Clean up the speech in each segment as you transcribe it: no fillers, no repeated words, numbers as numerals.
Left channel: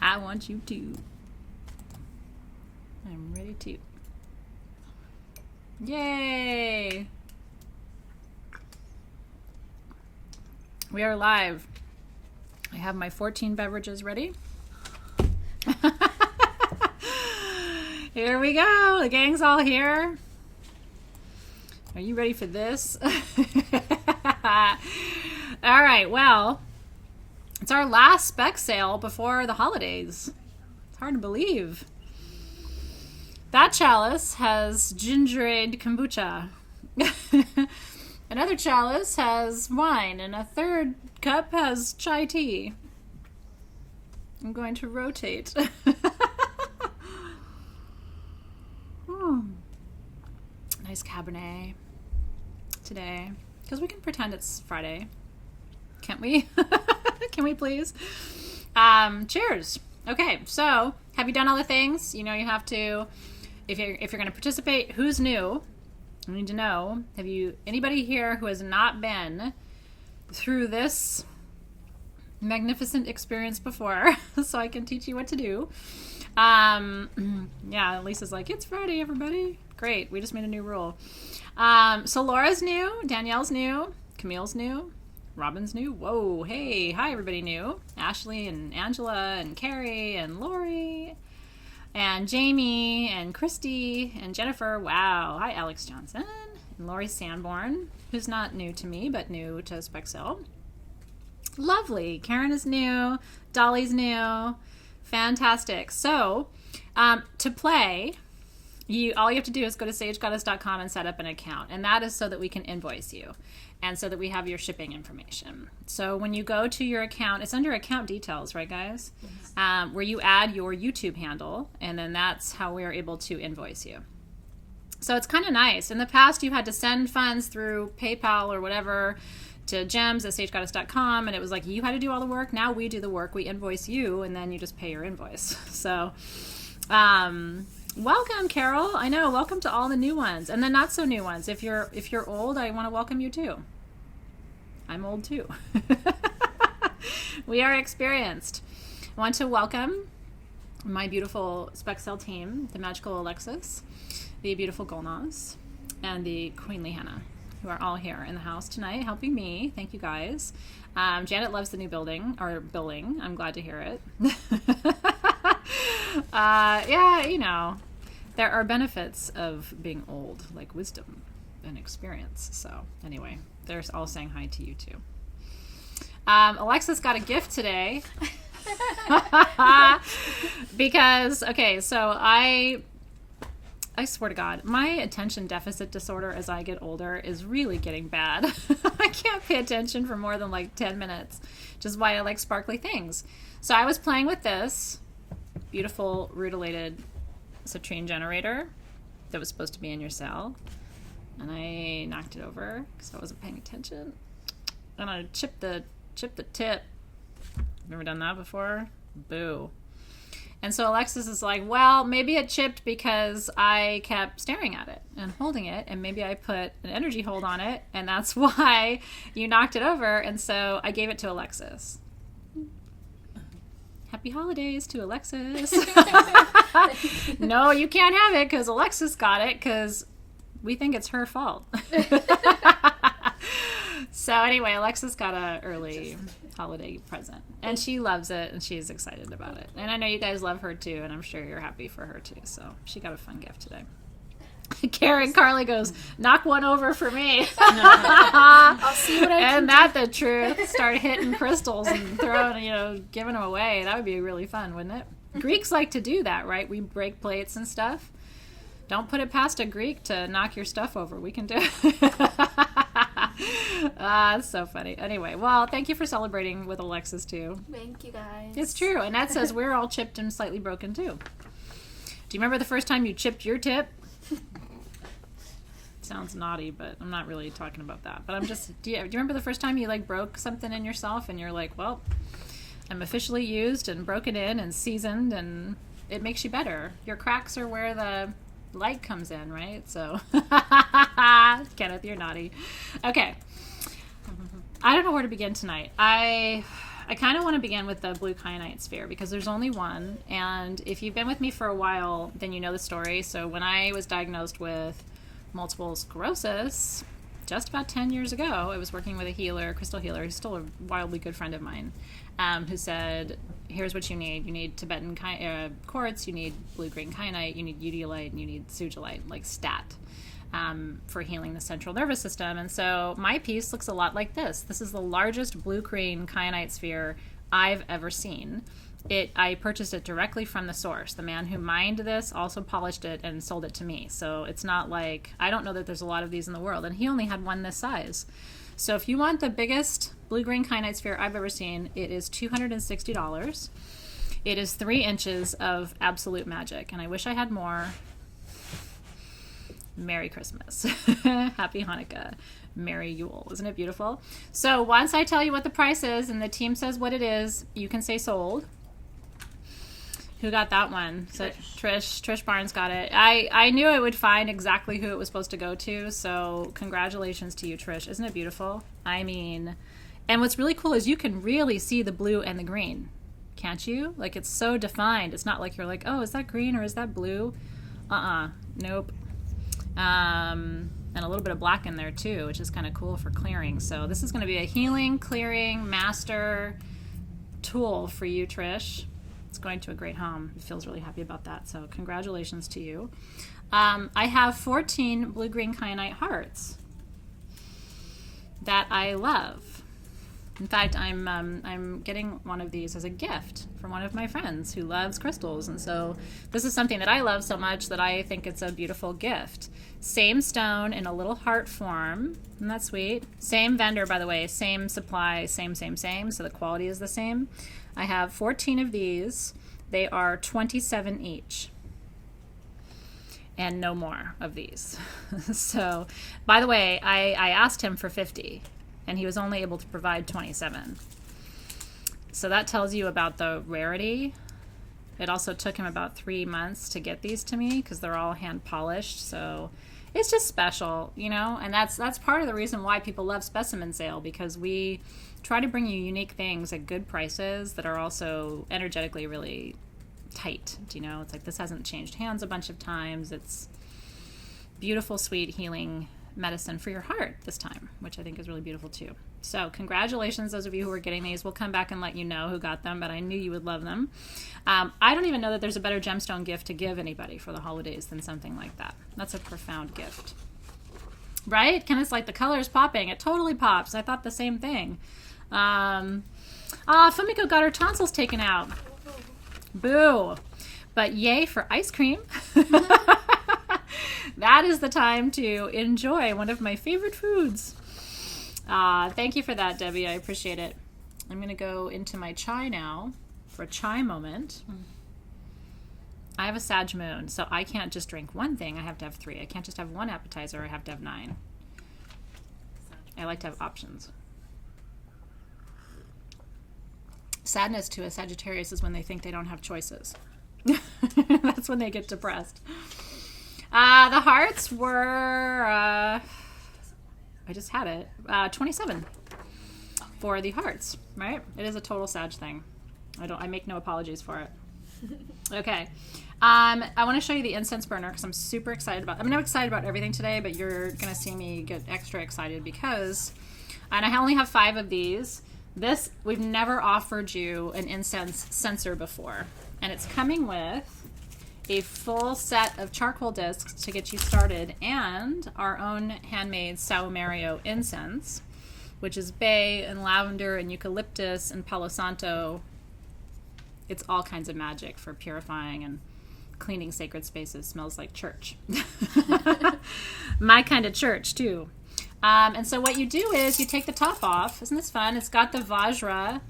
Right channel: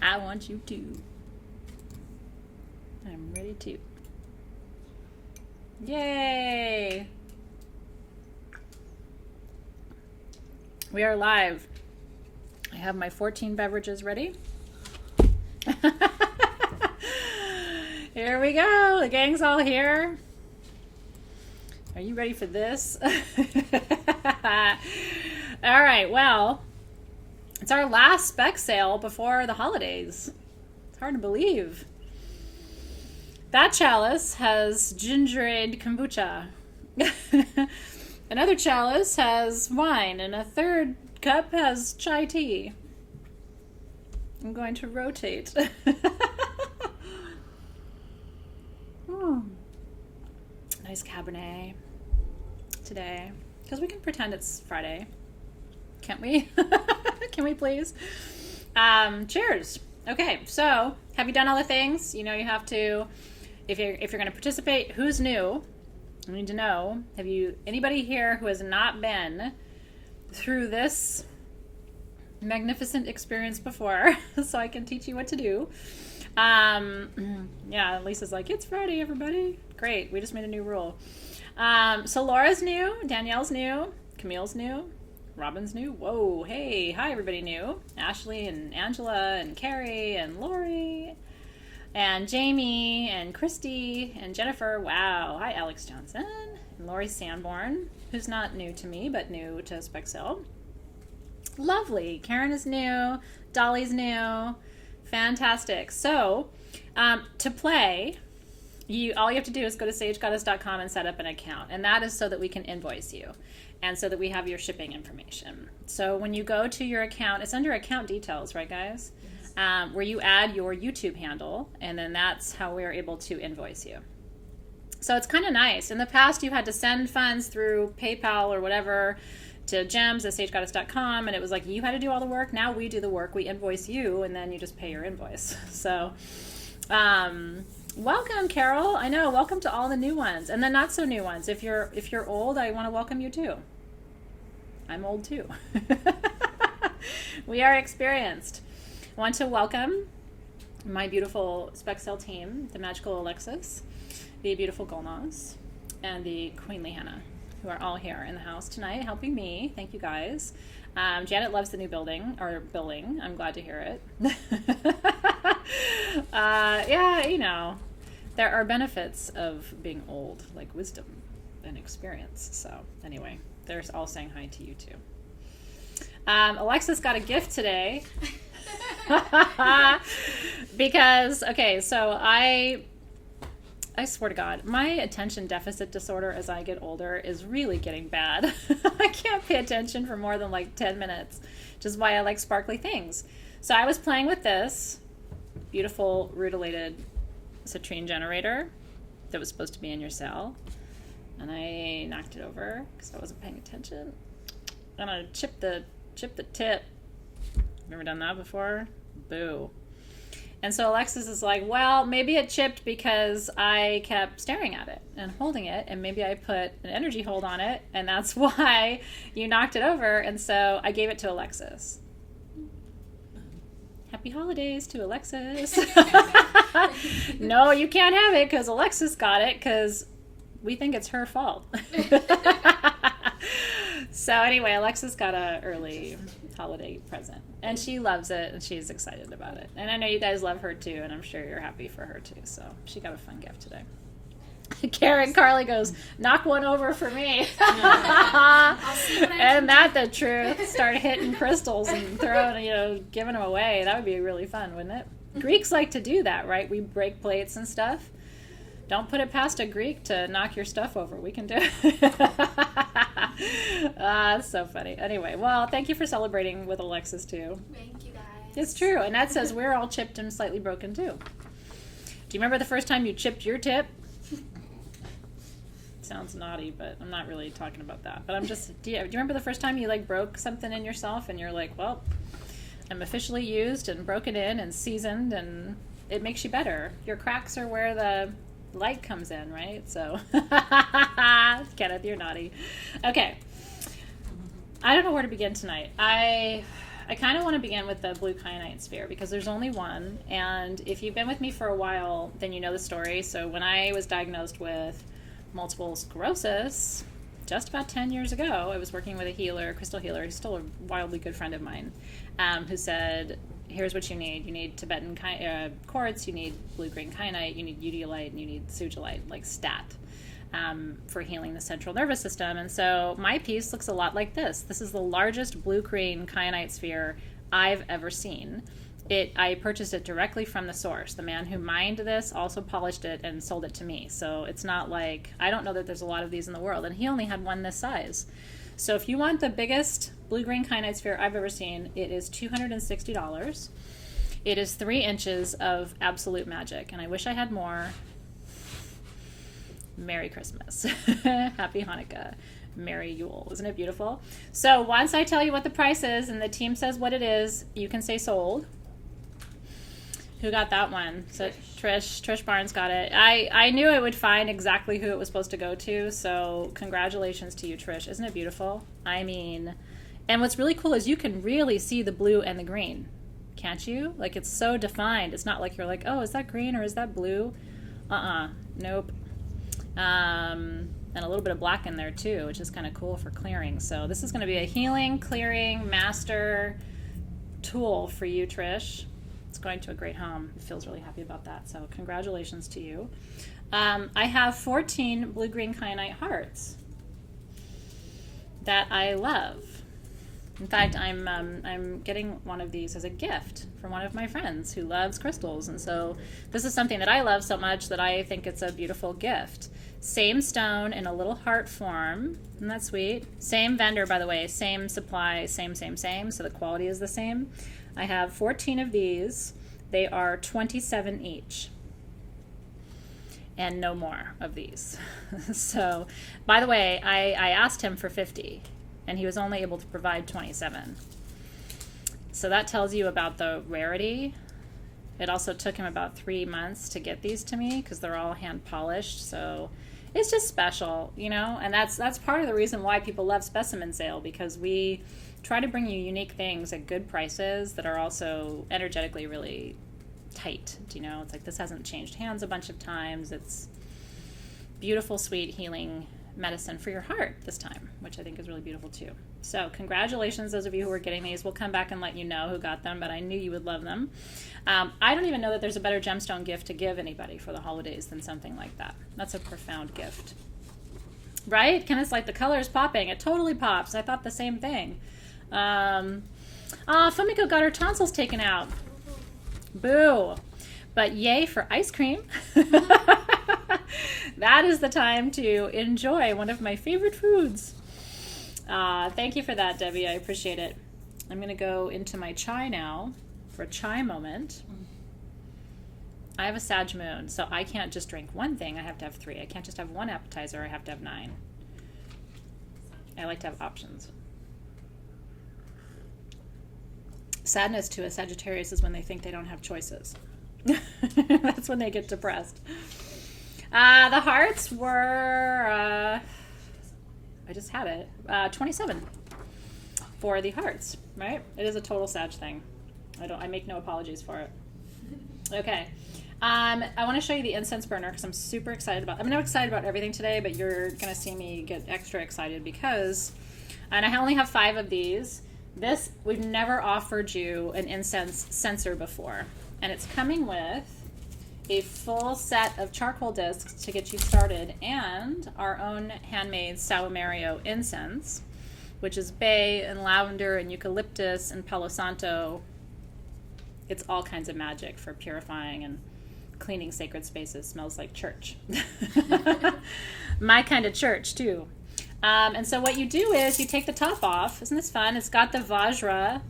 I want you to. I'm ready to. Yay! We are live. I have my 14 beverages ready. Here we go. The gang's all here. Are you ready for this? All right, well, it's our last spec sale before the holidays. It's hard to believe. That chalice has gingerade kombucha. Another chalice has wine, and a third cup has chai tea. I'm going to rotate. Nice Cabernet today. Because we can pretend it's Friday. Can't we? Can we please? Cheers. Okay, so have you done all the things? You know you have to, if you're going to participate, who's new? I need to know. Have you, anybody here who has not been through this magnificent experience before, so I can teach you what to do? Yeah, Lisa's like, it's Friday, everybody. Great, we just made a new rule. So Laura's new, Danielle's new, Camille's new, Robin's new. Whoa, hey, hi everybody new. Ashley and Angela and Carrie and Lori and Jamie and Christy and Jennifer. Wow, hi Alex Johnson and Lori Sanborn, who's not new to me, but new to Spexel. Lovely. Karen is new. Dolly's new. Fantastic. So, to play, all you have to do is go to sagegoddess.com and set up an account. And that is so that we can invoice you and so that we have your shipping information. So when you go to your account, it's under account details, right, guys? Yes. Where you add your YouTube handle, and then that's how we're able to invoice you. So it's kind of nice. In the past, you had to send funds through PayPal or whatever to gems@sagegoddess.com, and it was like you had to do all the work. Now we do the work. We invoice you, and then you just pay your invoice. So, welcome, Carol. I know. Welcome to all the new ones, and the not so new ones. If you're old, I want to welcome you too. I'm old too. We are experienced. I want to welcome my beautiful Spexel team, the magical Alexis, the beautiful Golnaz, and the queenly Hannah, who are all here in the house tonight helping me. Thank you guys. Janet loves the new billing. I'm glad to hear it. Yeah, you know, there are benefits of being old, like wisdom and experience. So anyway, they're all saying hi to you too. Alexis got a gift today. Because, okay, so I swear to God, my attention deficit disorder as I get older is really getting bad. I can't pay attention for more than like 10 minutes, which is why I like sparkly things. So I was playing with this beautiful Rutilated citrine generator that was supposed to be in your cell, and I knocked it over because I wasn't paying attention. And I chipped the tip. Never done that before? Boo. And so Alexis is like, well, maybe it chipped because I kept staring at it and holding it, and maybe I put an energy hold on it, and that's why you knocked it over. And so I gave it to Alexis. Happy holidays to Alexis. No, you can't have it because Alexis got it because we think it's her fault. So anyway, Alexis got an early holiday present, and she loves it, and she's excited about it. And I know you guys love her too, and I'm sure you're happy for her too. So she got a fun gift today. Karen Carly goes, knock one over for me. I'll see what I can do. That the truth? Start hitting crystals and throwing, giving them away. That would be really fun, wouldn't it? Greeks like to do that, right? We break plates and stuff. Don't put it past a Greek to knock your stuff over. We can do it. That's so funny. Anyway, well, thank you for celebrating with Alexis too. Thank you, guys. It's true. Annette says we're all chipped and slightly broken too. Do you remember the first time you chipped your tip? Sounds naughty, but I'm not really talking about that. But I'm just, do you remember the first time you broke something in yourself and you're like, well, I'm officially used and broken in and seasoned, and it makes you better. Your cracks are where the light comes in, right? So, Kenneth, you're naughty. Okay. I don't know where to begin tonight. I kind of want to begin with the blue kyanite sphere because there's only one. And if you've been with me for a while, then you know the story. So when I was diagnosed with multiple sclerosis just about 10 years ago, I was working with a healer, crystal healer, who's still a wildly good friend of mine, who said, here's what you need. You need Tibetan quartz, you need blue-green kyanite, you need udilite, and you need sugilite, like stat. For healing the central nervous system. And so my piece looks a lot like this. This is the largest blue-green kyanite sphere I've ever seen. I purchased it directly from the source. The man who mined this also polished it and sold it to me. So it's not like, I don't know that there's a lot of these in the world, and he only had one this size. So if you want the biggest blue-green kyanite sphere I've ever seen, it is $260. It is 3 inches of absolute magic, and I wish I had more. Merry Christmas. Happy Hanukkah. Merry Yule. Isn't it beautiful? So once I tell you what the price is and the team says what it is, you can say sold. Who got that one? So Trish Barnes got it. I knew it would find exactly who it was supposed to go to, so congratulations to you, Trish. Isn't it beautiful? I mean, and what's really cool is you can really see the blue and the green. Can't you? Like, it's so defined. It's not like you're like, oh, is that green or is that blue? Nope. And a little bit of black in there too, which is kind of cool for clearing. So this is going to be a healing, clearing, master tool for you, Trish. It's going to a great home. It feels really happy about that. So congratulations to you. I have 14 blue-green kyanite hearts that I love. In fact, I'm getting one of these as a gift from one of my friends who loves crystals. And so this is something that I love so much that I think it's a beautiful gift. Same stone in a little heart form. Isn't that sweet? Same vendor, by the way. Same supply, same. So the quality is the same. I have 14 of these. They are $27 each. And no more of these. So, by the way, I asked him for 50. And he was only able to provide 27. So that tells you about the rarity. It also took him about 3 months to get these to me because they're all hand polished. So it's just special, you know? And that's part of the reason why people love Specimen Sale, because we try to bring you unique things at good prices that are also energetically really tight. You know, it's like this hasn't changed hands a bunch of times. It's beautiful, sweet, healing medicine for your heart this time, which I think is really beautiful too. So congratulations, those of you who are getting these. We'll come back and let you know who got them, but I knew you would love them. I don't even know that there's a better gemstone gift to give anybody for the holidays than something like that. That's a profound gift. Right? Kenneth's like, the color is popping. It totally pops. I thought the same thing. Fumiko got her tonsils taken out. Boo. But yay for ice cream. That is the time to enjoy one of my favorite foods. Thank you for that, Debbie. I appreciate it. I'm going to go into my chai now for a chai moment. I have a Sag moon, so I can't just drink one thing. I have to have 3. I can't just have one appetizer. I have to have 9. I like to have options. Sadness to a Sagittarius is when they think they don't have choices. That's when they get depressed. The hearts were, I just had it, 27 for the hearts, right? It is a total Sag thing. I make no apologies for it. Okay. I want to show you the incense burner because I'm super excited about, I'm not excited about everything today, but you're going to see me get extra excited because, and I only have 5 of these. This, we've never offered you an incense censer before, and it's coming with a full set of charcoal discs to get you started and our own handmade Saumerio incense, which is bay and lavender and eucalyptus and palo santo. It's all kinds of magic for purifying and cleaning sacred spaces. Smells like church. My kind of church too. And so what you do is you take the top off. Isn't this fun? It's got the Vajra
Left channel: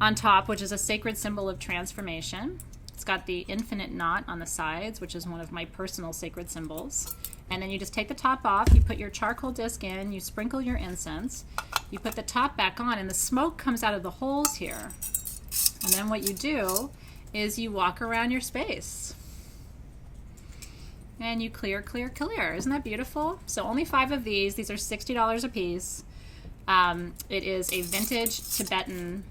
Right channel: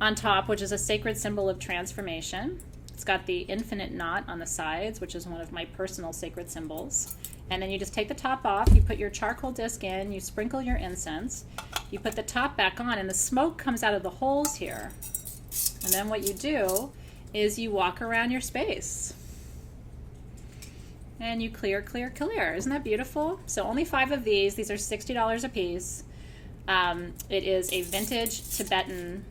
on top, which is a sacred symbol of transformation. It's got the infinite knot on the sides, which is one of my personal sacred symbols. And then you just take the top off, you put your charcoal disc in, you sprinkle your incense, you put the top back on, and the smoke comes out of the holes here. And then what you do is you walk around your space. And you clear, clear, clear. Isn't that beautiful? So only 5 of these. These are $60 a piece. It is a vintage Tibetan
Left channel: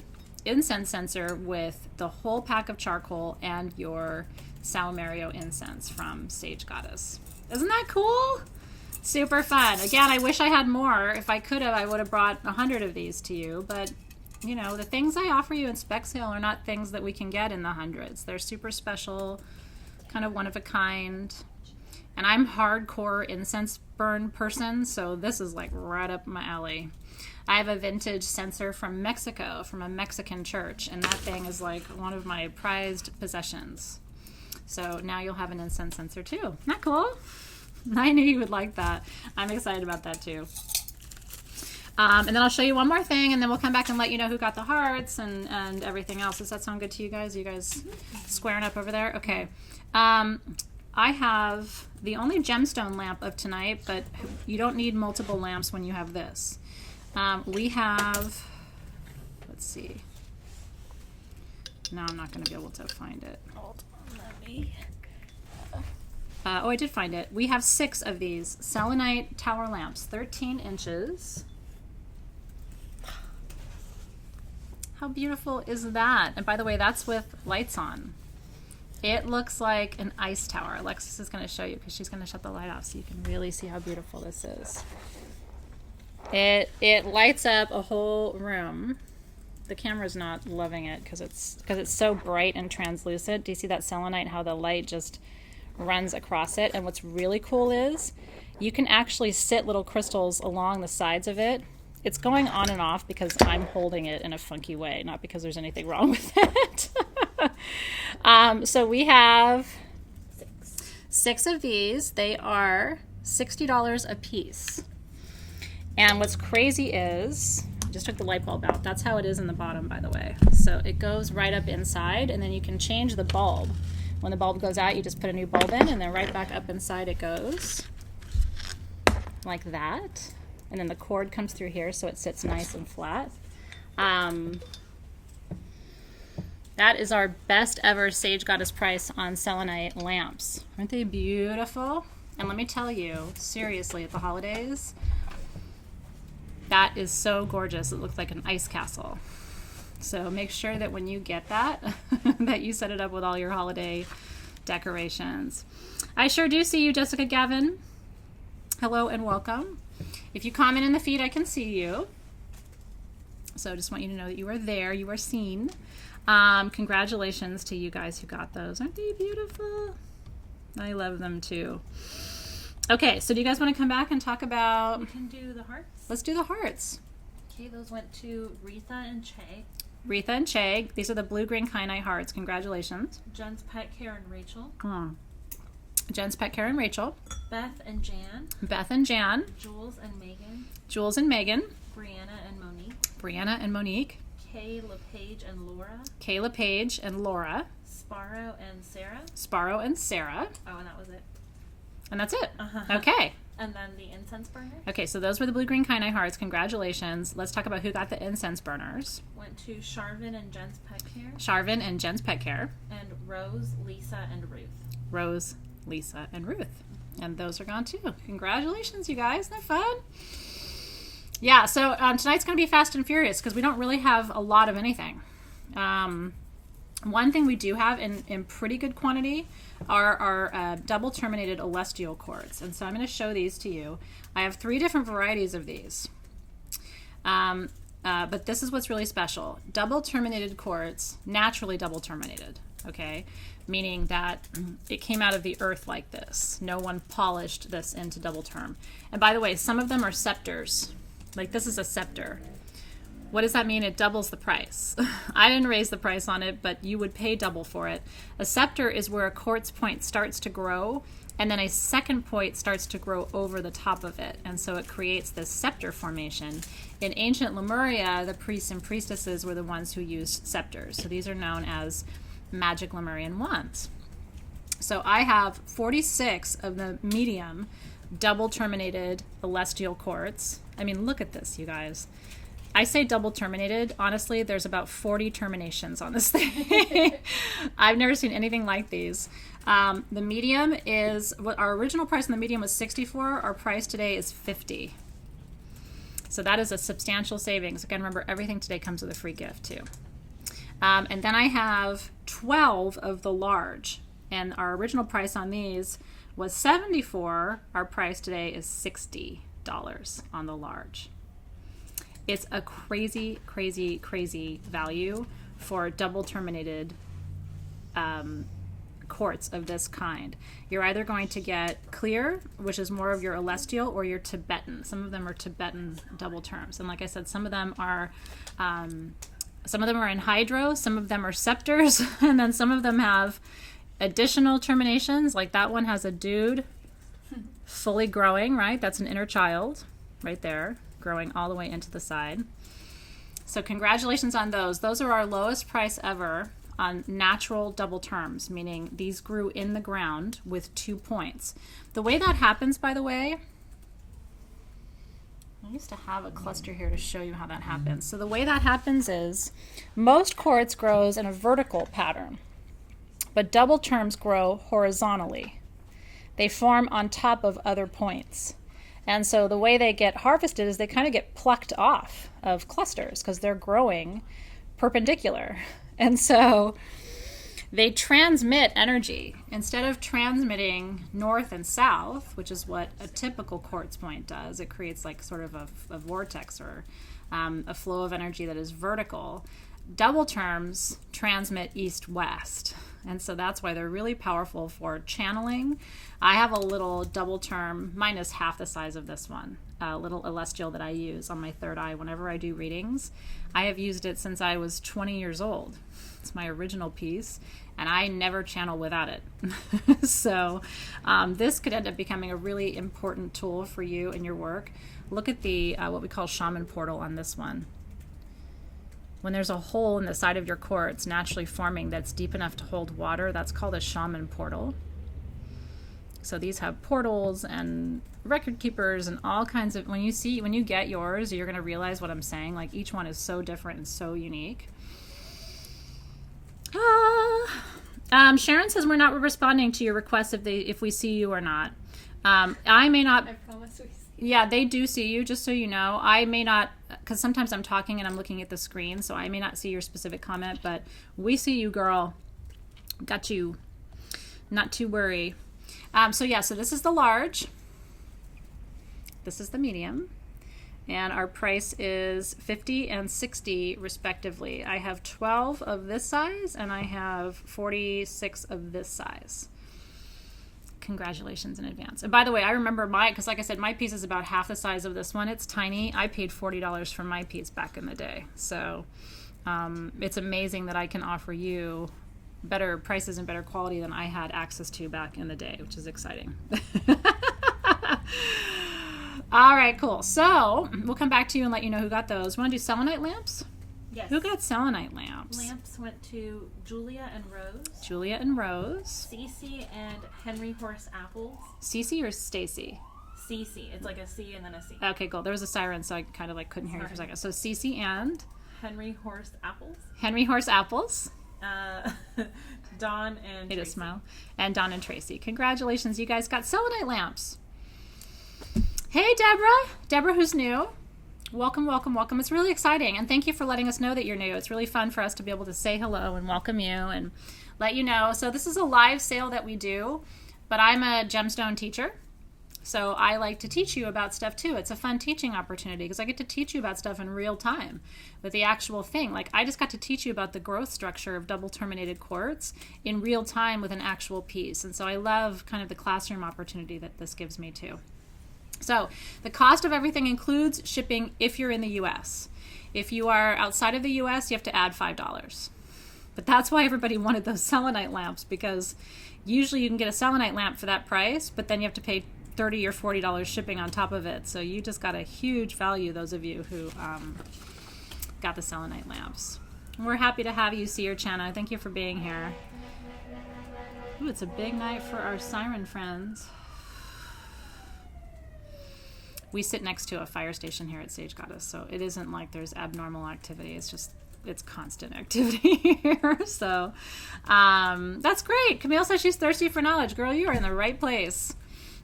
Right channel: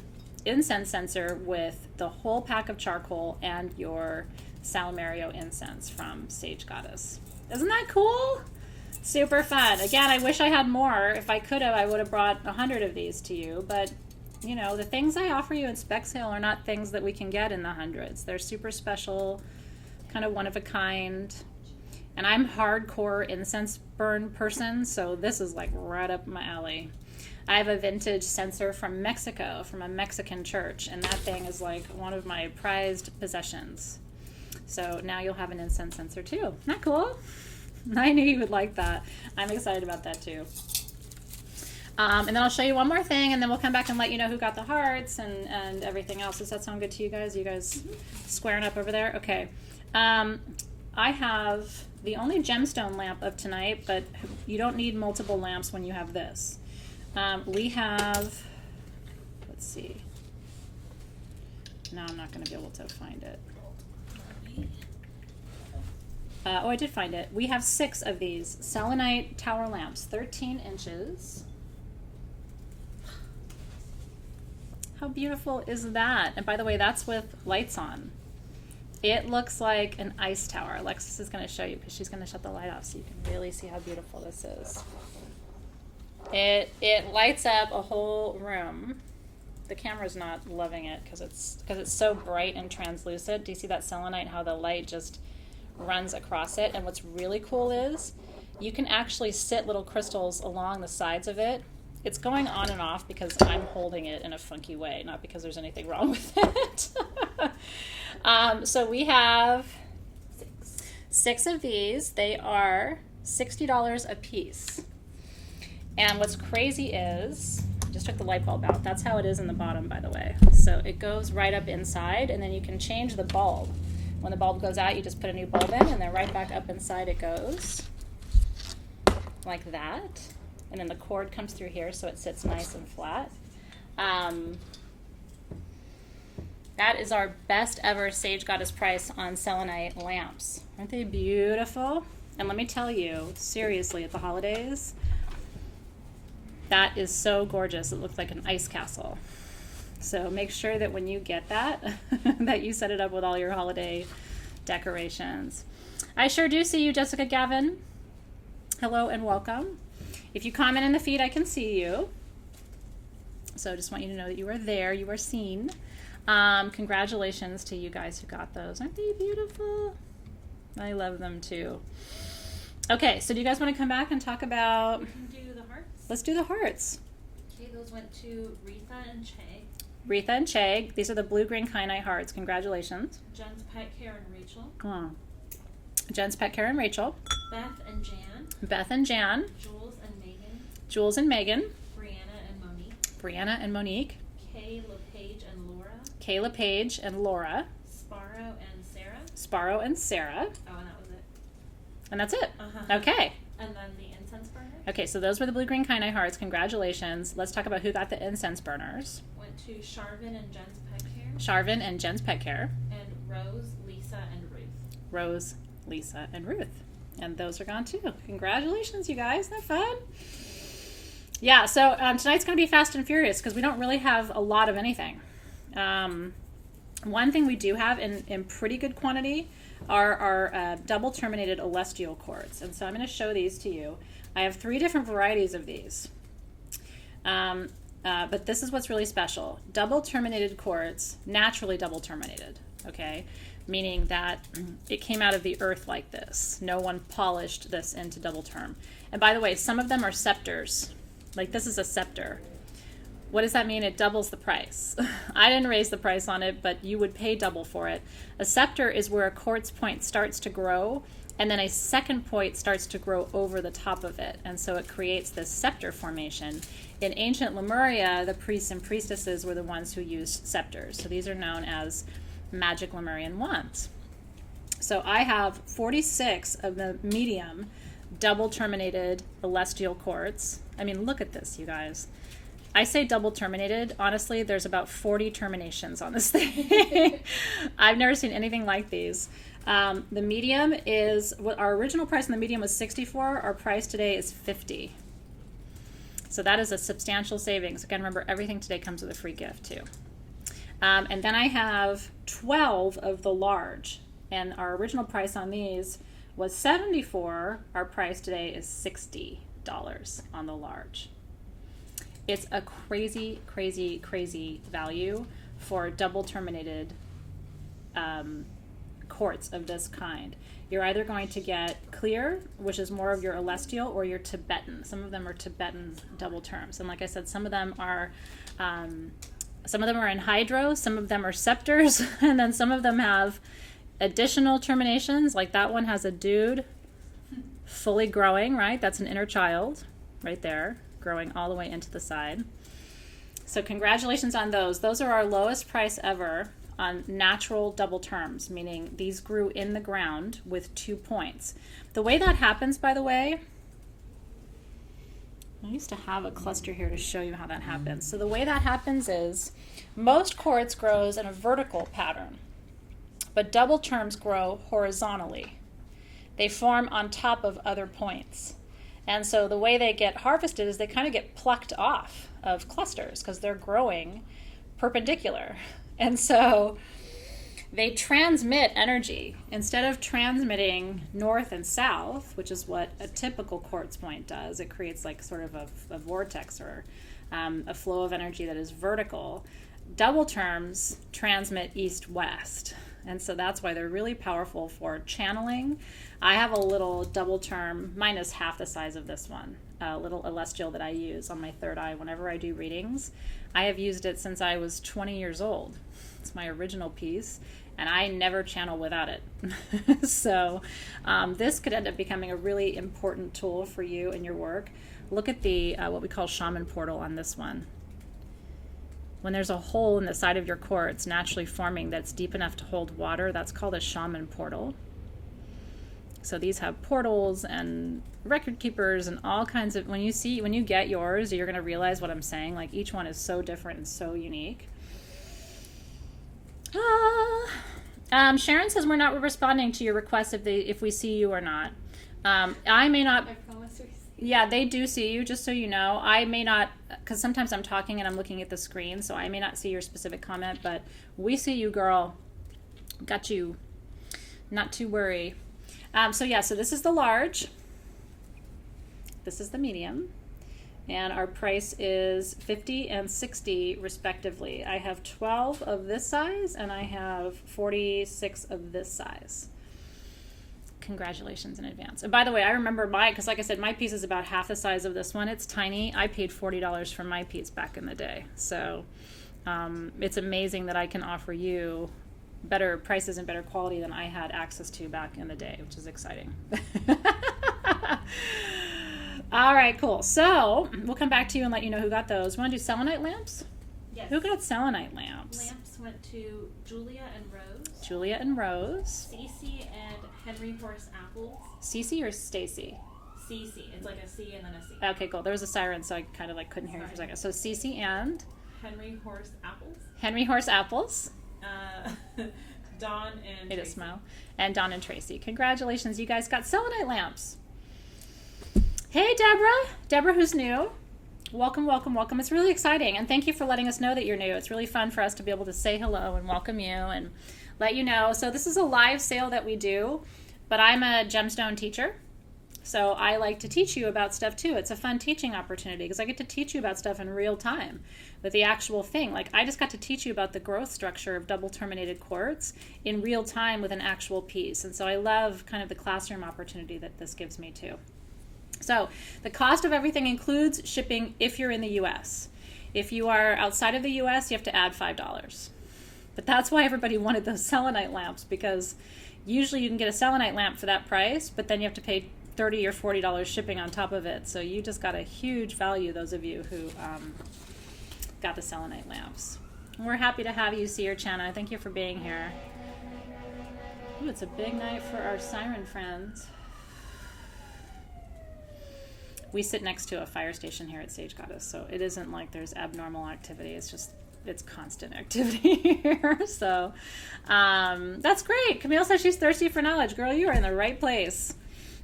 incense censer with the whole pack of charcoal and your Salmerio incense from Sage Goddess. Isn't that cool? Super fun. Again, I wish I had more. If I could have, I would have brought 100 of these to you, but you know, the things I offer you in spec sale are not things that we can get in the hundreds. They're super special, kind of one of a kind. And I'm hardcore incense burn person, so this is like right up my alley. I have a vintage censer from Mexico, from a Mexican church, and that thing is like one of my prized possessions. So now you'll have an incense censer too. Isn't that cool? I knew you would like that. I'm excited about that too. And then I'll show you one more thing, and then we'll come back and let you know who got the hearts and everything else. Does that sound good to you guys? You guys squaring up over there? Okay. I have the only gemstone lamp of tonight, but you don't need multiple lamps when you have this. We have, let's see. No, I'm not going to be able to find it. Oh, I did find it. We have 6 of these Selenite tower lamps, 13 inches. How beautiful is that? And by the way, that's with lights on. It looks like an ice tower. Alexis is going to show you because she's going to shut the light off so you can really see how beautiful this is. It lights up a whole room. The camera's not loving it because it's so bright and translucent. Do you see that selenite, how the light just runs across it? And what's really cool is you can actually sit little crystals along the sides of it. It's going on and off because I'm holding it in a funky way, not because there's anything wrong with it. So we have 6 of these. They are $60 a piece. And what's crazy is, I just took the light bulb out. That's how it is in the bottom, by the way. So it goes right up inside, and then you can change the bulb. When the bulb goes out, you just put a new bulb in, and then right back up inside it goes. Like that. And then the cord comes through here so it sits nice and flat. That is our best ever Sage Goddess price on selenite lamps. Aren't they beautiful? And let me tell you, seriously, at the holidays, that is so gorgeous. It looks like an ice castle. So make sure that when you get that, that you set it up with all your holiday decorations. I sure do see you, Jessica Gavin. Hello and welcome. If you comment in the feed, I can see you. So I just want you to know that you are there. You are seen. Congratulations to you guys who got those. Aren't they beautiful? I love them too. Okay, so do you guys want to come back and talk about... We can do the hearts. Let's do the hearts. Okay, those went to Retha and Che. Retha and Che. These are the blue-green kyanite hearts. Congratulations. Jen's Pet Care and Rachel. Come on. Jen's Pet Care and Rachel. Beth and Jan. Beth and Jan. Jules and Megan. Jules and Megan. Brianna and Monique. Brianna and Monique. Kay LePage and Laura. Kay LePage and Laura. Sparrow and Sarah. Sparrow and Sarah. Oh, and that was it. And that's it. Uh-huh. Okay. And then the incense burners. Okay, so those were the blue-green kyanite hearts. Congratulations. Let's talk about who got the incense burners. Went to Sharvin and Jen's Pet Care. Sharvin and Jen's Pet Care. And Rose, Lisa, and Ruth. Rose, Lisa, and Ruth. And those are gone too. Congratulations, you guys. Isn't that fun? Yeah, so tonight's going to be fast and furious because we don't really have a lot of anything. One thing we do have in pretty good quantity are our double terminated celestial quartz. And so I'm going to show these to you. I have 3 different varieties of these. But this is what's really special. Double terminated quartz, naturally double terminated, okay? Meaning that it came out of the earth like this. No one polished this into double term. And by the way, some of them are scepters. Like this is a scepter. What does that mean? It doubles the price. I didn't raise the price on it, but you would pay double for it. A scepter is where a quartz point starts to grow, and then a second point starts to grow over the top of it. And so it creates this scepter formation. In ancient Lemuria, the priests and priestesses were the ones who used scepters. So these are known as magic Lemurian wands. So I have 46 of the medium double terminated celestial quartz. I mean, look at this, you guys. I say double terminated. Honestly, there's about 40 terminations on this thing. I've never seen anything like these. The medium is, what our original price on the medium was 64. Our price today is 50. So that is a substantial savings. Again, remember, everything today comes with a free gift too. And then I have 12 of the large. And our original price on these was $74. Our price today is $60 on the large. It's a crazy, crazy, crazy value for double terminated quartz of this kind. You're either going to get clear, which is more of your celestial, or your Tibetan. Some of them are Tibetan double terms. And like I said, some of them are in hydro, some of them are scepters, and then some of them have additional terminations. Like that one has a dude fully growing, right? That's an inner child right there, growing all the way into the side. So congratulations on those. Those are our lowest price ever on natural double terms, meaning these grew in the ground with 2 points. The way that happens, by the way, I used to have a cluster here to show you how that happens. So the way that happens is most quartz grows in a vertical pattern, but double terms grow horizontally. They form on top of other points. And so the way they get harvested is they kind of get plucked off of clusters because they're growing perpendicular. And so they transmit energy. Instead of transmitting north and south, which is what a typical quartz point does, it creates like sort of a vortex or a flow of energy that is vertical. Double terms transmit east-west. And so that's why they're really powerful for channeling. I have a little double term, minus half the size of this one, a little celestial that I use on my third eye whenever I do readings. I have used it since I was 20 years old. It's my original piece, and I never channel without it. So this could end up becoming a really important tool for you in your work. Look at the what we call shaman portal on this one. When there's a hole in the side of your quartz naturally forming that's deep enough to hold water, that's called a shaman portal. So these have portals and record keepers and all kinds of, when you get yours, you're going to realize what I'm saying. Like each one is so different and so unique. Sharon says we're not responding to your request if we see you or not. I may not. I promise we see. Yeah, they do see you, just so you know. I may not, because sometimes I'm talking and I'm looking at the screen, so I may not see your specific comment, but we see you, girl. Got you. Not to worry. So this is the large. This is the medium. And our price is $50 and $60 respectively. I have 12 of this size and I have 46 of this size. Congratulations in advance. And by the way, I remember because like I said, my piece is about half the size of this one. It's tiny. I paid $40 for my piece back in the day. So it's amazing that I can offer you better prices and better quality than I had access to back in the day, which is exciting. All right, cool. So we'll come back to you and let you know who got those. Want to do selenite lamps? Yes. Who got selenite lamps? Lamps went to Julia and Rose. Julia and Rose. Cece and Henry Horse Apples. Cece or Stacy? Cece. It's like a C and then a C. Okay, cool. There was a siren, so I kind of like couldn't hear you for a second. So Cece and Henry Horse Apples. Henry Horse Apples. Dawn and Tracy. A smile. And Dawn and Tracy. Congratulations, you guys got selenite lamps. Hey, Deborah. Deborah, who's new. Welcome, welcome, welcome. It's really exciting, and thank you for letting us know that you're new. It's really fun for us to be able to say hello and welcome you and let you know. So this is a live sale that we do, but I'm a gemstone teacher, so I like to teach you about stuff too. It's a fun teaching opportunity because I get to teach you about stuff in real time with the actual thing. Like I just got to teach you about the growth structure of double terminated quartz in real time with an actual piece, and so I love kind of the classroom opportunity that this gives me too. So the cost of everything includes shipping if you're in the U.S. If you are outside of the U.S., you have to add $5. But that's why everybody wanted those selenite lamps, because usually you can get a selenite lamp for that price, but then you have to pay $30 or $40 shipping on top of it. So you just got a huge value, those of you who got the selenite lamps. We're happy to have you, Seer Channa. Thank you for being here. Ooh, it's a big night for our siren friends. We sit next to a fire station here at Sage Goddess, so it isn't like there's abnormal activity. It's just, it's constant activity here. So that's great. Camille says she's thirsty for knowledge. Girl, you are in the right place.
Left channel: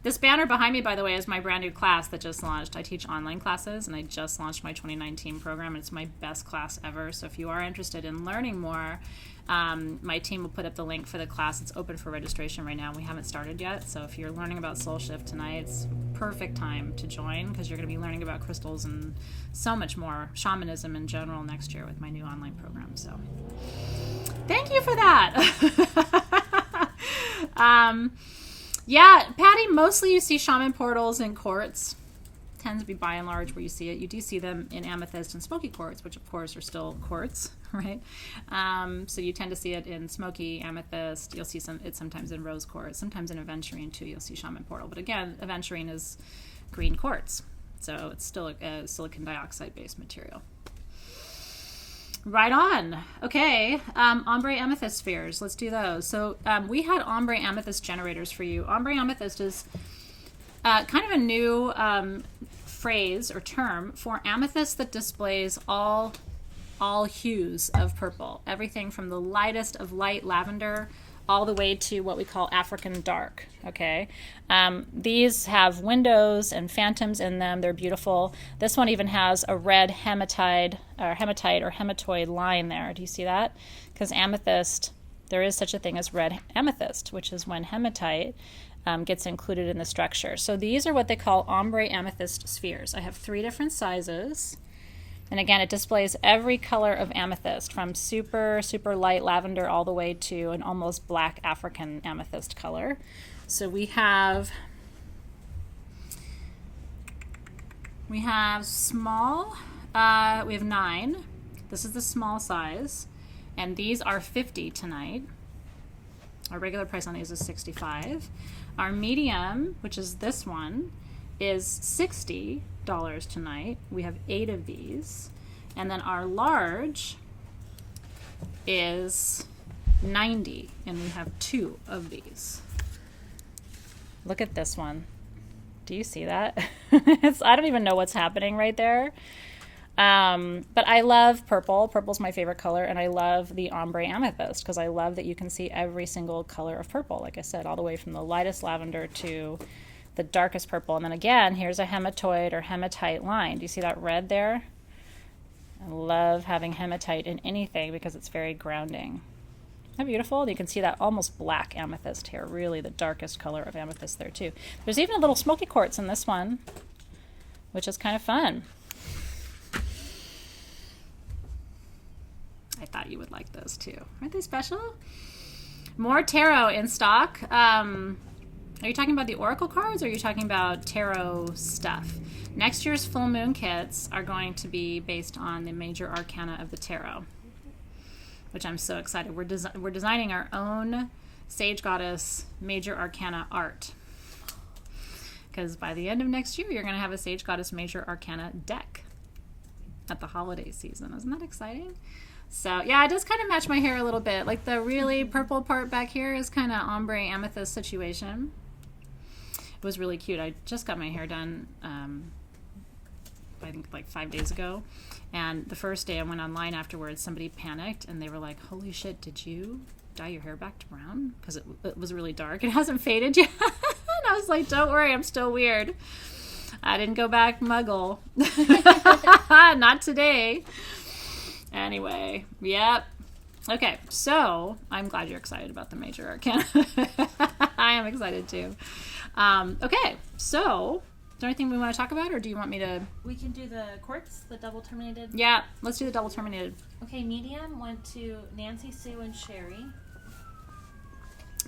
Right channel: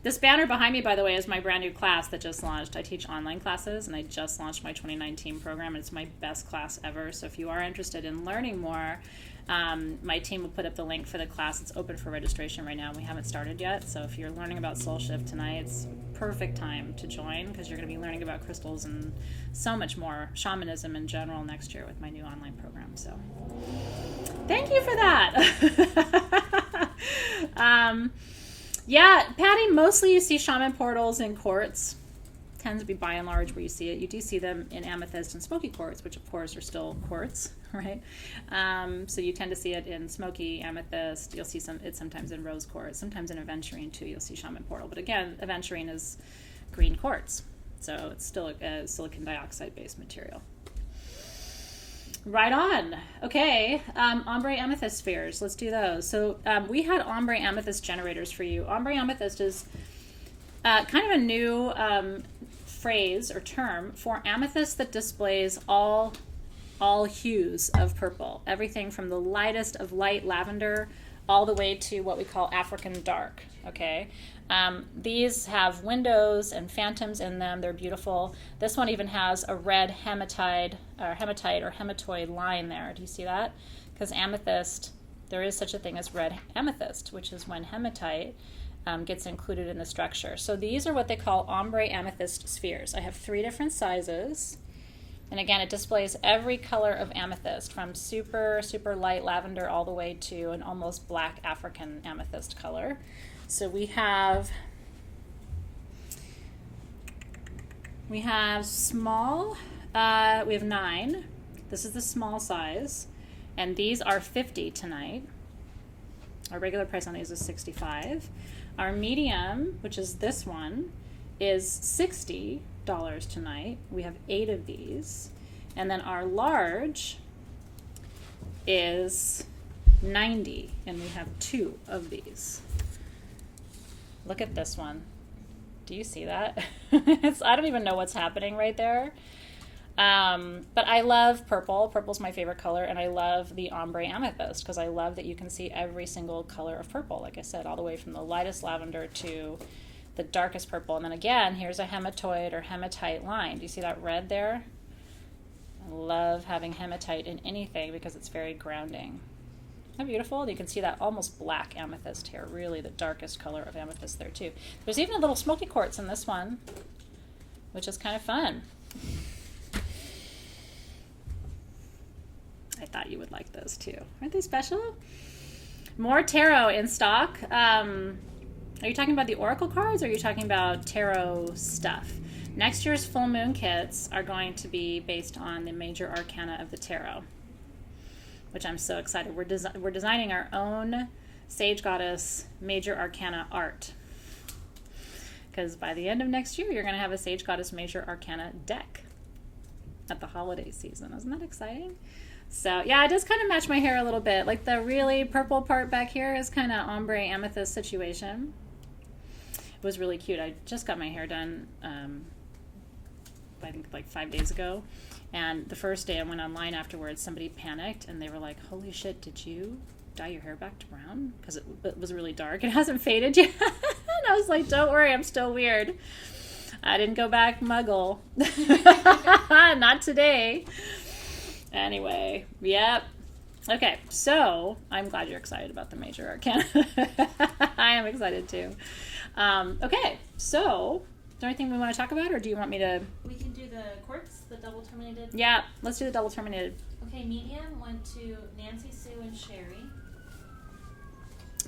This banner behind me, by the way, is my brand new class that just launched. I teach online classes, and I just launched my 2019 program, and it's my best class ever. So if you are interested in learning more, my team will put up the link for the class. It's open for registration right now. We haven't started yet. So if you're learning about Soul Shift tonight, it's perfect time to join because you're going to be learning about crystals and so much more, shamanism in general next year with my new online program. So thank you for that. Yeah, Patty, mostly you see shaman portals in quartz. Tends to be by and large where you see it. You do see them in amethyst and smoky quartz, which of course are still quartz, right? So you tend to see it in smoky amethyst. You'll see it sometimes in rose quartz, sometimes in aventurine too. You'll see shaman portal, but again, aventurine is green quartz, so it's still a silicon dioxide based material. Right on. Okay, ombre amethyst spheres. Let's do those. So we had ombre amethyst generators for you. Ombre amethyst is kind of a new phrase or term for amethyst that displays all hues of purple. Everything from the lightest of light lavender all the way to what we call African dark. Okay, these have windows and phantoms in them. They're beautiful. This one even has a red hematite or hematoid line there. Do you see that? Because amethyst, there is such a thing as red amethyst, which is when hematite gets included in the structure. So these are what they call ombre amethyst spheres. I have 3 different sizes. And again, it displays every color of amethyst from super, super light lavender all the way to an almost black African amethyst color. So we have small, we have 9. This is the small size. And these are 50 tonight. Our regular price on these is $65. Our medium, which is this one, is $60 tonight. We have 8 of these. And then our large is $90, and we have 2 of these. Look at this one. Do you see that? I don't even know what's happening right there. But I love purple. Purple's my favorite color, and I love the ombre amethyst because I love that you can see every single color of purple, like I said, all the way from the lightest lavender to the darkest purple. And then again, here's a hematoid or hematite line. Do you see that red there? I love having hematite in anything because it's very grounding. Isn't that beautiful? You can see that almost black amethyst here, really the darkest color of amethyst there too. There's even a little smoky quartz in this one, which is kind of fun. I thought you would like those too. Aren't they special? More tarot in stock. Are you talking about the oracle cards or are you talking about tarot stuff? Next year's full moon kits are going to be based on the major arcana of the tarot, which I'm so excited. We're designing our own Sage Goddess major arcana art. Because by the end of next year, you're going to have a Sage Goddess major arcana deck at the holiday season. Isn't that exciting? So yeah, it does kind of match my hair a little bit. Like the really purple part back here is kind of ombre amethyst situation. It was really cute. I just got my hair done, I think like 5 days ago. And the first day I went online afterwards, somebody panicked and they were like, holy shit, did you dye your hair back to brown? Because it was really dark. It hasn't faded yet. And I was like, don't worry, I'm still weird. I didn't go back muggle. Not today. Anyway, yep. Okay, so I'm glad you're excited about the major arcana. I am excited too. Okay, so is there anything we want to talk about, or do you want me to? We can do the quartz, the double terminated. Yeah, let's do the double terminated. Okay, medium went to Nancy, Sue, and Sherry.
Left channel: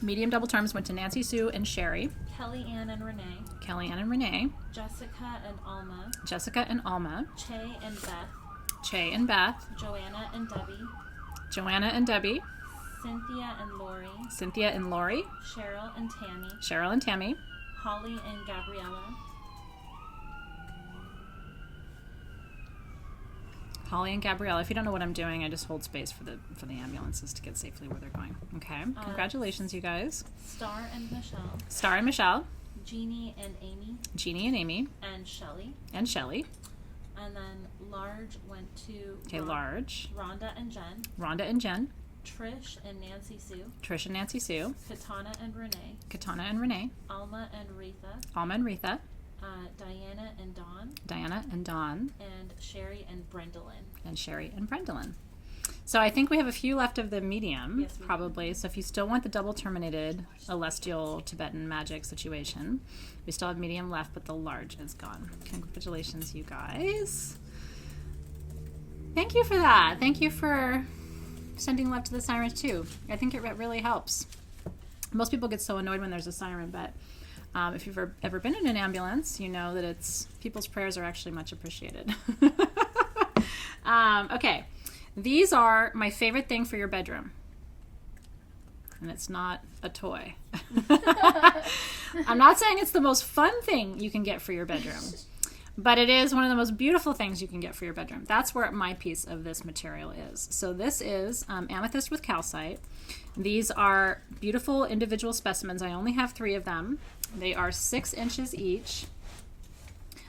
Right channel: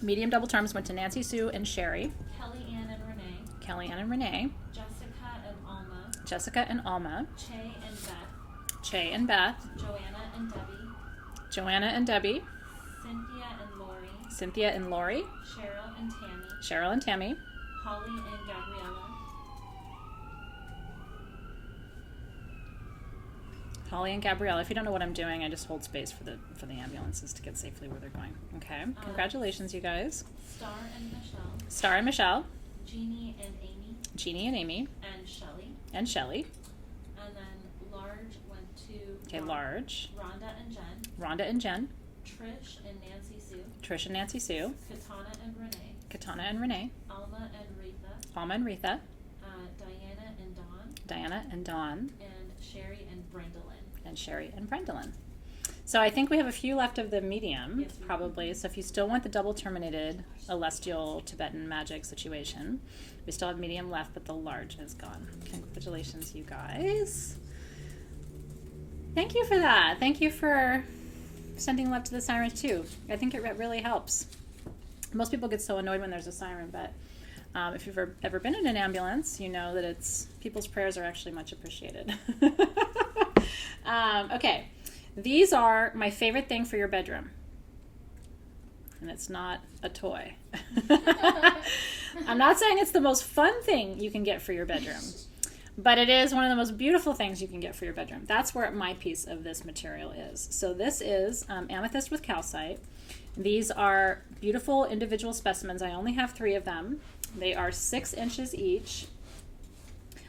Medium double terms went to Nancy, Sue, and Sherry. Kelly Ann and Renee. Kelly Ann and Renee. Jessica and Alma. Jessica and Alma. Che and Beth. Che and Beth. Joanna and Debbie. Joanna and Debbie. Cynthia and Lori. Cynthia and Lori. Cheryl and Tammy. Cheryl and Tammy. Holly and Gabriella. Holly and Gabrielle. If you don't know what I'm doing, I just hold space for the ambulances to get safely where they're going. Okay. Congratulations, you guys. Star and Michelle. Star and Michelle. Jeannie and Amy. Jeannie and Amy. And Shelley. And Shelley. And then large went to Okay, large. Rhonda and Jen. Rhonda and Jen. Trish and Nancy Sue. Trish and Nancy Sue. Katana and Renee. Katana and Renee. Alma and Retha. Alma and Retha. Diana and Dawn. Diana and Dawn. And Sherry and Brendolyn. And Sherry and Brendolyn. So I think we have a few left of the medium, yes, probably. So if you still want the double terminated celestial Tibetan magic situation, we still have medium left, but the large is gone. Congratulations, you guys. Thank you for that. Thank you for sending love to the sirens too. I think it really helps. Most people get so annoyed when there's a siren, but if you've ever been in an ambulance, you know that people's prayers are actually much appreciated. Okay, these are my favorite thing for your bedroom. And it's not a toy. I'm not saying it's the most fun thing you can get for your bedroom, but it is one of the most beautiful things you can get for your bedroom. That's where my piece of this material is. So this is amethyst with calcite. These are beautiful individual specimens. I only have 3 of them. They are 6 inches each.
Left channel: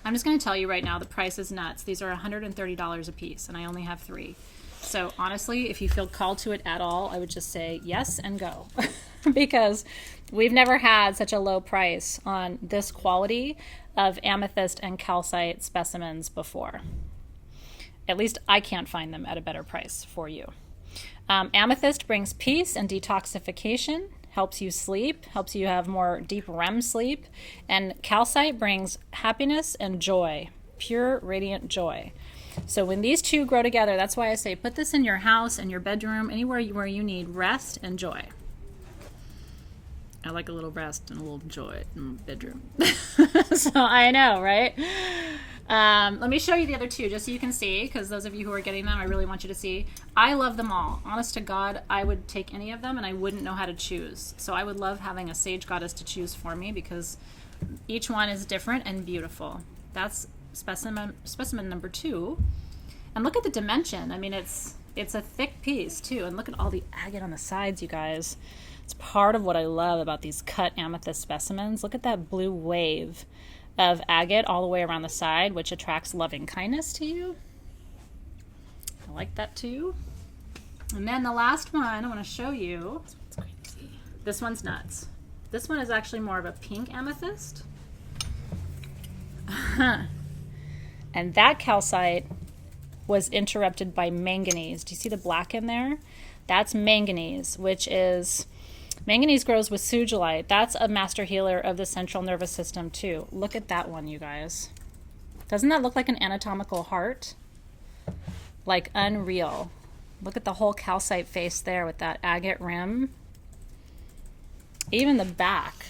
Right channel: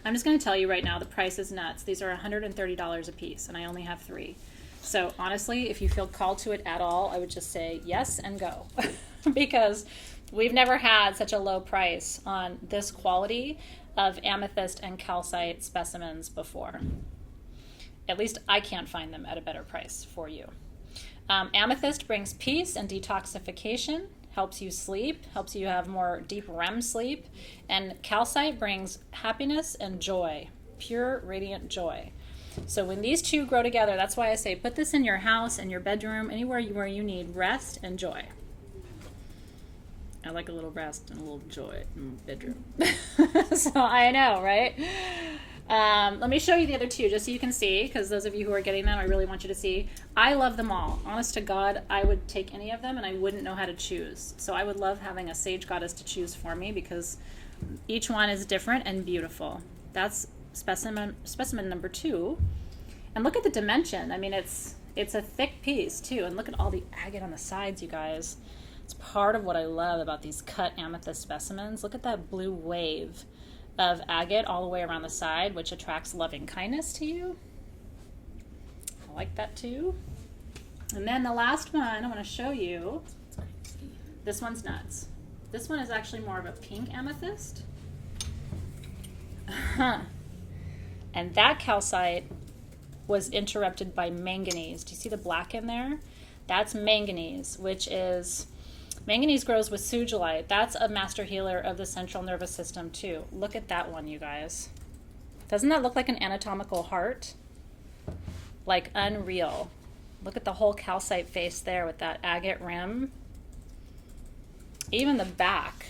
I'm just going to tell you right now, the price is nuts. These are $130 a piece, and I only have 3. So honestly, if you feel called to it at all, I would just say yes and go. Because we've never had such a low price on this quality of amethyst and calcite specimens before. At least I can't find them at a better price for you. Amethyst brings peace and detoxification, helps you sleep, helps you have more deep REM sleep, and calcite brings happiness and joy, pure radiant joy. So when these two grow together, that's why I say put this in your house and your bedroom, anywhere where you need rest and joy. I like a little rest and a little joy in my bedroom. So I know, right? Let me show you the other 2 just so you can see, because those of you who are getting them, I really want you to see. I love them all. Honest to God, I would take any of them and I wouldn't know how to choose. So I would love having a sage goddess to choose for me, because each one is different and beautiful. That's specimen number 2. And look at the dimension. I mean, it's a thick piece too. And look at all the agate on the sides, you guys. It's part of what I love about these cut amethyst specimens. Look at that blue wave of agate all the way around the side, which attracts loving kindness to you. I like that too. And then the last one I want to show you. This one's nuts. This one is actually more of a pink amethyst. And that calcite was interrupted by manganese. Do you see the black in there? That's manganese, which is... Manganese grows with sugilite. That's a master healer of the central nervous system too. Look at that one, you guys. Doesn't that look like an anatomical heart? Like unreal. Look at the whole calcite face there with that agate rim. Even the back.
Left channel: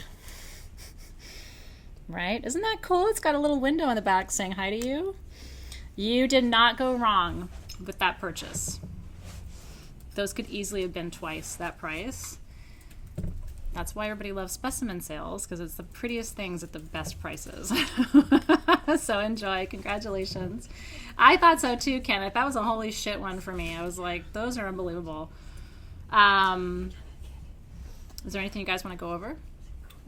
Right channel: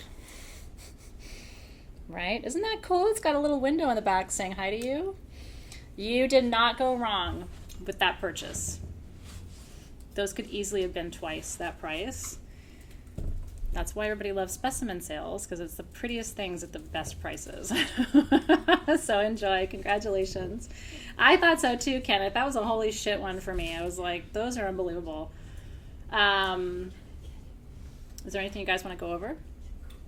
Right? Isn't that cool? It's got a little window in the back saying hi to you. You did not go wrong with that purchase. Those could easily have been twice that price. That's why everybody loves specimen sales, because it's the prettiest things at the best prices. So enjoy. Congratulations. I thought so too, Kenneth. That was a holy shit one for me. I was like, those are unbelievable. Is there anything you guys want to go over?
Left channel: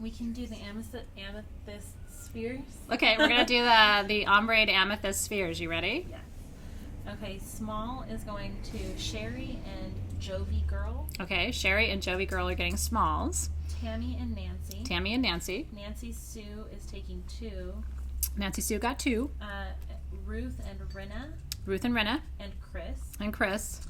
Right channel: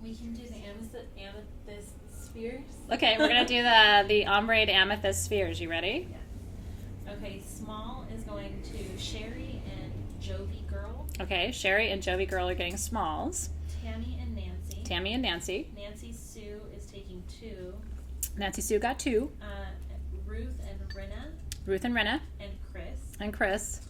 We can do the amethyst spheres. Okay, we're going to do the ombre amethyst spheres. You ready? Yeah. Okay, small is going to Sherry and Jovi Girl. Okay, Sherry and Jovi Girl are getting smalls. Tammy and Nancy. Tammy and Nancy. Nancy Sue is taking 2. Nancy Sue got 2. Ruth and Renna. Ruth and Renna. And Chris. And Chris.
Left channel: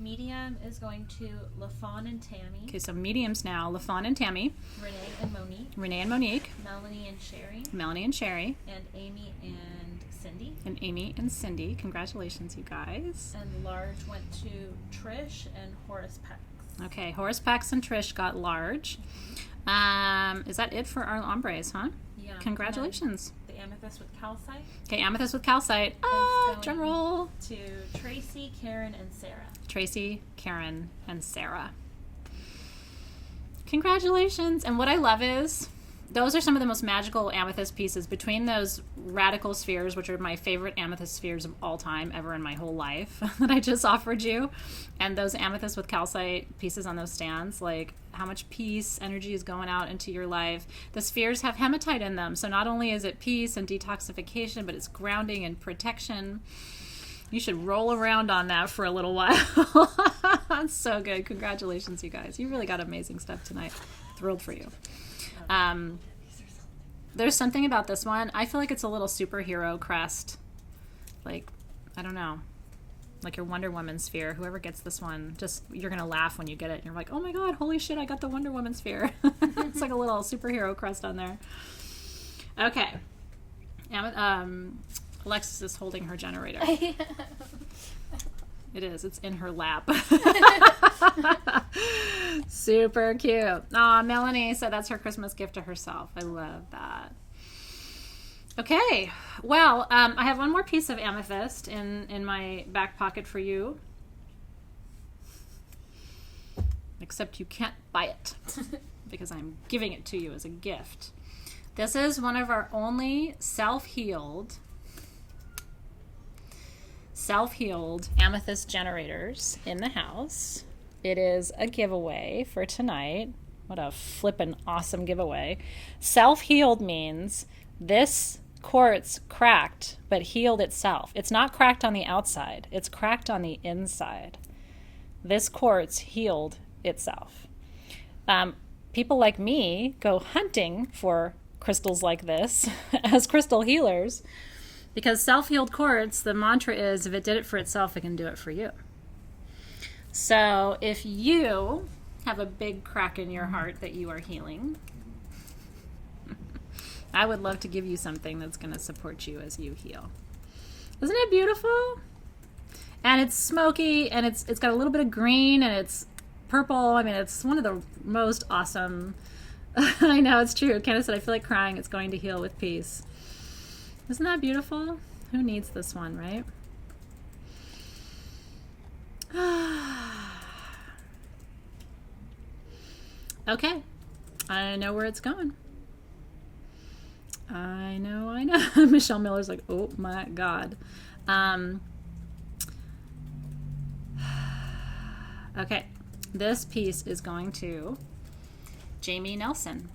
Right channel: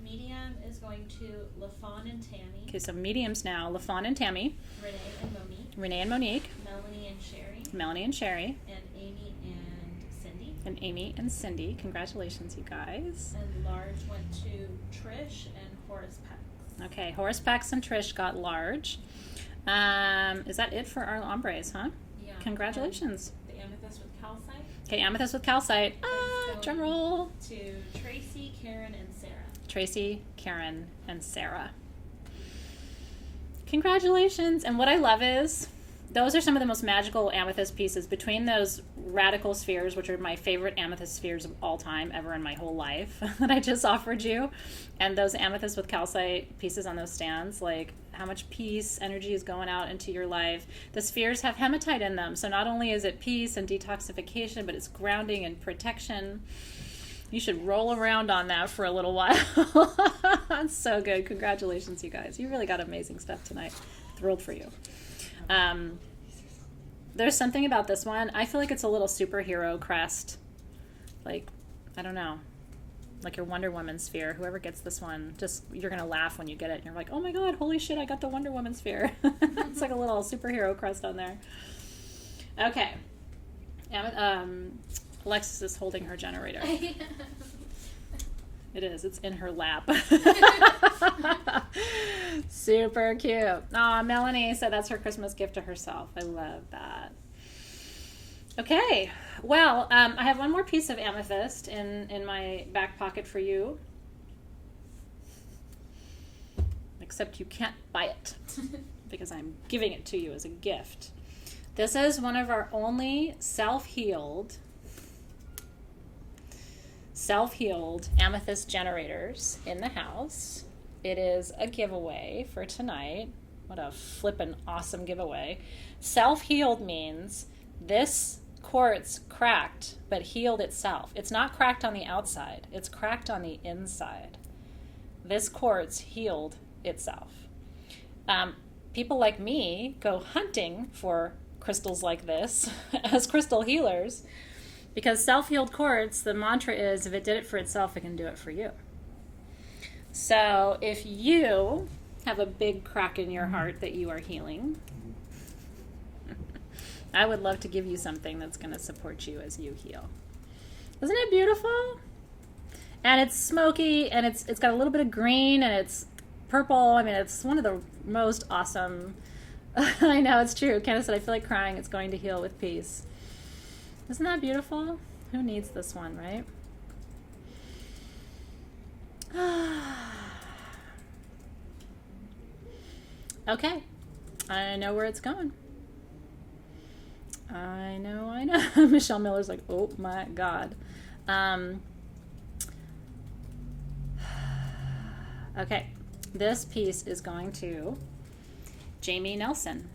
Medium is going to LaFawn and Tammy. Okay, so mediums now. LaFawn and Tammy. Renee and Monique. Renee and Monique. Melanie and Sherry. Melanie and Sherry. And Amy and Cindy. And Amy and Cindy. Congratulations, you guys. And large went to Trish and Horace Pex. Okay, Horace Pex and Trish got large. Is that it for our ombres, huh? Yeah. Congratulations. The amethyst with calcite. Okay, amethyst with calcite. Drum roll. To Tracy, Karen, and Sarah. Tracy, Karen, and Sarah. Congratulations. And what I love is those are some of the most magical amethyst pieces between those radical spheres, which are my favorite amethyst spheres of all time ever in my whole life that I just offered you, and those amethyst with calcite pieces on those stands. Like, how much peace, energy is going out into your life. The spheres have hematite in them, so not only is it peace and detoxification, but it's grounding and protection. You should roll around on that for a little while. That's so good. Congratulations, you guys. You really got amazing stuff tonight. Thrilled for you. There's something about this one. I feel like it's a little superhero crest. Like, I don't know. Like your Wonder Woman sphere. Whoever gets this one, just you're going to laugh when you get it. You're like, oh my God, holy shit, I got the Wonder Woman sphere. It's like a little superhero crest on there. Okay. Alexis is holding her generator. It is. It's in her lap. Super cute. Aw, Melanie said that's her Christmas gift to herself. I love that. Okay. Well, I have one more piece of amethyst in my back pocket for you. Except you can't buy it because I'm giving it to you as a gift. This is one of our only self-healed amethyst generators in the house. It is a giveaway for tonight. What a flippin' awesome giveaway. Self-healed means this quartz cracked but healed itself. It's not cracked on the outside. It's cracked on the inside. This quartz healed itself. People like me go hunting for crystals like this as crystal healers. Because self-healed quartz, the mantra is, if it did it for itself, it can do it for you. So if you have a big crack in your heart that you are healing, I would love to give you something that's going to support you as you heal. Isn't it beautiful? And it's smoky, and it's got a little bit of green, and it's purple. I mean, it's one of the most awesome. I know, it's true. Candace said, I feel like crying. It's going to heal with peace. Isn't that beautiful? Who needs this one, right? Okay. I know where it's going. I know. Michelle Miller's like, oh my God. Okay. This piece is going to Jamie Nelson.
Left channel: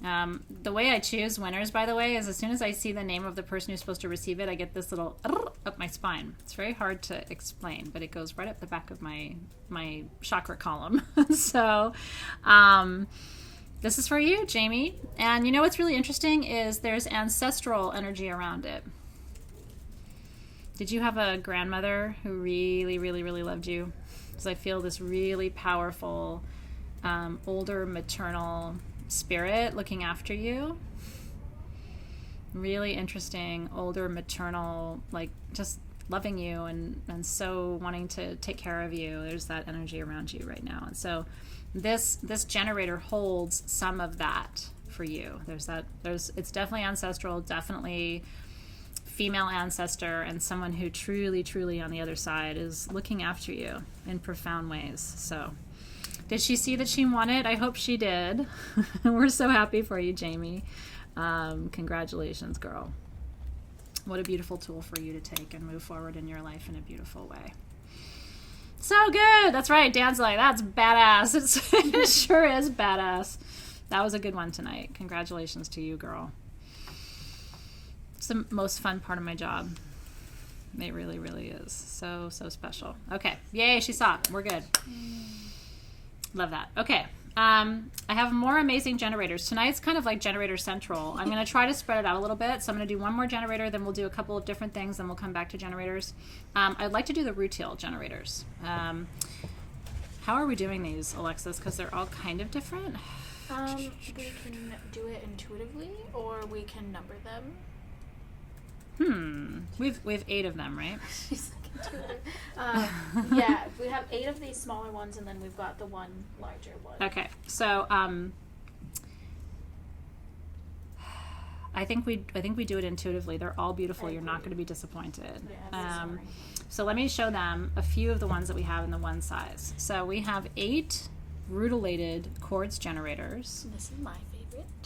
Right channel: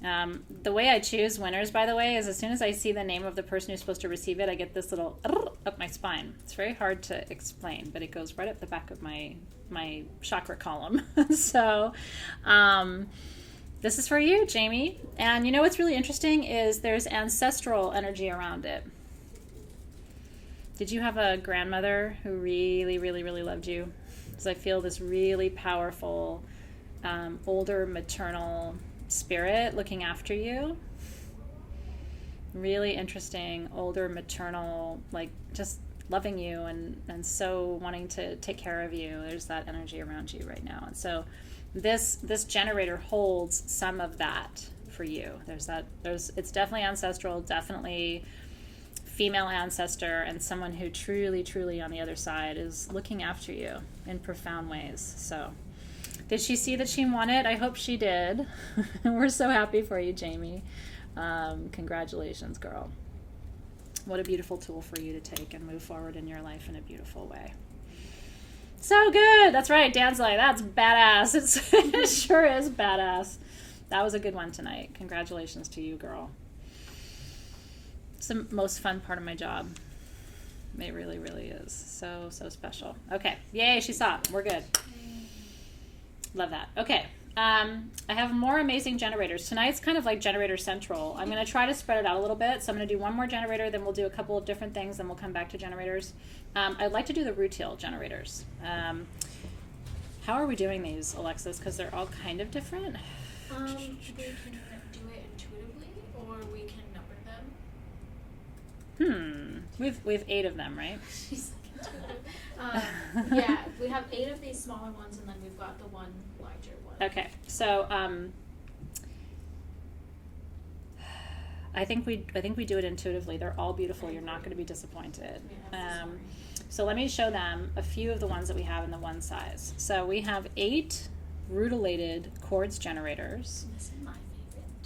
The way I choose winners, by the way, is as soon as I see the name of the person who's supposed to receive it, I get this little up my spine. It's very hard to explain, but it goes right up the back of my chakra column. So this is for you, Jamie. And you know what's really interesting is there's ancestral energy around it. Did you have a grandmother who really, really, really loved you? Because I feel this really powerful, older maternal spirit looking after you. Really interesting, older maternal, like just loving you and so wanting to take care of you. There's that energy around you right now. And so this generator holds some of that for you. It's definitely ancestral, definitely female ancestor, and someone who truly, truly on the other side is looking after you in profound ways. So did she see that she won it? I hope she did. We're so happy for you, Jamie. Congratulations, girl. What a beautiful tool for you to take and move forward in your life in a beautiful way. So good. That's right. Dan's like, that's badass. It sure is badass. That was a good one tonight. Congratulations to you, girl. It's the most fun part of my job. It really, really is. So, so special. Okay. Yay, she saw it. We're good. Love that. Okay. I have more amazing generators. Tonight's kind of like generator central. I'm going to try to spread it out a little bit. So I'm going to do one more generator, then we'll do a couple of different things, then we'll come back to generators. I'd like to do the Rutilated generators. How are we doing these, Alexis? Because they're all kind of different. We can do it intuitively, or we can number them. We've 8 of them, right? Yeah, we have 8 of these smaller ones, and then we've got the one larger one. Okay, so I think we do it intuitively. They're all beautiful. You're not going to be disappointed. So let me show them a few of the ones that we have in the one size. So we have 8 Rutilated quartz generators. This is my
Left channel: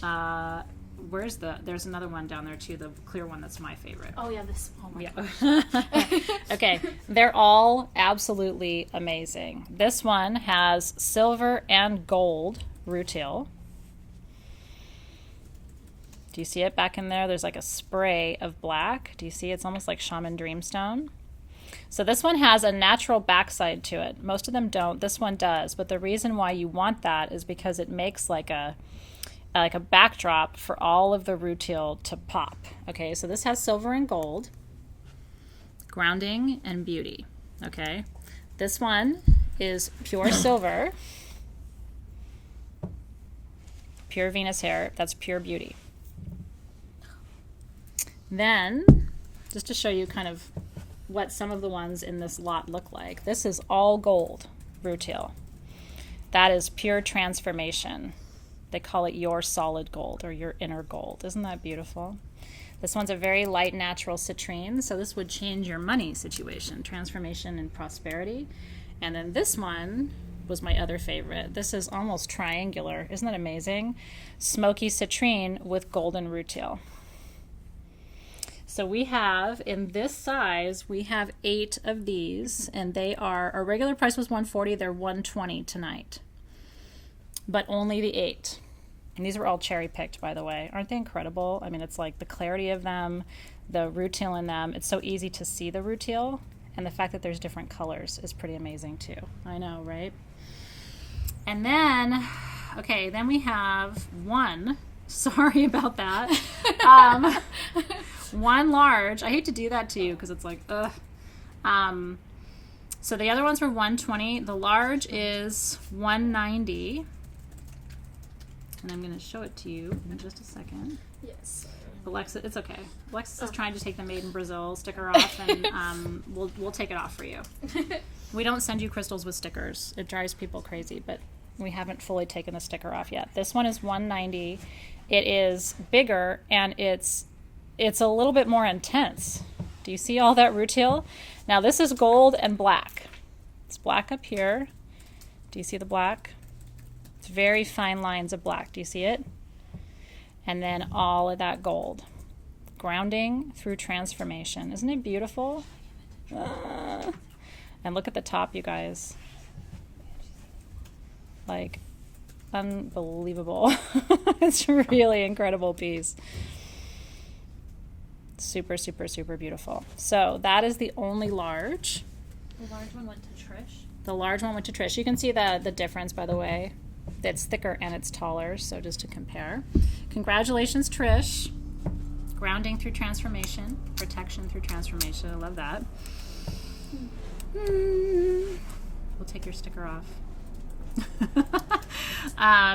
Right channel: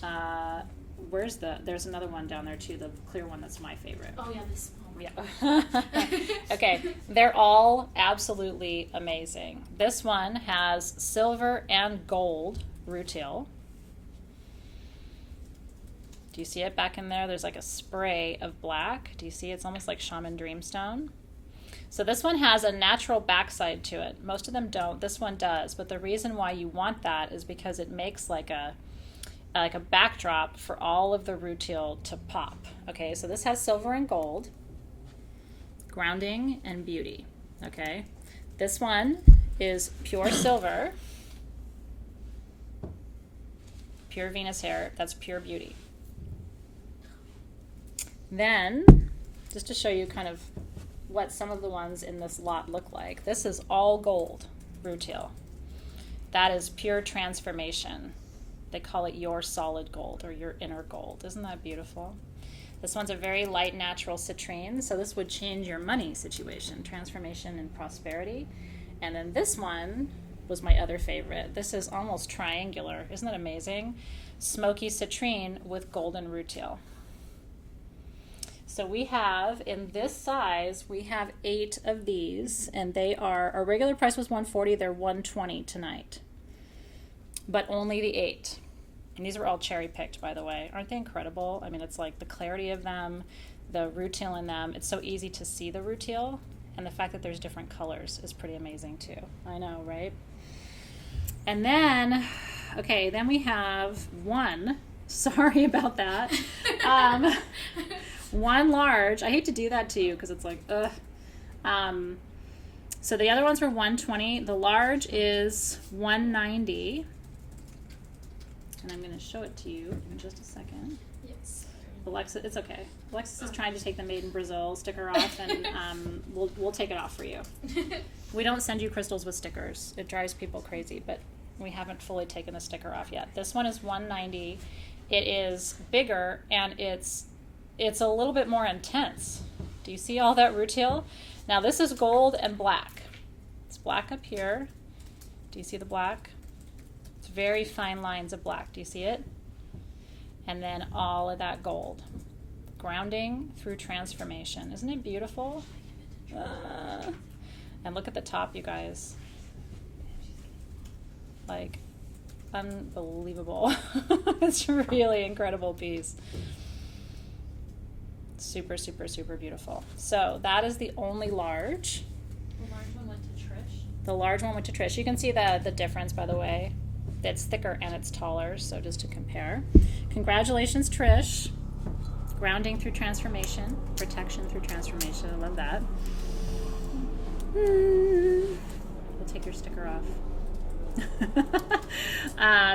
favorite. There's another one down there too, the clear one that's my favorite. Oh yeah, this one. Yeah. Okay, they're all absolutely amazing. This one has silver and gold rutile. Do you see it back in there? There's like a spray of black. Do you see? It's almost like shaman dreamstone. So this one has a natural backside to it. Most of them don't. This one does. But the reason why you want that is because it makes like a backdrop for all of the rutile to pop. Okay, so this has silver and gold, grounding and beauty. Okay, this one is pure silver, pure Venus hair. That's pure beauty. Then, just to show you kind of what some of the ones in this lot look like, this is all gold rutile. That is pure transformation. They call it your solid gold or your inner gold. Isn't that beautiful? This one's a very light natural citrine, so this would change your money situation, transformation and prosperity. And then this one was my other favorite. This is almost triangular. Isn't that amazing? Smoky citrine with golden rutile. So we have, in this size, we have 8 of these, and they are, our regular price was $140, they're $120 tonight. But only the 8. And these were all cherry picked, by the way. Aren't they incredible? I mean, it's like the clarity of them, the rutile in them. It's so easy to see the rutile, and the fact that there's different colors is pretty amazing too. I know, right? And then, okay, then we have one. Sorry about that. One large. I hate to do that to you because it's like, ugh. So the other ones were $120. The large is $190. And I'm going to show it to you in just a second. Yes. Alexa, it's okay. Alexis is trying to take the Made in Brazil sticker off, and we'll take it off for you. We don't send you crystals with stickers. It drives people crazy, but we haven't fully taken the sticker off yet. This one is $190. It is bigger, and it's a little bit more intense. Do you see all that rutile? Now this is gold and black. It's black up here. Do you see the black? It's very fine lines of black. Do you see it? And then all of that gold. Grounding through transformation. Isn't it beautiful? And look at the top, you guys. Like, unbelievable. It's a really incredible piece. Super, super, super beautiful. So that is the only large. The large one went to Trish. The large one went to Trish. You can see the difference, by the way. It's thicker and it's taller, so just to compare. Congratulations, Trish. Grounding through transformation. Protection through transformation. I love that. We'll take your sticker off.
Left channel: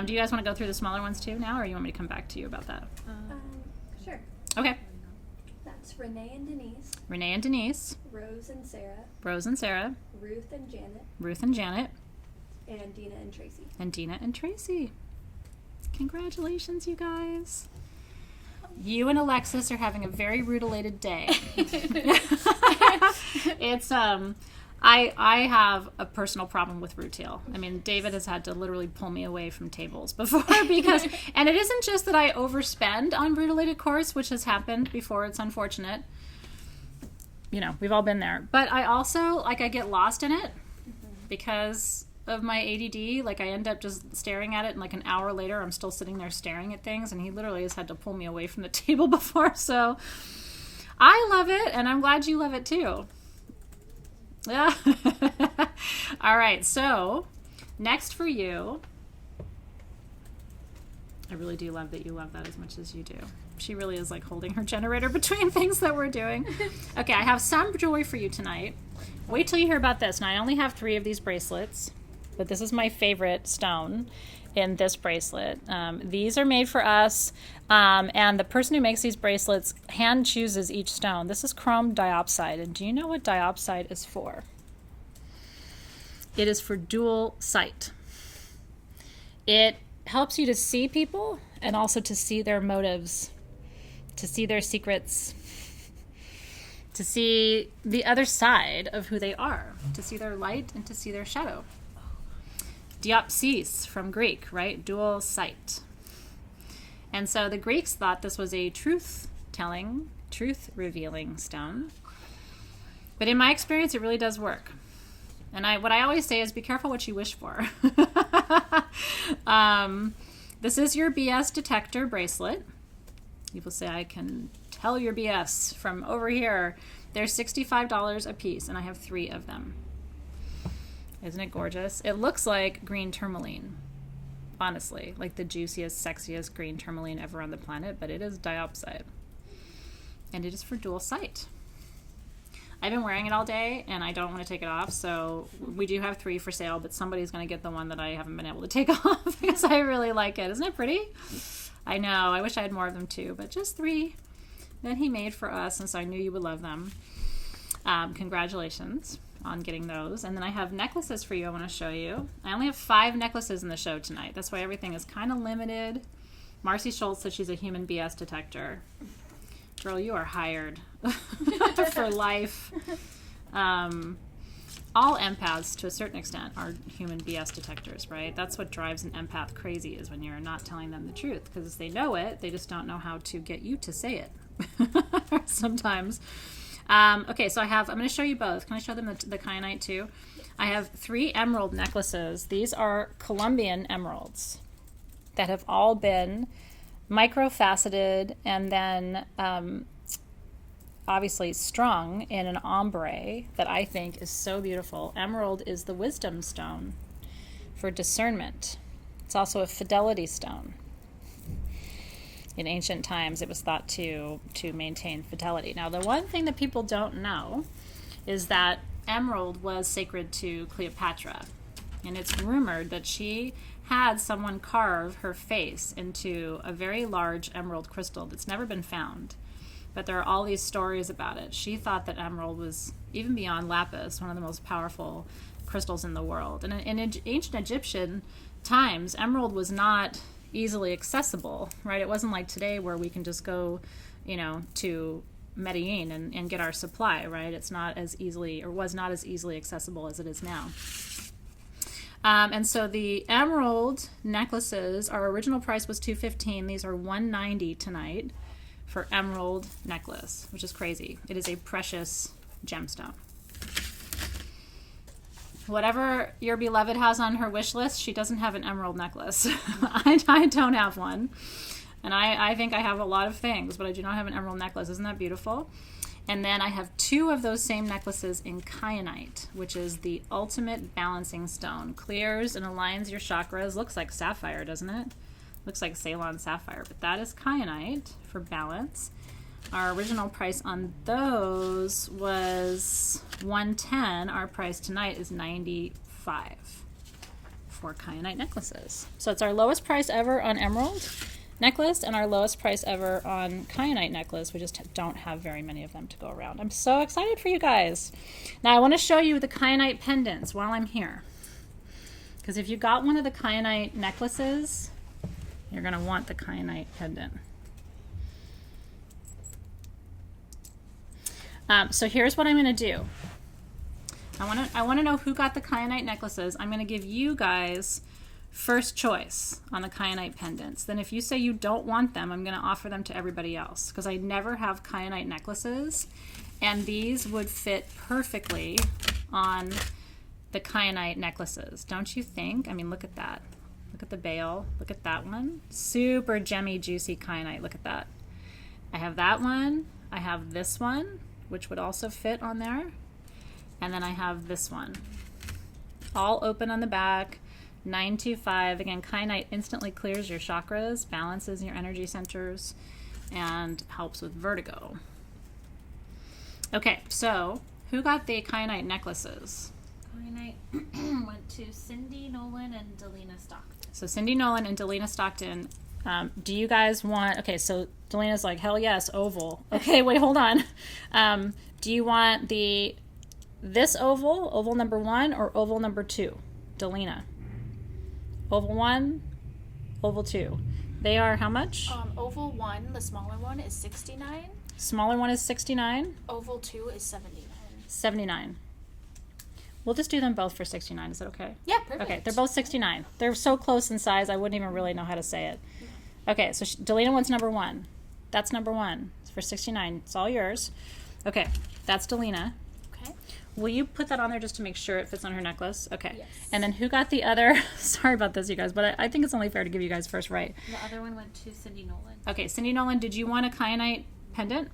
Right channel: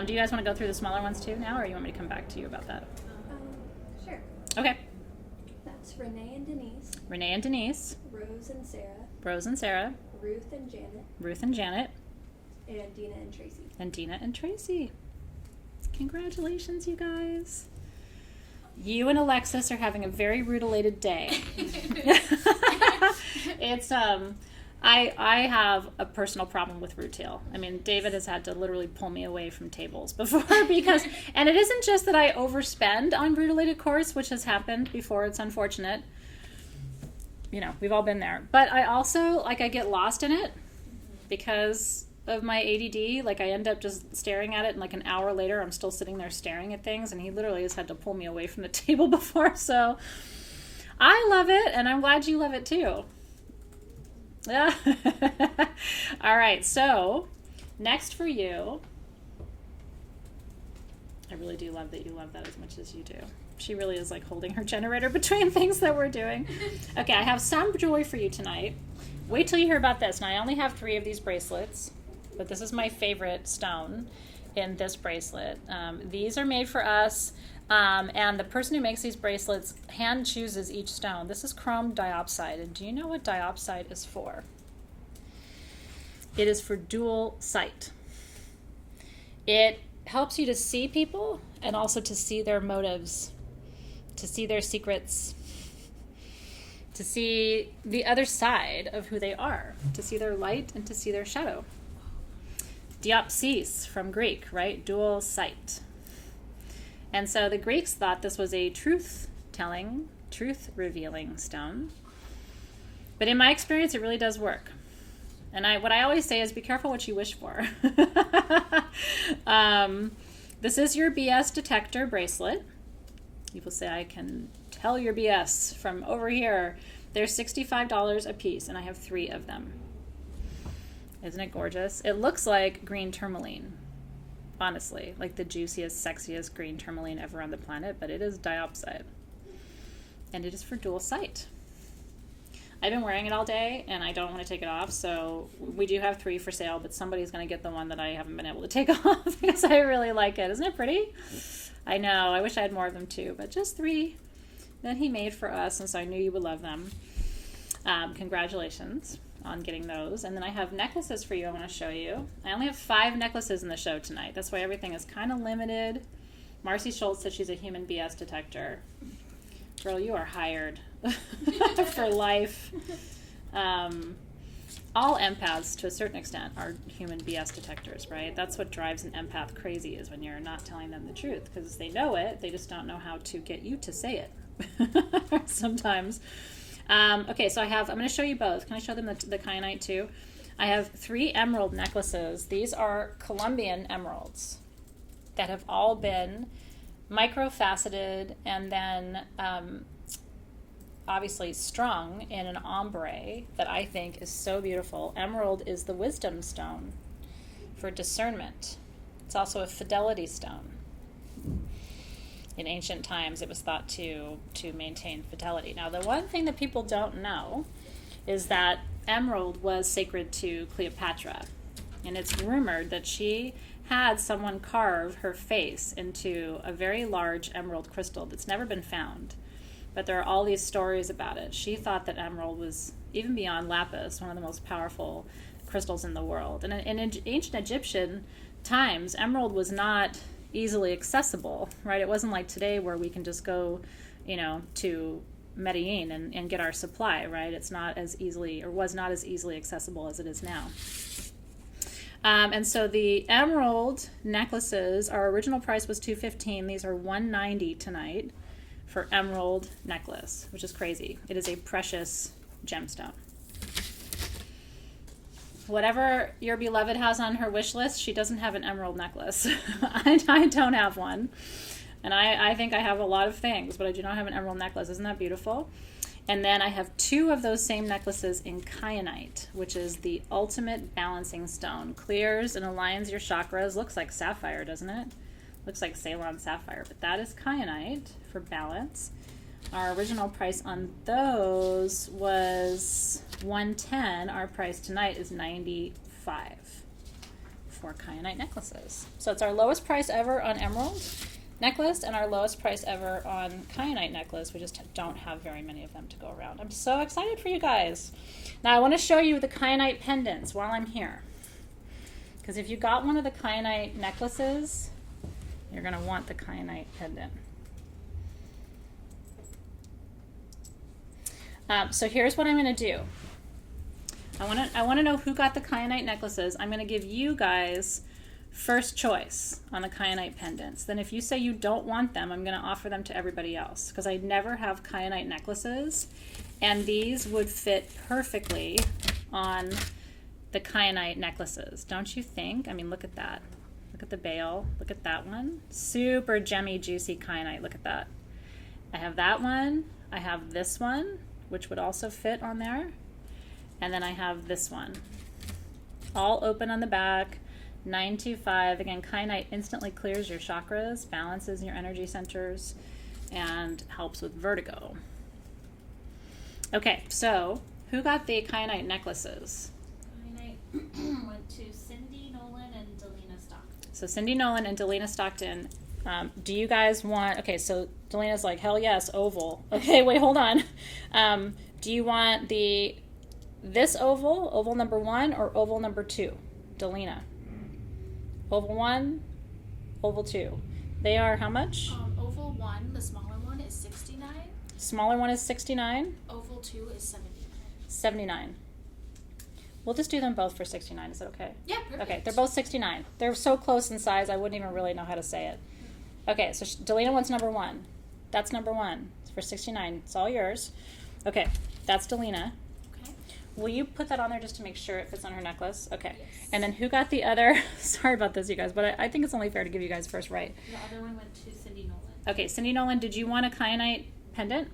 Do you guys want to go through the smaller ones too now, or you want me to come back to you about that? Sure. Okay. That's Renee and Denise. Renee and Denise. Rose and Sarah. Rose and Sarah. Ruth and Janet. Ruth and Janet. And Dina and Tracy. And Dina and Tracy. Congratulations, you guys. You and Alexis are having a very rutilated day. It's I have a personal problem with rutile. I mean, David has had to literally pull me away from tables before because, and it isn't just that I overspend on rutilated quartz, which has happened before. It's unfortunate. You know, we've all been there. But I also, like, I get lost in it because of my ADD. Like, I end up just staring at it, and like an hour later, I'm still sitting there staring at things, and he literally has had to pull me away from the table before. So I love it, and I'm glad you love it too. Yeah. All right, so next for you, I really do love that you love that as much as you do. She really is like holding her generator between things that we're doing. Okay, I have some jewelry for you tonight. Wait till you hear about this. Now, I only have 3 of these bracelets, but this is my favorite stone in this bracelet. These are made for us, and the person who makes these bracelets hand chooses each stone. This is chrome diopside, and do you know what diopside is for? It is for dual sight. It helps you to see people and also to see their motives, to see their secrets, to see the other side of who they are, to see their light and to see their shadow. Diopsis from Greek, right? Dual sight. And so the Greeks thought this was a truth-telling, truth-revealing stone. But in my experience, it really does work. And what I always say is be careful what you wish for. This is your BS detector bracelet. You will say, I can tell your BS from over here. They're $65 a piece, and I have 3 of them. Isn't it gorgeous? It looks like green tourmaline, honestly, like the juiciest, sexiest green tourmaline ever on the planet, but it is diopside. And it is for dual sight. I've been wearing it all day, and I don't want to take it off, so we do have 3 for sale, but somebody's going to get the one that I haven't been able to take off because I really like it. Isn't it pretty? I know. I wish I had more of them, too, but just 3 that he made for us, and so I knew you would love them. Congratulations on getting those. And then I have necklaces for you I want to show you. I only have 5 necklaces in the show tonight. That's why everything is kind of limited. Marcy Schultz said she's a human BS detector. Girl, you are hired for life. All empaths, to a certain extent, are human BS detectors, right? That's what drives an empath crazy, is when you're not telling them the truth, because they know it, they just don't know how to get you to say it sometimes. Okay, so I'm going to show you both. Can I show them the kyanite too? I have 3 emerald necklaces. These are Colombian emeralds that have all been microfaceted and then obviously strung in an ombre that I think is so beautiful. Emerald is the wisdom stone for discernment. It's also a fidelity stone. In ancient times, it was thought to maintain fidelity. Now, the one thing that people don't know is that emerald was sacred to Cleopatra. And it's rumored that she had someone carve her face into a very large emerald crystal that's never been found. But there are all these stories about it. She thought that emerald was, even beyond lapis, one of the most powerful crystals in the world. And in ancient Egyptian times, emerald was not easily accessible, right? It wasn't like today where we can just go, to Medellin and get our supply, right? It's not as easily, or was not as easily accessible as it is now. And so the emerald necklaces, our original price was $215. These are $190 tonight for emerald necklace, which is crazy. It is a precious gemstone. Whatever your beloved has on her wish list, she doesn't have an emerald necklace. I don't have one. And I think I have a lot of things, but I do not have an emerald necklace. Isn't that beautiful? And then I have 2 of those same necklaces in kyanite, which is the ultimate balancing stone. Clears and aligns your chakras. Looks like sapphire, doesn't it? Looks like Ceylon sapphire, but that is kyanite for balance. Our original price on those was $110. Our price tonight is $95 for kyanite necklaces. So it's our lowest price ever on emerald necklace and our lowest price ever on kyanite necklace. We just don't have very many of them to go around. I'm so excited for you guys. Now I want to show you the kyanite pendants while I'm here. Because if you got one of the kyanite necklaces, you're going to want the kyanite pendant. So here's what I'm going to do. I want to know who got the kyanite necklaces. I'm going to give you guys first choice on the kyanite pendants. Then if you say you don't want them, I'm going to offer them to everybody else, because I never have kyanite necklaces, and these would fit perfectly on the kyanite necklaces. Don't you think? I mean, look at that. Look at the bail. Look at that one. Super gemmy, juicy kyanite. Look at that. I have that one. I have this one, which would also fit on there. And then I have this one. All open on the back. 925. Again, kyanite instantly clears your chakras, balances your energy centers, and helps with vertigo. Okay, so who got the kyanite necklaces? Kyanite went to Cindy Nolan and Delina Stockton. So Cindy Nolan and Delina Stockton. Do you guys want... Okay, so Delina's like, hell yes, oval. Okay, wait, hold on. Do you want this oval number 1, or oval number 2? Delina. Oval 1, oval 2. They are how much? Oval 1, the smaller one, is $69. Smaller one is $69. Oval 2 is $79. $79. We'll just do them both for $69. Is that okay? Yeah, perfect. Okay, they're both $69. They're so close in size, I wouldn't even really know how to say it. Okay, so Delina wants number 1. That's number 1. It's for $69. It's all yours. Okay, that's Delina. Okay. will you put that on there just to make sure it fits on her necklace? Okay. Yes. And then who got the other? Sorry about this, you guys, but I think it's only fair to give you guys first right. The other one went to Cindy Nolan. Okay, Cindy Nolan, did you want a kyanite pendant?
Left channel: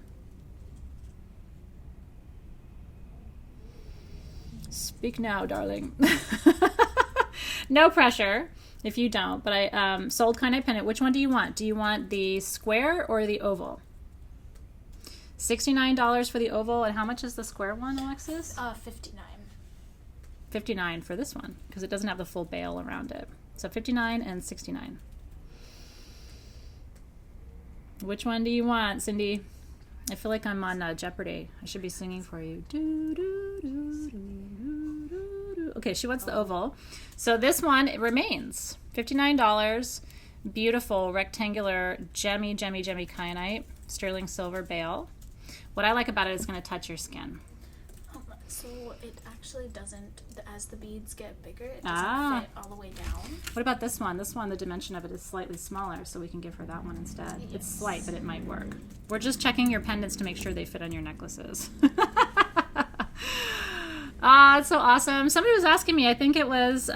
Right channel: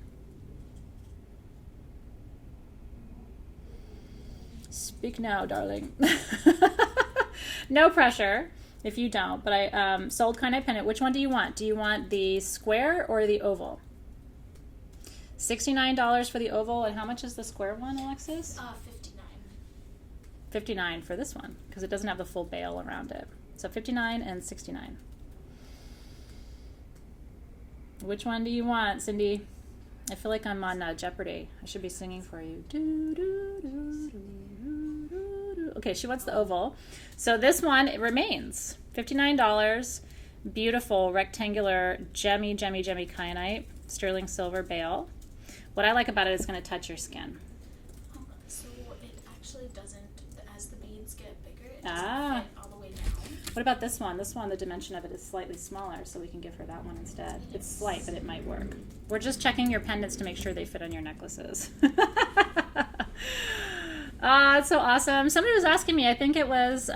Speak now, darling. No pressure if you don't, but I sold kyanite pendant. Which one do you want? Do you want the square or the oval? $69 for the oval, and how much is the square one, Alexis? 59. $59 for this one, because it doesn't have the full bail around it. So $59 and $69. Which one do you want, Cindy? I feel like I'm on Jeopardy. I should be singing for you. Do, do, do, do, do, do, do. Okay, she wants the oval. So this one, it remains $59. Beautiful rectangular gemmy kyanite, sterling silver bail. What I like about it is going to touch your skin. So it actually doesn't, as the beads get bigger, it doesn't fit all the way down. What about this one? This one, the dimension of it is slightly smaller, so we can give her that one instead. Yes. It's slight, but it might work. We're just checking your pendants to make sure they fit on your necklaces. It's so awesome. Somebody was asking me, I think it was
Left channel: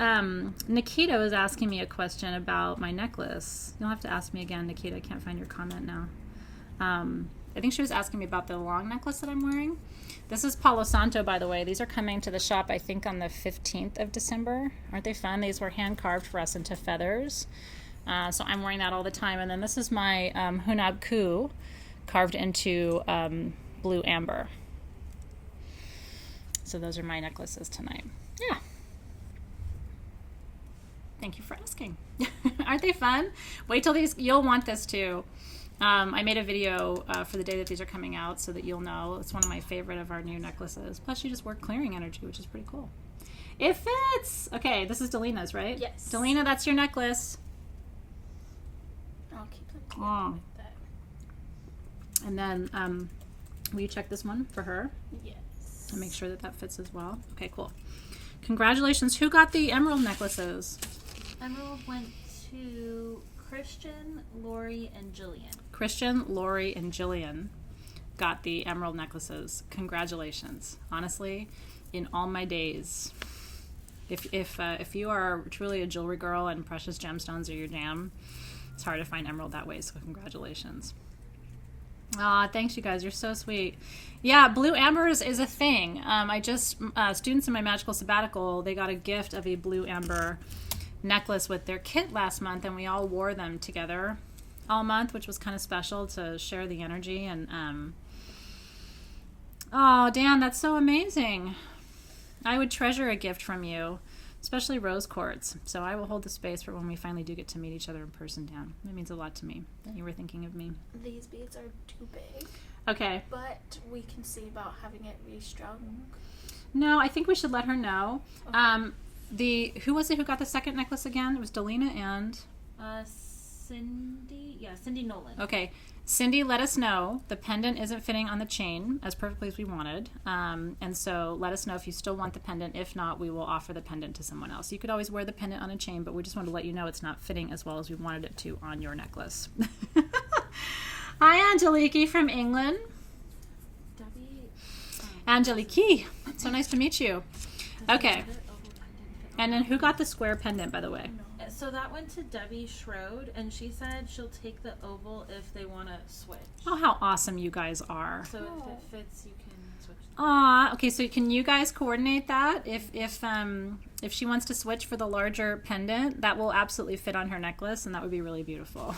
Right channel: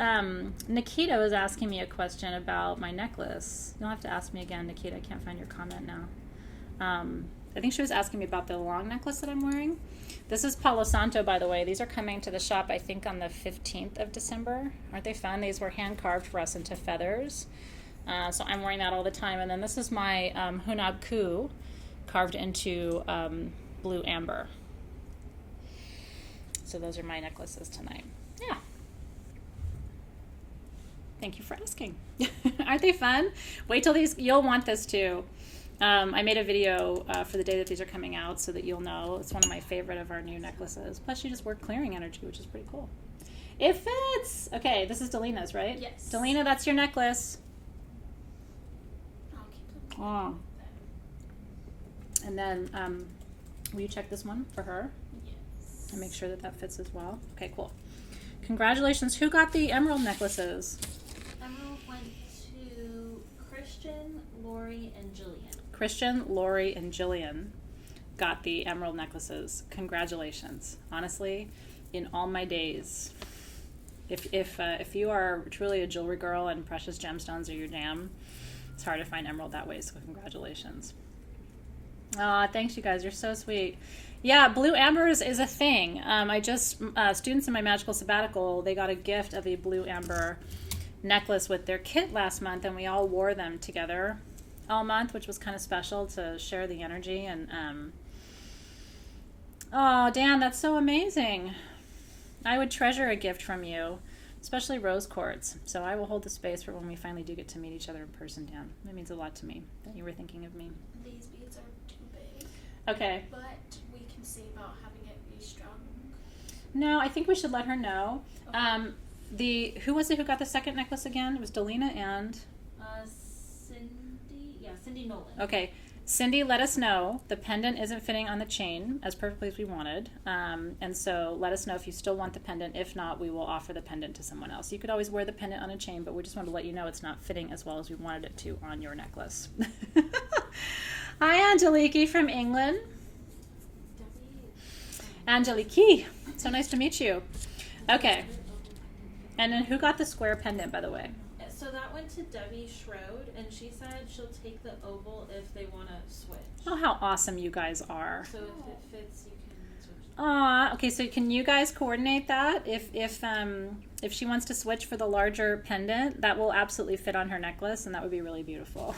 Nikita was asking me a question about my necklace. You'll have to ask me again, Nikita. I can't find your comment now. I think she was asking me about the long necklace that I'm wearing. This is Palo Santo, by the way. These are coming to the shop, I think, on the 15th of December. Aren't they fun? These were hand-carved for us into feathers. So I'm wearing that all the time. And then this is my Hunab Ku, carved into blue amber. So those are my necklaces tonight. Yeah. Thank you for asking. Aren't they fun? Wait till these, you'll want this too. I made a video for the day that these are coming out so that you'll know. It's one of my favorite of our new necklaces. Plus you just work clearing energy, which is pretty cool. It fits! Okay, this is Delina's, right? Yes. Delina, that's your necklace. I'll keep it. Oh. And then, will you check this one for her? Yes. And make sure that that fits as well. Okay, cool. Congratulations. Who got the emerald necklaces? Emerald went to Christian, Lori, and Jillian. Christian, Lori, and Jillian got the emerald necklaces. Congratulations. Honestly, in all my days, if you are truly a jewelry girl and precious gemstones are your jam, it's hard to find emerald that way, so congratulations. Aw, thanks you guys. You're so sweet. Yeah, blue amber is a thing. I just, students in my magical sabbatical, they got a gift of a blue amber necklace with their kit last month, and we all wore them together all month, which was kind of special to share the energy. And oh, Dan, that's so amazing. I would treasure a gift from you, especially rose quartz. So I will hold the space for when we finally do get to meet each other in person, Dan. That means a lot to me that you were thinking of me. These beads are too big, Okay. but we can see about having it restrung. No, I think we should let her know. Who was it who got the second necklace again? It was Delina and Cindy Nolan. okay. Cindy let us know the pendant isn't fitting on the chain as perfectly as we wanted. And so let us know if you still want the pendant. If not, we will offer the pendant to someone else. You could always wear the pendant on a chain, but we just wanted to let you know it's not fitting as well as we wanted it to on your necklace. Hi, Angeliki from England. Angeliki. So nice to meet you. Okay. And then who got the square pendant, by the way? So that went to Debbie Schroed, and she said she'll take the oval if they want to switch. Oh, how awesome you guys are. So if it fits, you can switch. Aw, okay, so can you guys coordinate that? If she wants to switch for the larger pendant, that will absolutely fit on her necklace, and that would be really beautiful.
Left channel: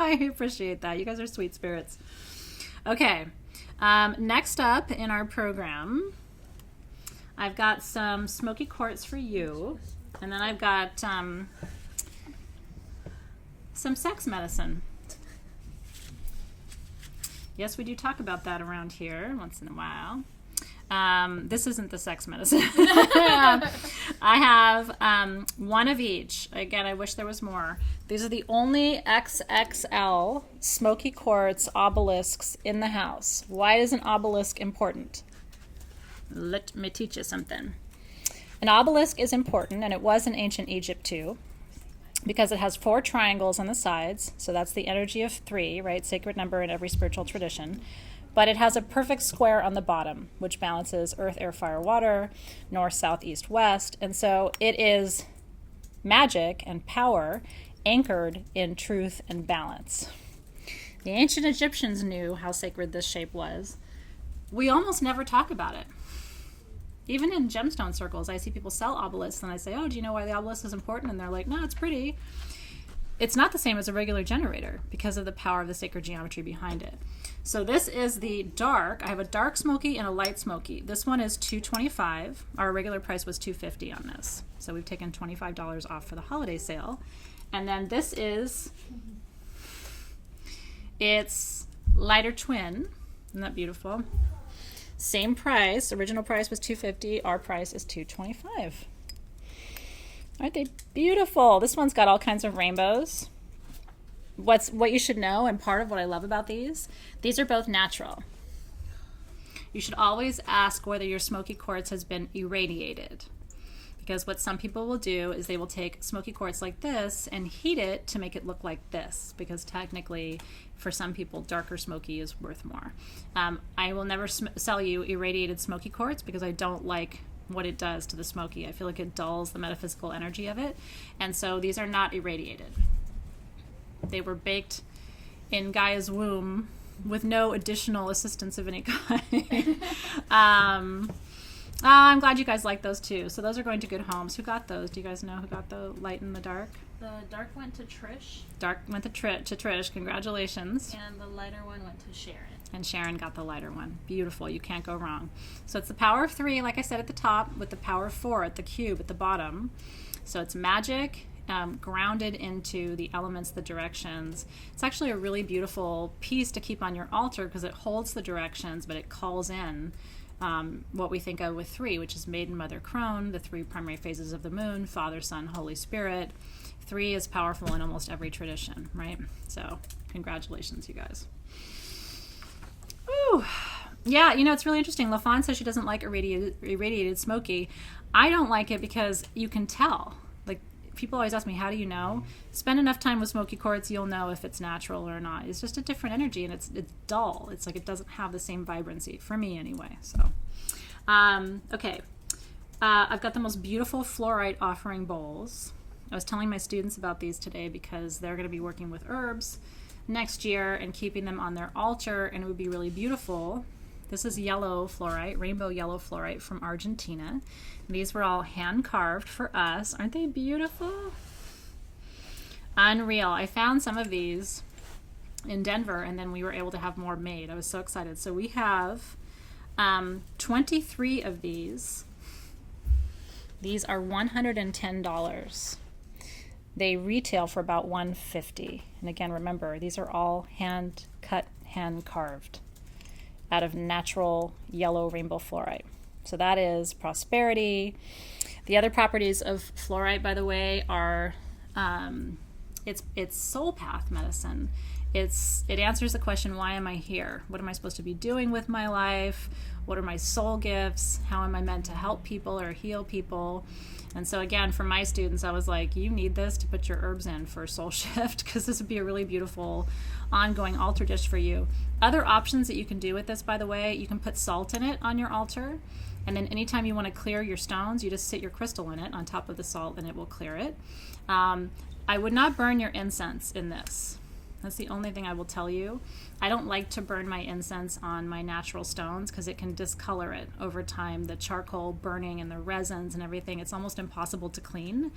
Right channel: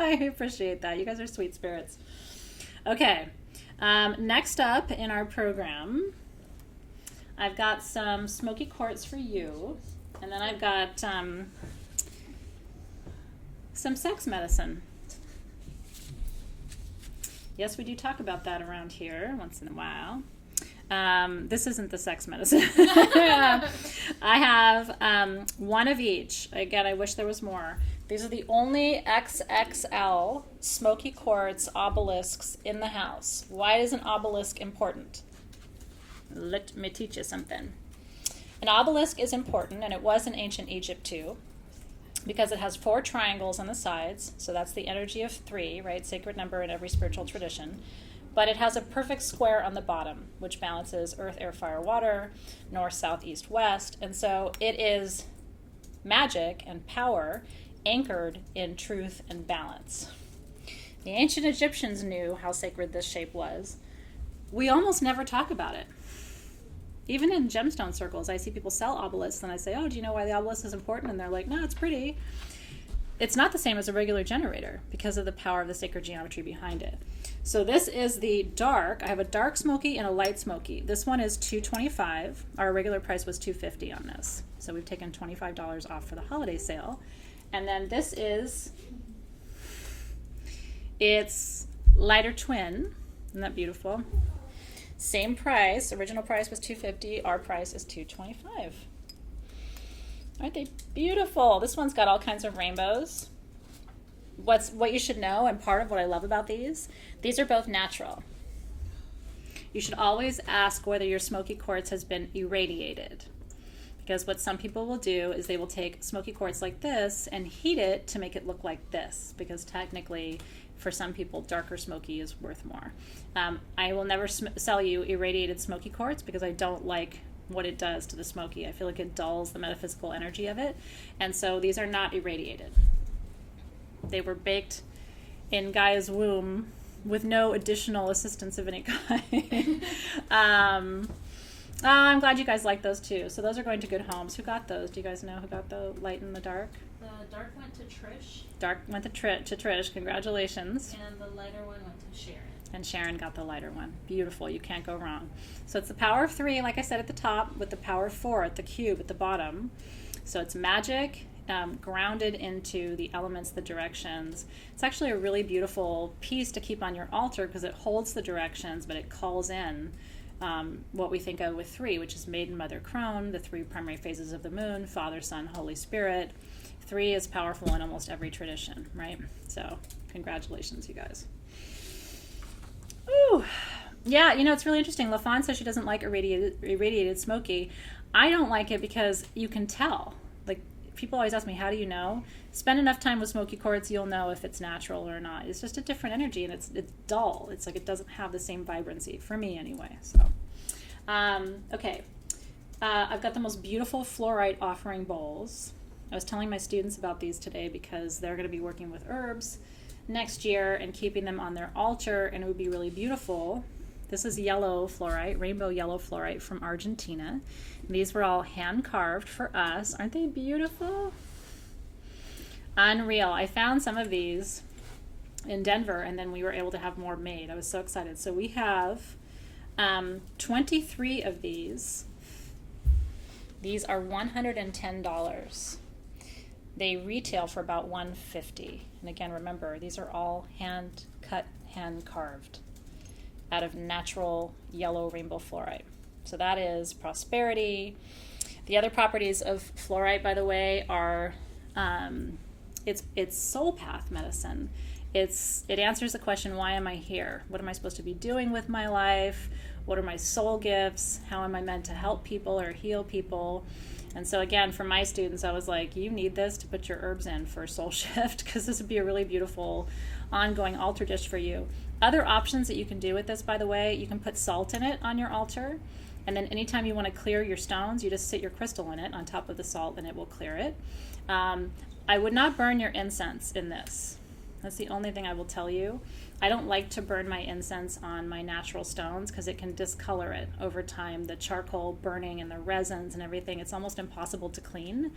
I appreciate that. You guys are sweet spirits. Okay, next up in our program, I've got some smoky quartz for you, and then I've got some sex medicine. Yes, we do talk about that around here once in a while. This isn't the sex medicine. I have one of each. Again, I wish there was more. These are the only XXL smoky quartz obelisks in the house. Why is an obelisk important? Let me teach you something. An obelisk is important, and it was in ancient Egypt too, because it has 4 triangles on the sides, so that's the energy of 3, right? Sacred number in every spiritual tradition. But it has a perfect square on the bottom, which balances earth, air, fire, water, north, south, east, west. And so it is magic and power anchored in truth and balance. The ancient Egyptians knew how sacred this shape was. We almost never talk about it. Even in gemstone circles, I see people sell obelisks, and I say, oh, do you know why the obelisk is important? And they're like, no, it's pretty. It's not the same as a regular generator because of the power of the sacred geometry behind it. So this is the dark. I have a dark smoky and a light smoky. This one is $225. Our regular price was $250 on this. So we've taken $25 off for the holiday sale. And then this is, it's lighter twin. Isn't that beautiful? Same price. Original price was $250. Our price is $225. Aren't they beautiful? This one's got all kinds of rainbows. What you should know, and part of what I love about these are both natural. You should always ask whether your smoky quartz has been irradiated. Because what some people will do is they will take smoky quartz like this and heat it to make it look like this. Because technically, for some people, darker smoky is worth more. I will never sell you irradiated smoky quartz because I don't like what it does to the smoky. I feel like it dulls the metaphysical energy of it. And so these are not irradiated. They were baked in Gaia's womb with no additional assistance of any kind. I'm glad you guys like those too. So those are going to good homes. Who got those? Do you guys know who got the light and the dark? The dark went to Trish. Dark went to Trish. Congratulations. And the lighter one went to Sharon. And Sharon got the lighter one. Beautiful. You can't go wrong. So it's the power of 3, like I said at the top, with the power of 4 at the cube at the bottom. So it's magic, grounded into the elements, the directions. It's actually a really beautiful piece to keep on your altar because it holds the directions, but it calls in what we think of with 3, which is Maiden, Mother, Crone, the 3 primary phases of the moon, Father, Son, Holy Spirit. 3 is powerful in almost every tradition, right? So congratulations, you guys. Ooh. Yeah, you know, it's really interesting. LaFawn says she doesn't like irradiated smoky. I don't like it because you can tell. Like, people always ask me, how do you know? Spend enough time with smoky quartz, you'll know if it's natural or not. It's just a different energy, and it's dull. It's like it doesn't have the same vibrancy, for me anyway. So, okay. I've got the most beautiful fluorite offering bowls. I was telling my students about these today because they're going to be working with herbs next year and keeping them on their altar, and it would be really beautiful. This is yellow fluorite, rainbow yellow fluorite from Argentina. These were all hand carved for us. Aren't they beautiful? Unreal. I found some of these in Denver, and then we were able to have more made. I was so excited. So we have 23 of these. These are $110. They retail for about $150. And again, remember, these are all hand cut, hand carved out of natural yellow rainbow fluorite. So that is prosperity. The other properties of fluorite, by the way, are it's soul path medicine. It answers the question, why am I here? What am I supposed to be doing with my life? What are my soul gifts? How am I meant to help people or heal people? And so again, for my students, I was like, you need this to put your herbs in for soul shift, because this would be a really beautiful ongoing altar dish for you. Other options that you can do with this, by the way, you can put salt in it on your altar. And then anytime you want to clear your stones, you just sit your crystal in it on top of the salt and it will clear it. I would not burn your incense in this. That's the only thing I will tell you. I don't like to burn my incense on my natural stones because it can discolor it over time. The charcoal burning and the resins and everything, it's almost impossible to clean.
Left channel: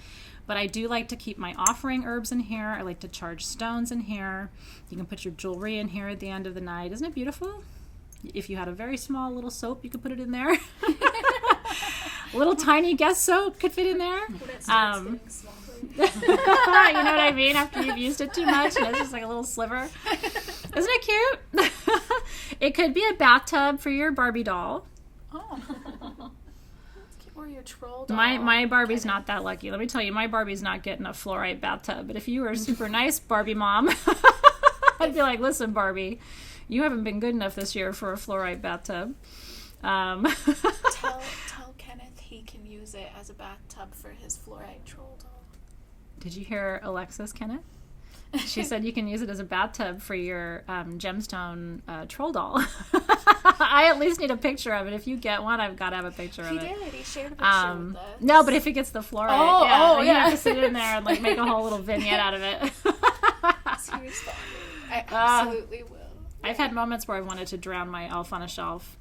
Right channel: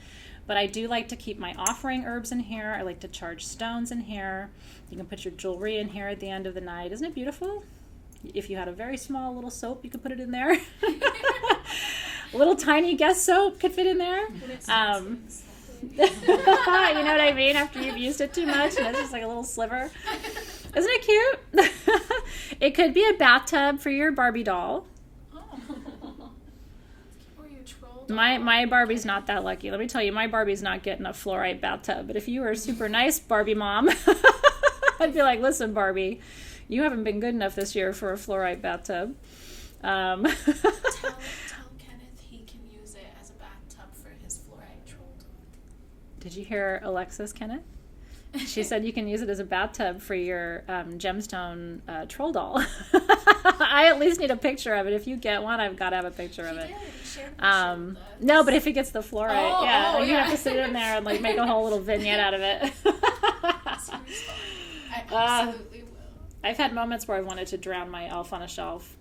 But I do like to keep my offering herbs in here. I like to charge stones in here. You can put your jewelry in here at the end of the night. Isn't it beautiful? If you had a very small little soap, you could put it in there. A little tiny guest soap could fit in there. You know what I mean? After you've used it too much and it's just like a little sliver. Isn't it cute? It could be a bathtub for your Barbie doll. Oh. Or your troll doll. My Barbie's not that lucky. Let me tell you, my Barbie's not getting a fluorite bathtub. But if you were a super nice Barbie mom, I'd be like, listen, Barbie, you haven't been good enough this year for a fluorite bathtub. Tell Kenneth he can use it as a bathtub for his fluorite troll doll. Did you hear Alexis, Kenneth? She said you can use it as a bathtub for your gemstone troll doll. I at least need a picture of it. If you get one, I've got to have a picture of it. He shared a picture of this. No, but if it gets the fluorite, you yeah. have to sit in there and like make a whole little vignette out of it. Seriously. I absolutely will. I've had moments where I wanted to drown my elf on a shelf.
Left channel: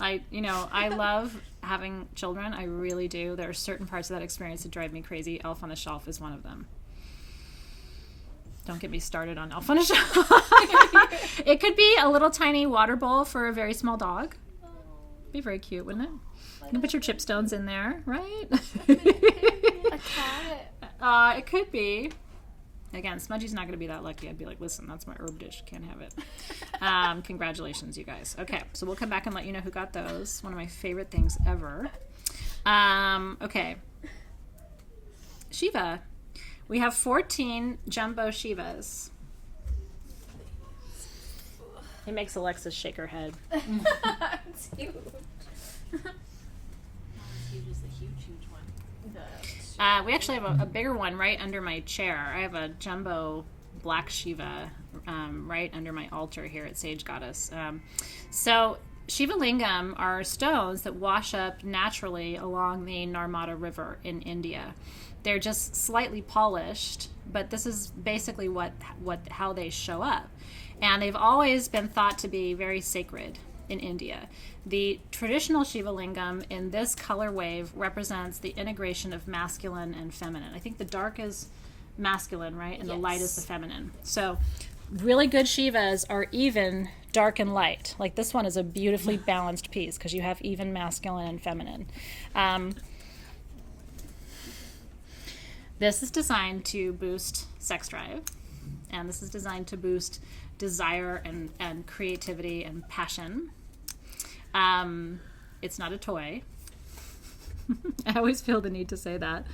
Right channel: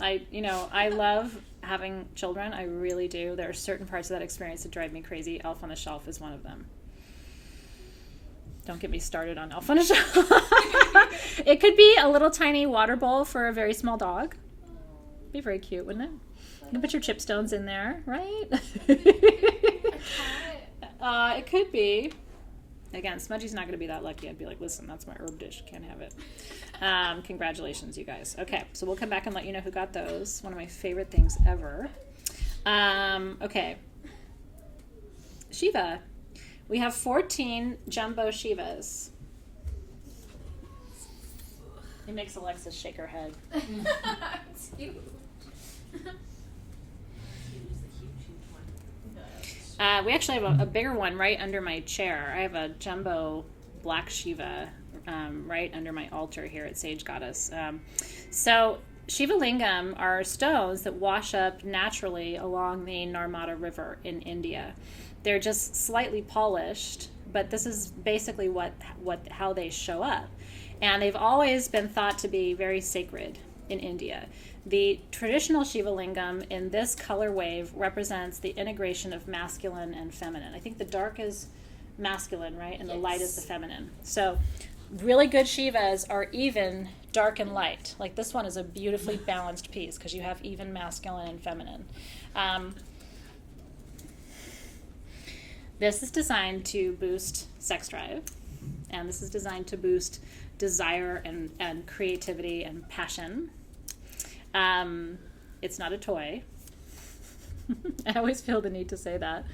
I love having children. I really do. There are certain parts of that experience that drive me crazy. Elf on a shelf is one of them. Don't get me started on elf on a shelf. It could be a little tiny water bowl for a very small dog. Be very cute, wouldn't it? You can put your chipstones in there, right? It could be. Again, Smudgy's not going to be that lucky. I'd be like, listen, that's my herb dish. Can't have it. Congratulations, you guys. Okay, so we'll come back and let you know who got those. One of my favorite things ever. Okay. Shiva. We have 14 jumbo Shivas. It makes Alexis shake her head. It's huge. We actually have a bigger one right under my chair. I have a jumbo black Shiva right under my altar here at Sage Goddess. So Shiva lingam are stones that wash up naturally along the Narmada River in India. They're just slightly polished, but this is basically how they show up. And they've always been thought to be very sacred in India. The traditional Shiva lingam in this color wave represents the integration of masculine and feminine. I think the dark is masculine, right? And the light is the feminine. So really good Shivas are even dark and light. Like this one is a beautifully balanced piece because you have even masculine and feminine. This is designed to boost sex drive, and this is designed to boost desire and creativity and passion. It's not a toy. I always feel the need to say that.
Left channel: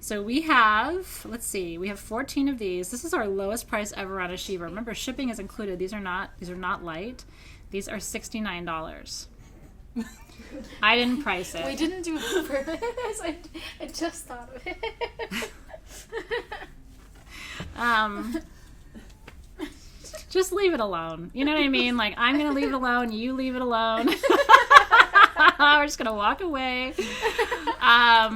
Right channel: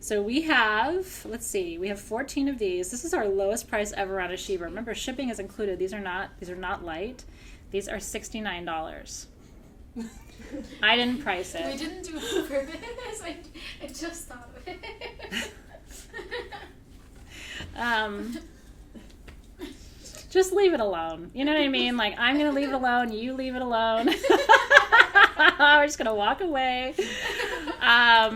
So we have 14 of these. This is our lowest price ever on a Shiva. Remember, shipping is included. These are not light. These are $69. I didn't price it. We didn't do it on purpose. I just thought of it. Just leave it alone. You know what I mean? Like, I'm going to leave it alone. You leave it alone. We're just going to walk away. I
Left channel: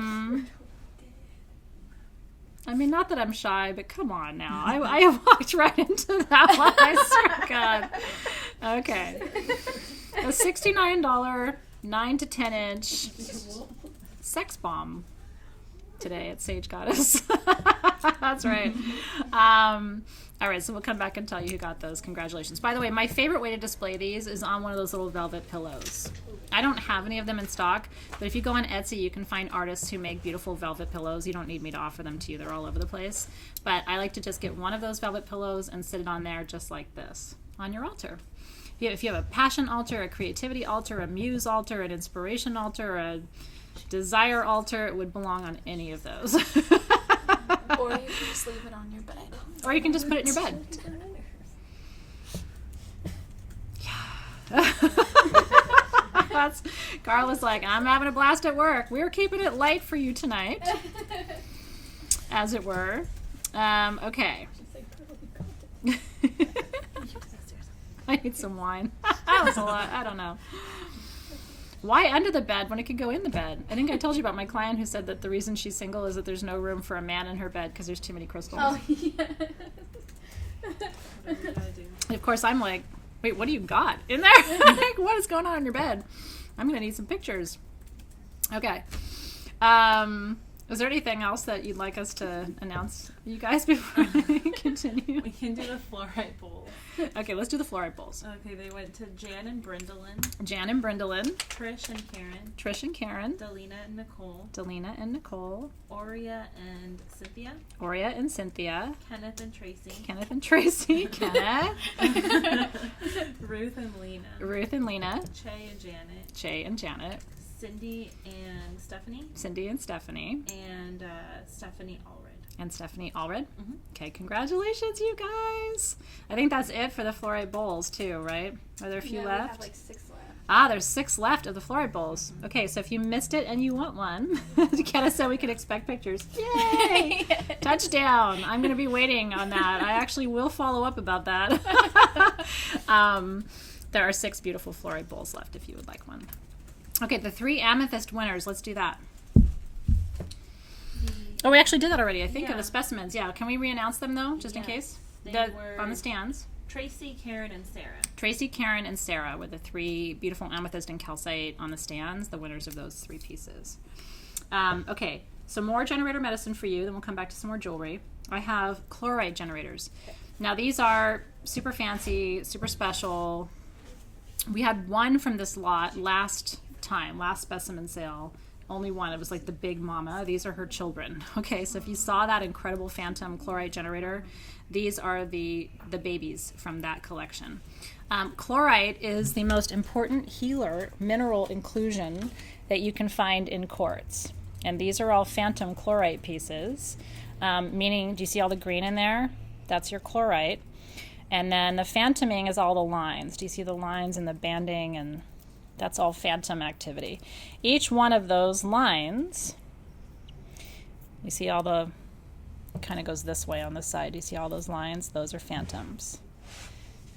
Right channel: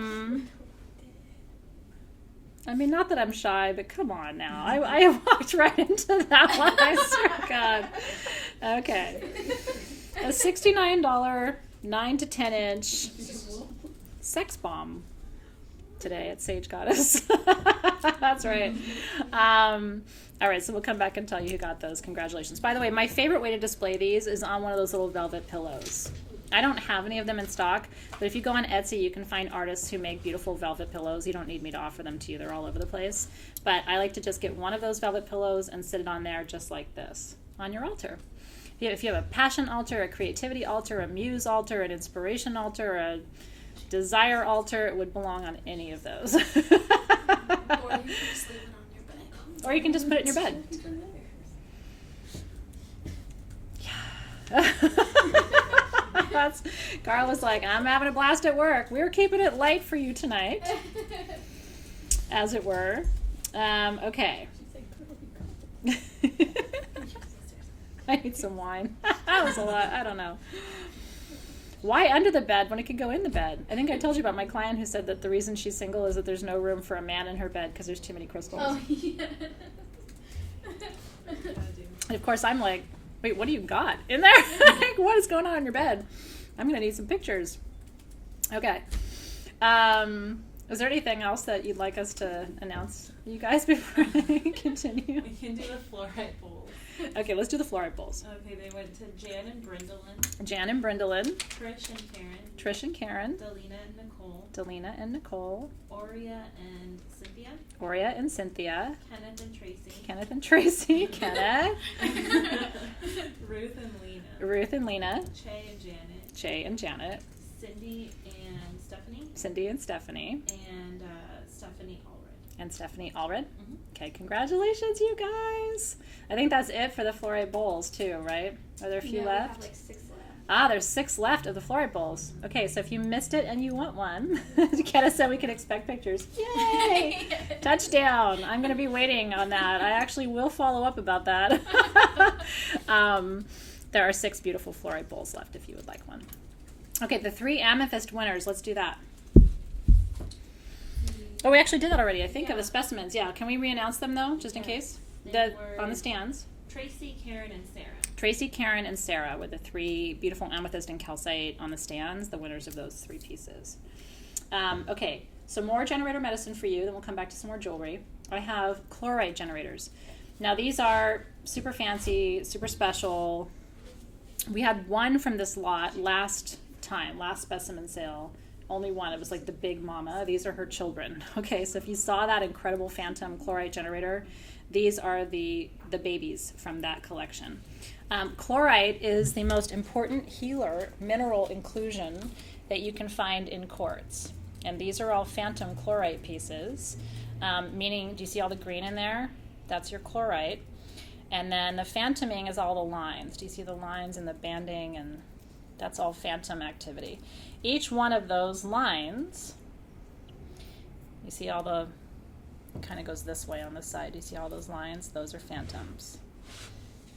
mean, not that I'm shy, but come on now. I walked right into that one. I swear to God. Okay. A $69, 9 to 10 inch sex bomb today at Sage Goddess. That's right. All right, so we'll come back and tell you who got those. Congratulations. By the way, my favorite way to display these is on one of those little velvet pillows. I don't have any of them in stock, but if you go on Etsy, you can find artists who make beautiful velvet pillows. You don't need me to offer them to you. They're all over the place. But I like to just get one of those velvet pillows and sit it on there just like this on your altar. If you have a passion altar, a creativity altar, a muse altar, an inspiration altar, a desire altar, it would belong on any of those. Or you can just leave it on your bed. Or you can just put it in your bed. Carla's like, I'm having a blast at work. We're keeping it light for you tonight, as it were. Okay. I need some wine. That was a lot. I don't know. Why under the bed when it could go in the bed? I think I told you about my client who said that the reason she's single is that there's no room for a man in her bed because there's too many crystals. Oh, yeah. And of course, I'm like, wait, what do you got in there? Like, what is going on in your bed? I'm going to need some pictures. Okay. Is there anything else that you'd like us to announce, you guys, before I continue? We can do the fluorite bowl. Okay, let's do the fluorite bowls. Okay, they went to Jan and Brindalyn, Jan and Brindalyn, Trish and Karen, Trish and Karen, Delina and Nicole, Delina and Nicole, Aurea and Cynthia, Aurea and Cynthia, Kenneth and Tracy, Kenneth and Tracy, Kenneth, Ruth and Lena, Ruth and Lena, Che and Janet, Che and Janet, Cindy and Stephanie, Cindy and Stephanie, and Stephanie Allred. And Stephanie Allred. Mm-hmm. Okay, congratulations, you guys. I think that's it for the fluorite bowls, too, right? Are there a few We left? have like 6 left. Ah, there's 6 left of the fluorite bowls. Okay, so if you missed it and you want one, Kenna said we could expect pictures. Yay! Touchdown! I'm going to be waiting on that. I actually will follow up about that. There are 6 beautiful fluorite bowls left if you would like one. Okay, the 3 amethyst winners. Let's do that. Oh, we actually did that already, I think, of the specimens. Yeah, can we re-announce them, though, just in case? Were on the stands. Tracy, Karen, and Sarah. Tracy, Karen, and Sarah were the 3 beautiful amethyst and calcite on the stands, the winners of those 3 pieces. Okay, so more generator medicine for you, then we'll come back to some more jewelry. I have chlorite generators. Now, these are super fancy, super special. We had one from this lot last specimen sale. Only one. It was like the big mama. These are her children. Okay, so if you saw that incredible phantom chlorite generator, these are the babies from that collection. Chlorite is the most important healer mineral inclusion that you can find in quartz. And these are all phantom chlorite pieces, meaning, do you see all the green in there? That's your chlorite. And then the phantoming is all the lines. Do you see the lines and the banding? And that's all phantom activity. Each one of those lines, you see all the, it kind of goes this way on the side. Do you see all those lines? Those are phantoms.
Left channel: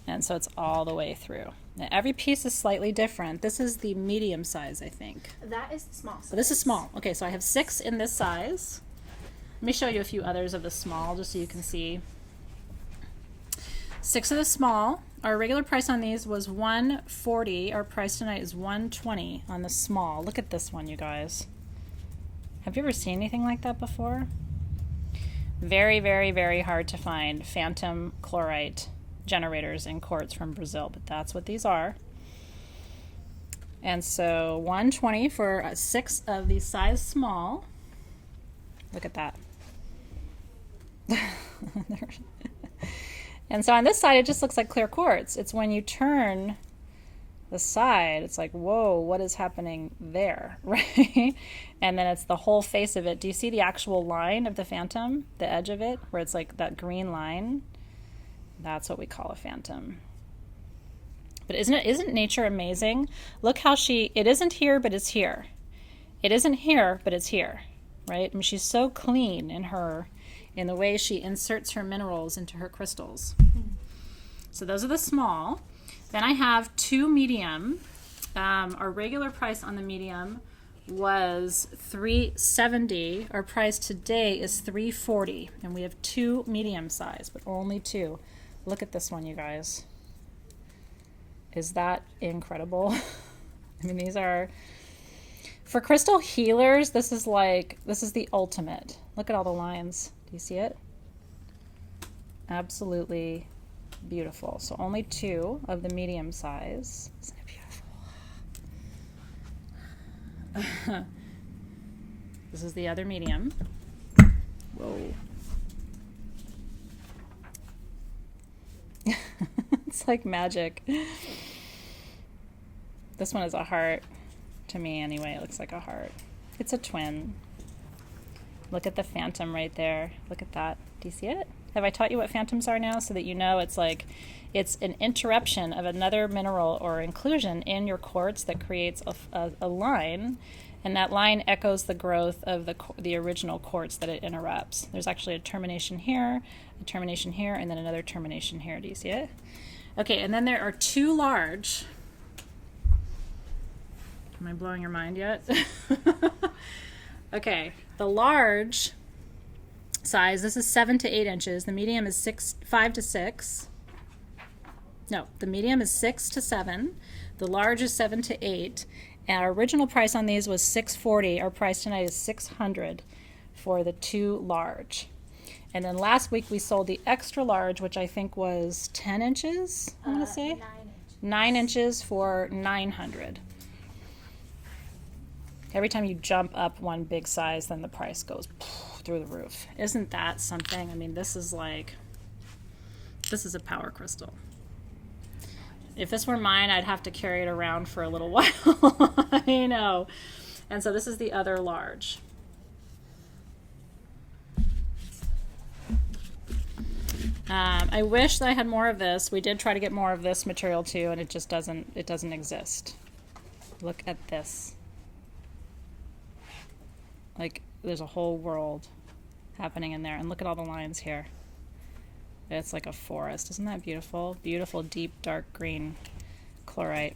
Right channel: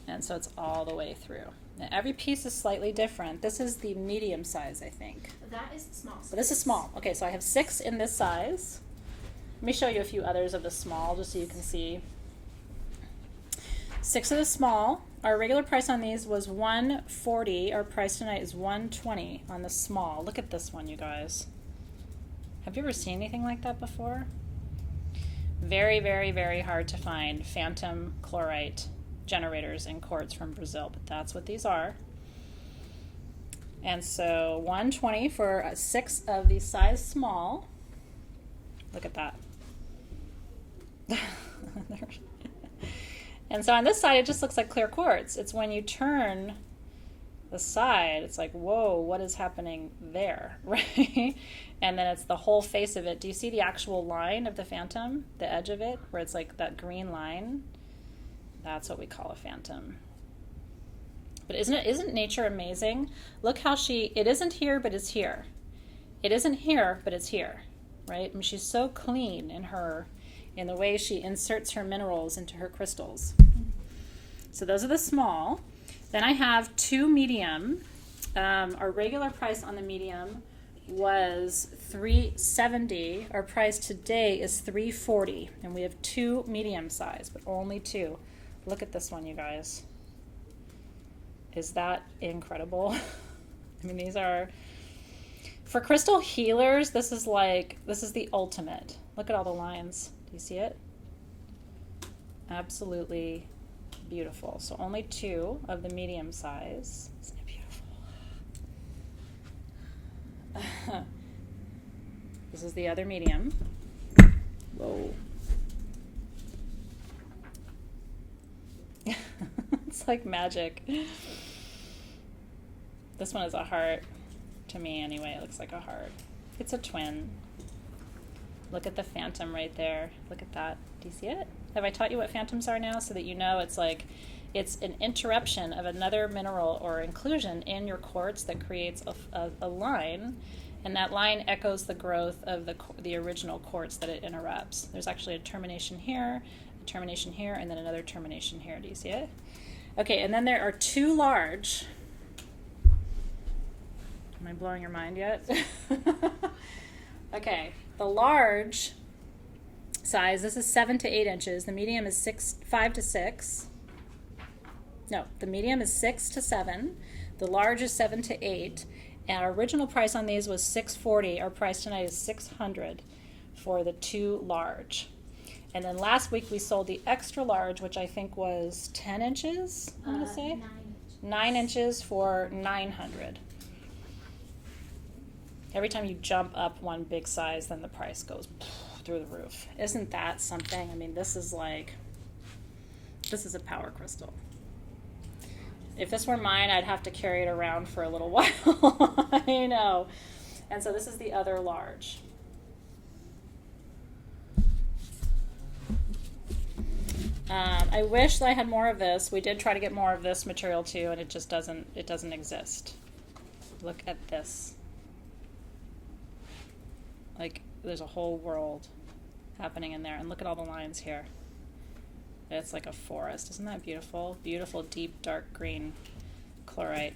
And so it's all the way through. Now, every piece is slightly different. This is the medium size, I think. That is the small size. But this is small. Okay, so I have 6 in this size. Let me show you a few others of the small just so you can see. 6 of the small. Our regular price on these was $140. Our price tonight is $120 on the small. Look at this one, you guys. Have you ever seen anything like that before? Very, very, very hard to find phantom chlorite generators in quartz from Brazil, but that's what these are. And so $120 for 6 of the size small. Look at that. And so on this side, it just looks like clear quartz. It's when you turn the side, it's like, whoa, what is happening there, right? And then it's the whole face of it. Do you see the actual line of the phantom, the edge of it, where it's like that green line? That's what we call a phantom. But isn't nature amazing? Look how it isn't here, but it's here. It isn't here, but it's here, right? I mean, she's so clean in the way she inserts her minerals into her crystals. So those are the small. Then I have 2 medium. Our regular price on the medium was $370. Our price today is $340, and we have 2 medium size, but only 2. Look at this one, you guys. Is that incredible? I mean, these are, for crystal healers, this is the ultimate. Look at all the lines. Do you see it? Absolutely beautiful. So only 2 of the medium size. Isn't it beautiful? This is the other medium. Whoa. It's like magic. This one is a heart. To me, anyway, it looks like a heart. It's a twin. Look at the phantom right there. Look at that. Do you see it? Have I taught you what phantoms are now so that you know it's an interruption of another mineral or inclusion in your quartz that creates a line, and that line echoes the growth of the original quartz that it interrupts. There's actually a termination here, and then another termination here. Do you see it? Okay, and then there are 2 large. Am I blowing your mind yet? Okay, the large size, this is 7 to 8 inches. The medium is 5 to 6. No, the medium is 6 to 7. The large is 7 to 8. And our original price on these was $640. Our price tonight is $600 for the 2 large. And then last week we sold the extra large, which I think was 10 inches, I'm going to say? 9 inches. 9 inches for $900. Every time you jump up one big size, then the price goes through the roof. Isn't that something? I mean, this is a power crystal. If this were mine, I'd have to carry it around for a little while. I know. And so this is the other large. I wish that I had more of this. We did try to get more of this material too, and it just doesn't exist. Look at this. Like, there's a whole world happening in there. And look at all the lines here. It's like a forest. Isn't that beautiful? Beautiful, deep, dark green chlorite.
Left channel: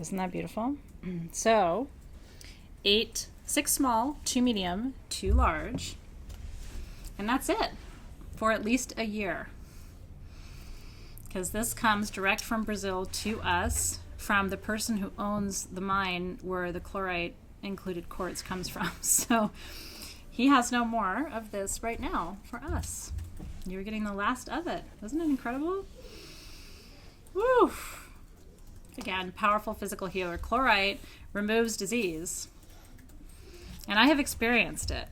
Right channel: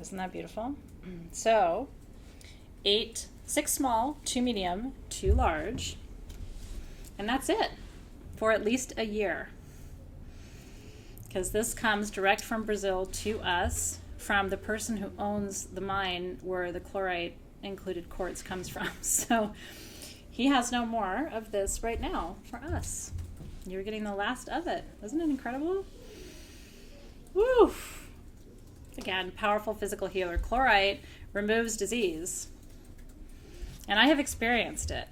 Isn't that beautiful? So, 6 small, 2 medium, 2 large. And that's it for at least a year. Because this comes direct from Brazil to us from the person who owns the mine where the chlorite included quartz comes from. So he has no more of this right now for us. You're getting the last of it. Isn't it incredible? Woo! Again, powerful physical healer. Chlorite removes disease. And I have experienced it.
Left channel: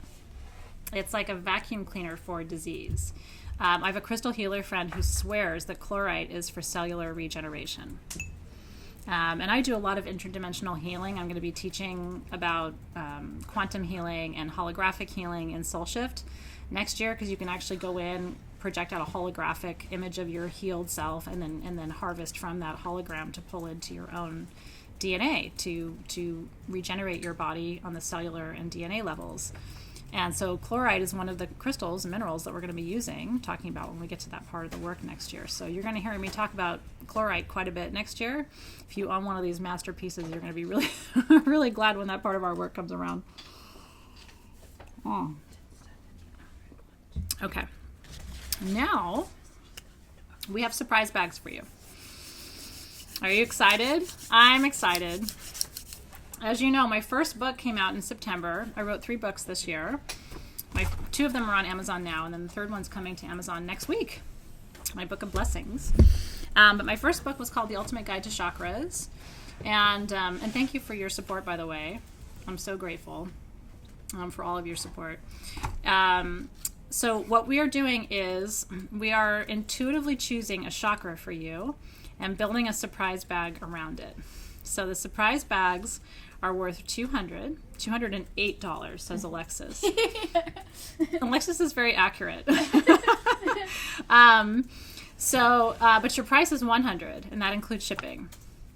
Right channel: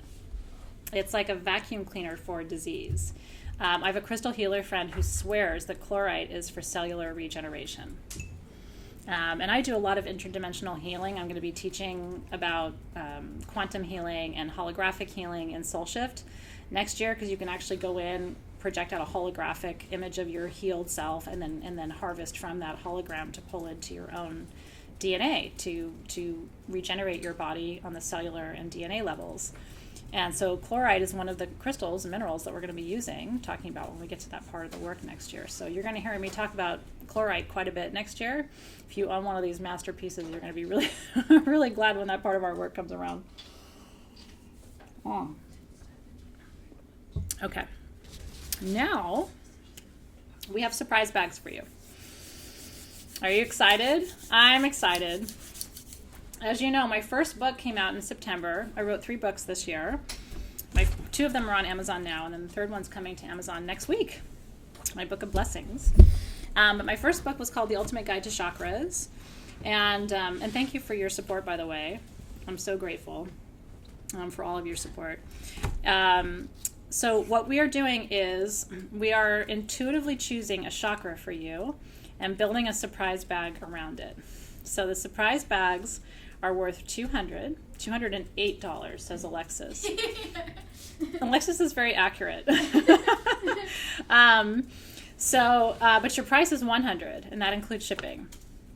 It's like a vacuum cleaner for disease. I have a crystal healer friend who swears that chlorite is for cellular regeneration. And I do a lot of interdimensional healing. I'm going to be teaching about quantum healing and holographic healing in Soul Shift next year, because you can actually go in, project out a holographic image of your healed self, and then harvest from that hologram to pull into your own DNA to regenerate your body on the cellular and DNA levels. And so chlorite is one of the crystals and minerals that we're going to be using, talking about when we get to that part of the work next year. So you're going to hear me talk about chlorite quite a bit next year. If you own one of these masterpieces, you're going to be really, really glad when that part of our work comes around. Oh. Okay. Now, we have surprise bags for you. Are you excited? I'm excited. As you know, my first book came out in September. I wrote 3 books this year. 2 of them are on Amazon now, and then the third one's coming to Amazon next week. My Book of Blessings. But my first book was called The Ultimate Guide to Chakras. And thank you for your support, by the way. I'm so grateful for all of your support. So what we are doing is we are intuitively choosing a chakra for you and building a surprise bag around it. So the surprise bags are worth $208, says Alexis. Alexis is very accurate. But your price is $100, and that includes shipping.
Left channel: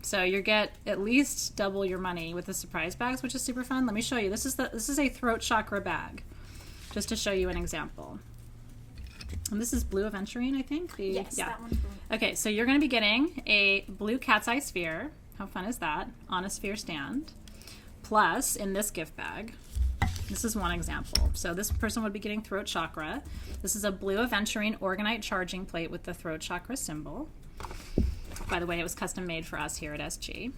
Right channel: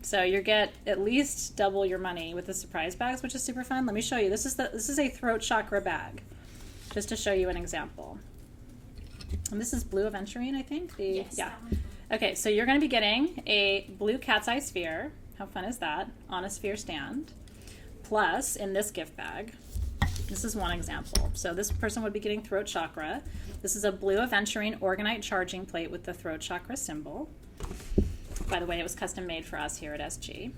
So you get at least double your money with the surprise bags, which is super fun. Let me show you. This is a throat chakra bag, just to show you an example. And this is blue aventurine, I think. Yes, yeah. that one. Okay, so you're going to be getting a blue cat's eye sphere. How fun is that? On a sphere stand. Plus, in this gift bag, this is one example. So this person would be getting throat chakra. This is a blue aventurine organite charging plate with the throat chakra symbol. By the way, it was custom made for us here at SG,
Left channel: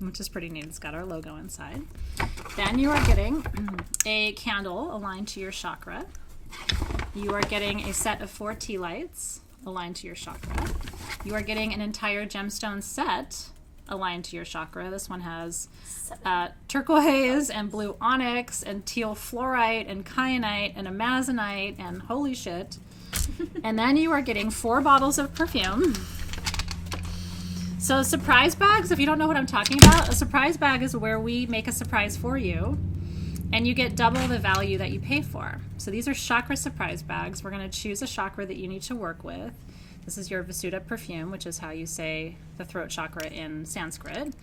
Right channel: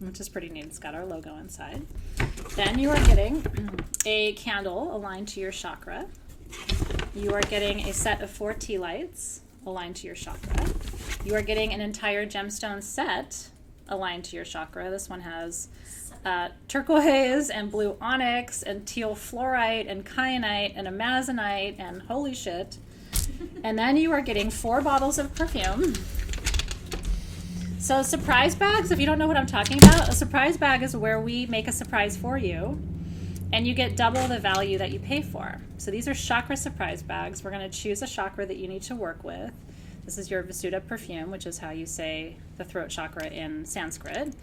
which is pretty neat. It's got our logo inside. Then you are getting a candle aligned to your chakra. You are getting a set of 4 tea lights aligned to your chakra. You are getting an entire gemstone set aligned to your chakra. This one has turquoise and blue onyx and teal fluorite and kyanite and amazonite and holy shit. And then you are getting 4 bottles of perfume. So surprise bags, if you don't know what I'm talking about, a surprise bag is where we make a surprise for you and you get double the value that you pay for. So these are chakra surprise bags. We're going to choose a chakra that you need to work with. This is your Vasuddha perfume, which is how you say the throat chakra in Sanskrit.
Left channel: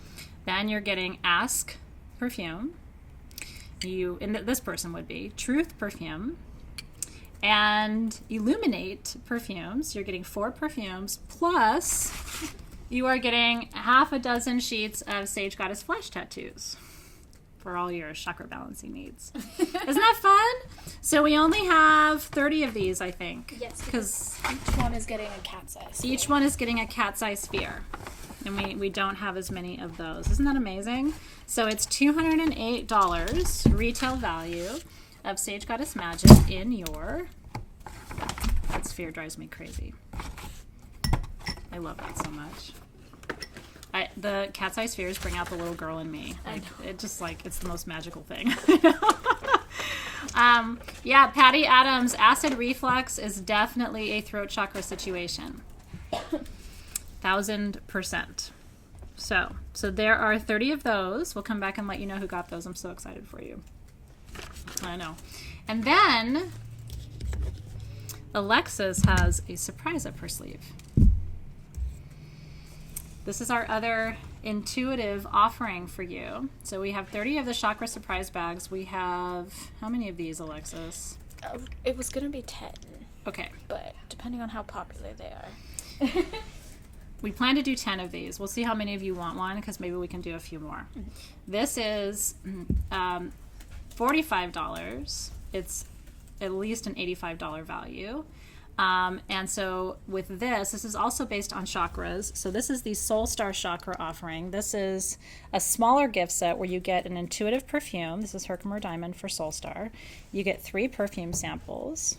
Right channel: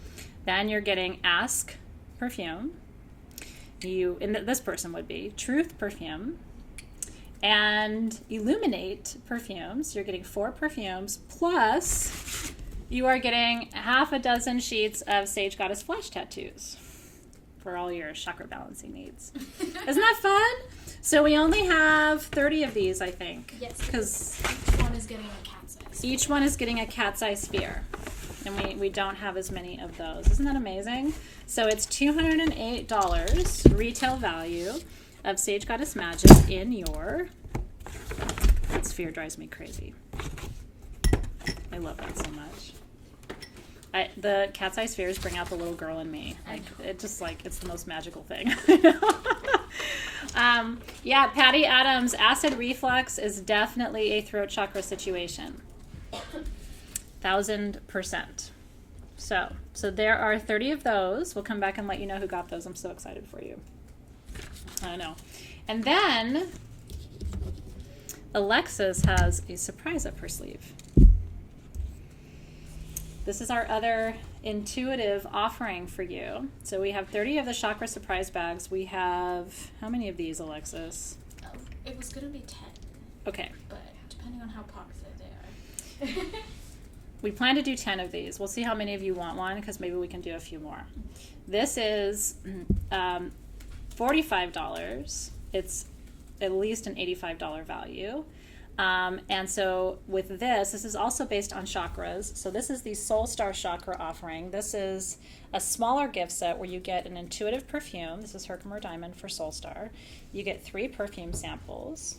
Then you're getting Ask perfume. This person would be Truth perfume. And Illuminate perfumes. You're getting 4 perfumes, plus you are getting half a dozen sheets of Sage Goddess flash tattoos for all your chakra balancing needs. Isn't that fun? So we only have 30 of these, I think. Yes. Because each one is getting a cat's eye. each one is getting a cat's eye sphere. And we don't have as many of those. Isn't that amazing? So it's $208 retail value of Sage Goddess Magic in your... That sphere drives me crazy. I love that so much. The cat's eye spheres bring out the little girl in me. Like it's the most magical thing. Yeah, Patty Adams, acid reflux is definitely a throat chakra situation. 1000%. So there are 30 of those. We'll come back and let you know who got those. I'm so excited for you. I know. And then Alexis has a surprise up her sleeve. This is our other intuitive offering for you. So we have 30 of the chakra surprise bags. We have, how many of these, Alexis? It was gonna be 10. Okay. But depending on how popular they are. We plan to do 10 of these. We'll see how many of you want one, because maybe we can do a few more. This is $45. It's at least an $85 value. And so with this is also based on chakras. So this is the Soul Star Chakra offering. This is a smaller gift set where you get an intuitive perfume. This is Herkimer Diamond for Soul Star. You get 3 perfume samples.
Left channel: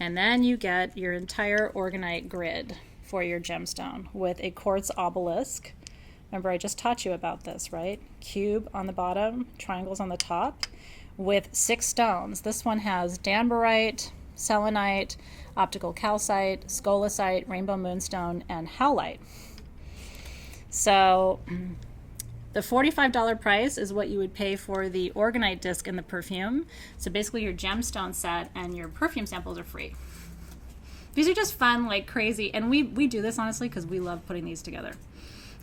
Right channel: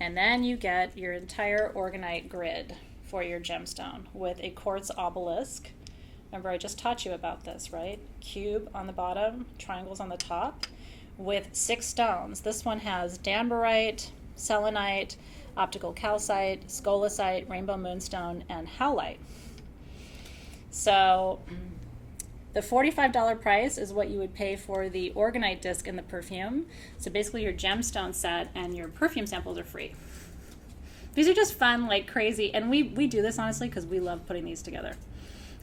And then you get your entire orgonite grid for your gemstone with a quartz obelisk. Remember, I just taught you about this, right? Cube on the bottom, triangles on the top, with 6 stones. This one has danbarite, selenite, optical calcite, scolecite, rainbow moonstone, and howlite. So the $45 price is what you would pay for the orgonite disc and the perfume. So basically your gemstone set and your perfume samples are free. These are just fun, like crazy. And we do this, honestly, because we love putting these together.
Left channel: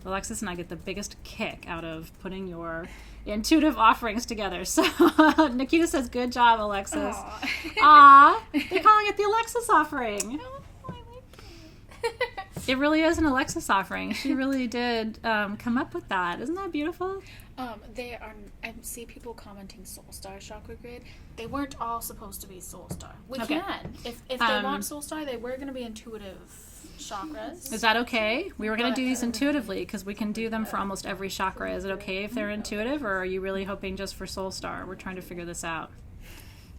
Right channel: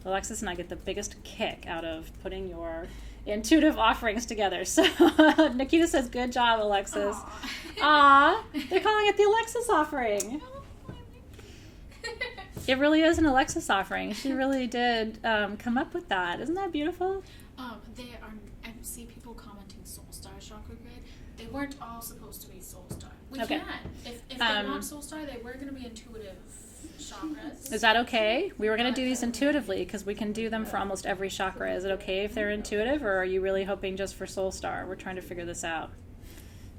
Alexis and I get the biggest kick out of putting your intuitive offerings together. So Nikita says, good job, Alexis. Aw, they're calling it the Alexis offering. It really is an Alexis offering. She really did come up with that. Isn't that beautiful? They are. I see people commenting Soul Star Chakra Grid. They weren't all supposed to be Soul Star. We Okay. can. If they want Soul Star, they were going to be intuitive chakras. Is that okay? We were going to do these intuitively because we can do them for almost every chakra. Is it okay if they're intuitive, or are you really hoping just for Soul Star? We're trying to figure this out.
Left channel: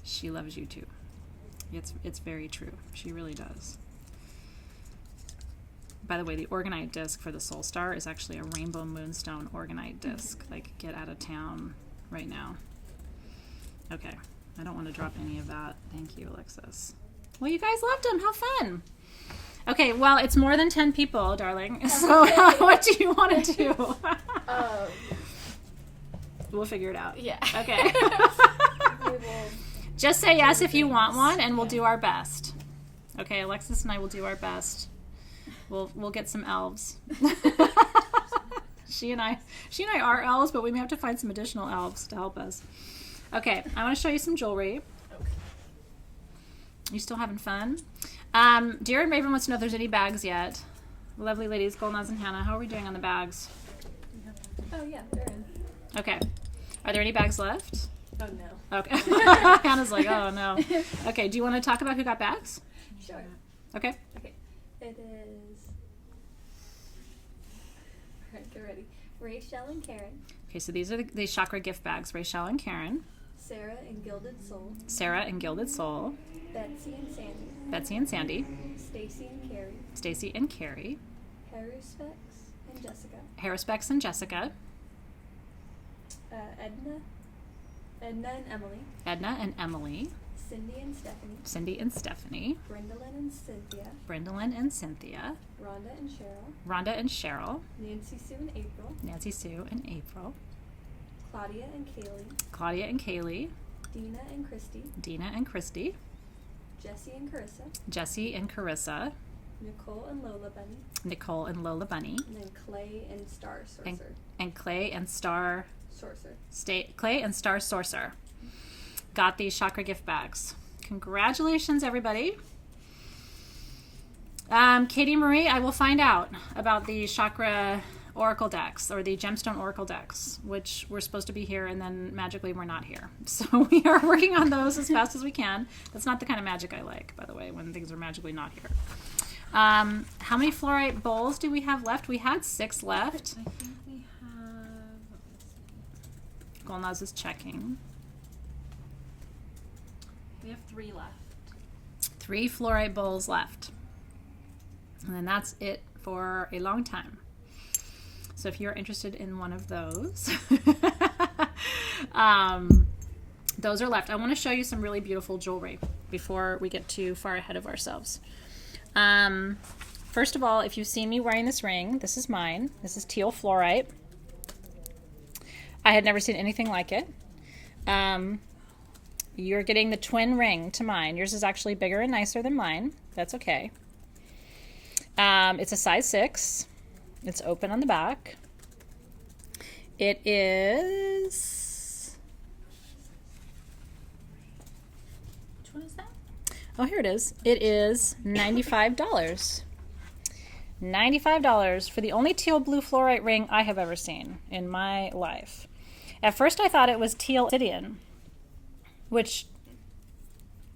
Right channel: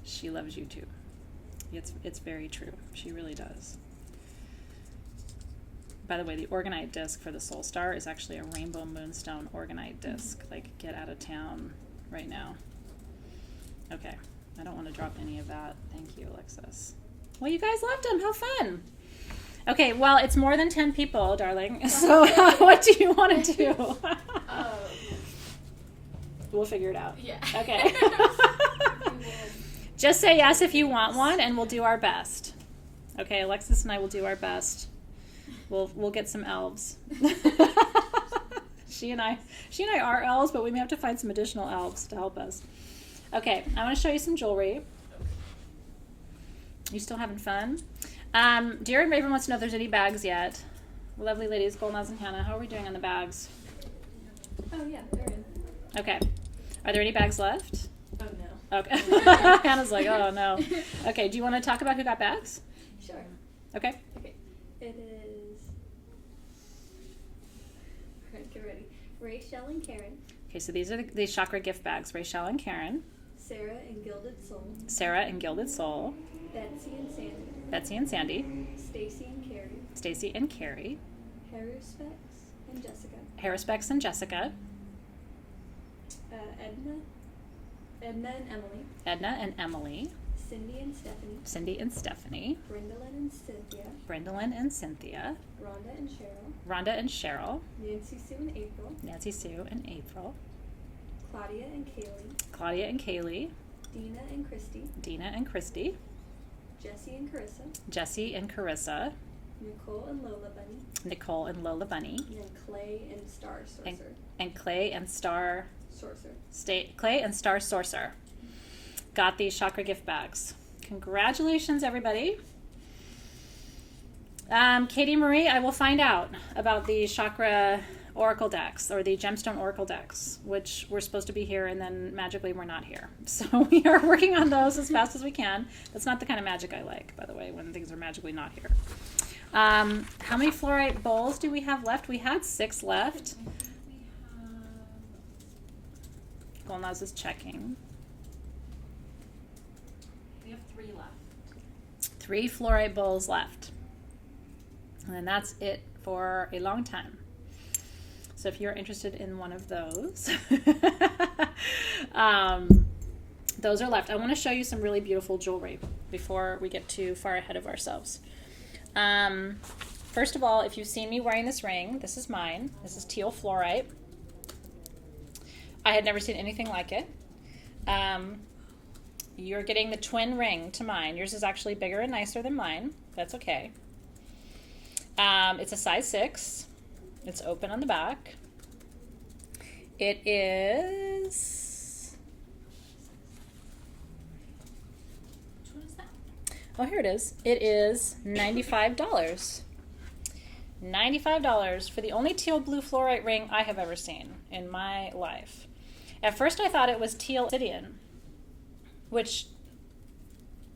She loves you too. It's very true. She really does. By the way, the orgonite disc for the Soul Star is actually a rainbow moonstone orgonite disc. Like, get out of town right now. Okay. I don't want to drop any of that. Thank you, Alexis. Well, you guys loved them. How fun. Okay, well, it's more than 10 people, darling. So what do you want to do? We'll figure it out. Yeah. Okay. Just say yes if you want one, and we'll do our best. Okay, Alexis and I will do our best. We'll get some elves. She and I are elves, but we may have to find some additional elves to help us. Okay, I want to show you some jewelry. You still having fun? Dear and Raven wants to know if there's any bags yet. Lovely ladies, Golnaz and Hannah, how are we doing on the bags? Oh yeah, they're in. Okay. Are there any bags left? Oh no. Okay. Hannah's like, oh no. Okay, do you want to talk about who got bags? Sure. Okay. Okay. It is. Alright, get ready. Rachel and Karen. Okay, so these are the chakra gift bags. Rachel and Karen. Sarah and Gilded Soul. Sarah and Gilded Soul. Betsy and Sandy. Betsy and Sandy. Stacy and Carrie. Stacy and Carrie. Haruspex and Jessica. Haruspex and Jessica. Edna and Emily. Edna and Emily. Cindy and Stephanie. Cindy and Stephanie. Brendolyn and Cynthia. Brendolyn and Cynthia. Rhonda and Cheryl. Rhonda and Cheryl. Nancy Sue and April. Nancy Sue and April. Claudia and Kaylee. Claudia and Kaylee. Dina and Christy. Dina and Christy. Jesse and Carissa. Jesse and Carissa. Nicole and Lola Bunny. Nicole and Lola Bunny. And then Clay and Star Sorcerer. And Clay and Star Sorcerer. Clay and Star Sorcerer got these chakra gift bags. Congratulations, everybody. Katie Marie, I will find out about the chakra oracle decks, or the gemstone oracle decks, which were supposed to be here and then magically we're not here. So we are working on those as fast as we can. That's not the kind of magic I like, by the way, when things are magically not here. How many fluorite bowls do we have left? We had 6 left. I think we have. Golnaz is checking. We have 3 left. 3 fluorite bowls left. And then that's it for a long time. So if you're interested in one of those, those are left. I want to show you some really beautiful jewelry before we get too far ahead of ourselves. First of all, if you've seen me wearing this ring, this is mine. This is teal fluorite. I had never seen anything like it. You're getting the twin ring to mine. Yours is actually bigger and nicer than mine. That's okay. It's a size 6. It's open on the back. It is... Which one is that? Oh, here it is. It is $95. $95 for the only teal blue fluorite ring I have ever seen in my life. At first I thought it was teal obsidian, which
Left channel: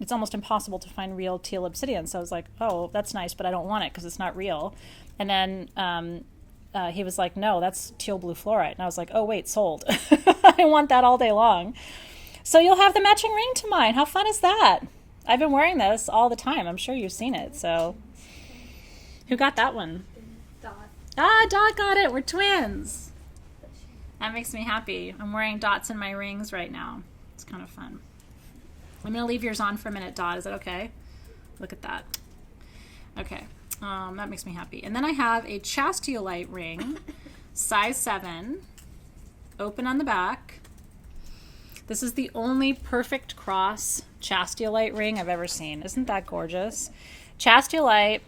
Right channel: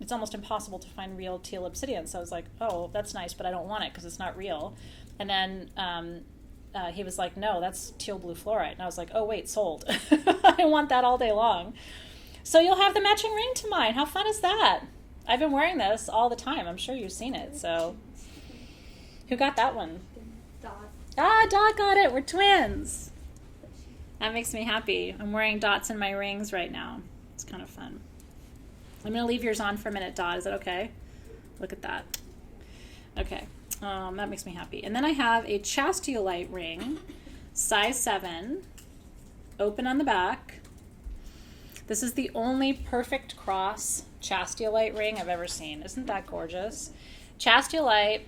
it's almost impossible to find real teal obsidian. So I was like, oh, that's nice, but I don't want it because it's not real. And then he was like, no, that's teal blue fluorite. And I was like, oh, wait, sold. I want that all day long. So you'll have the matching ring to mine. How fun is that? I've been wearing this all the time. I'm sure you've seen it. So who got that one? Dot. Ah, Dot got it. We're twins. That makes me happy. I'm wearing dots in my rings right now. It's kind of fun. I'm going to leave yours on for a minute, Dot. Is that okay? Look at that. Okay. That makes me happy. And then I have a chastiolite ring, size 7, open on the back. This is the only perfect cross chastiolite ring I've ever seen. Isn't that gorgeous? Chastiolite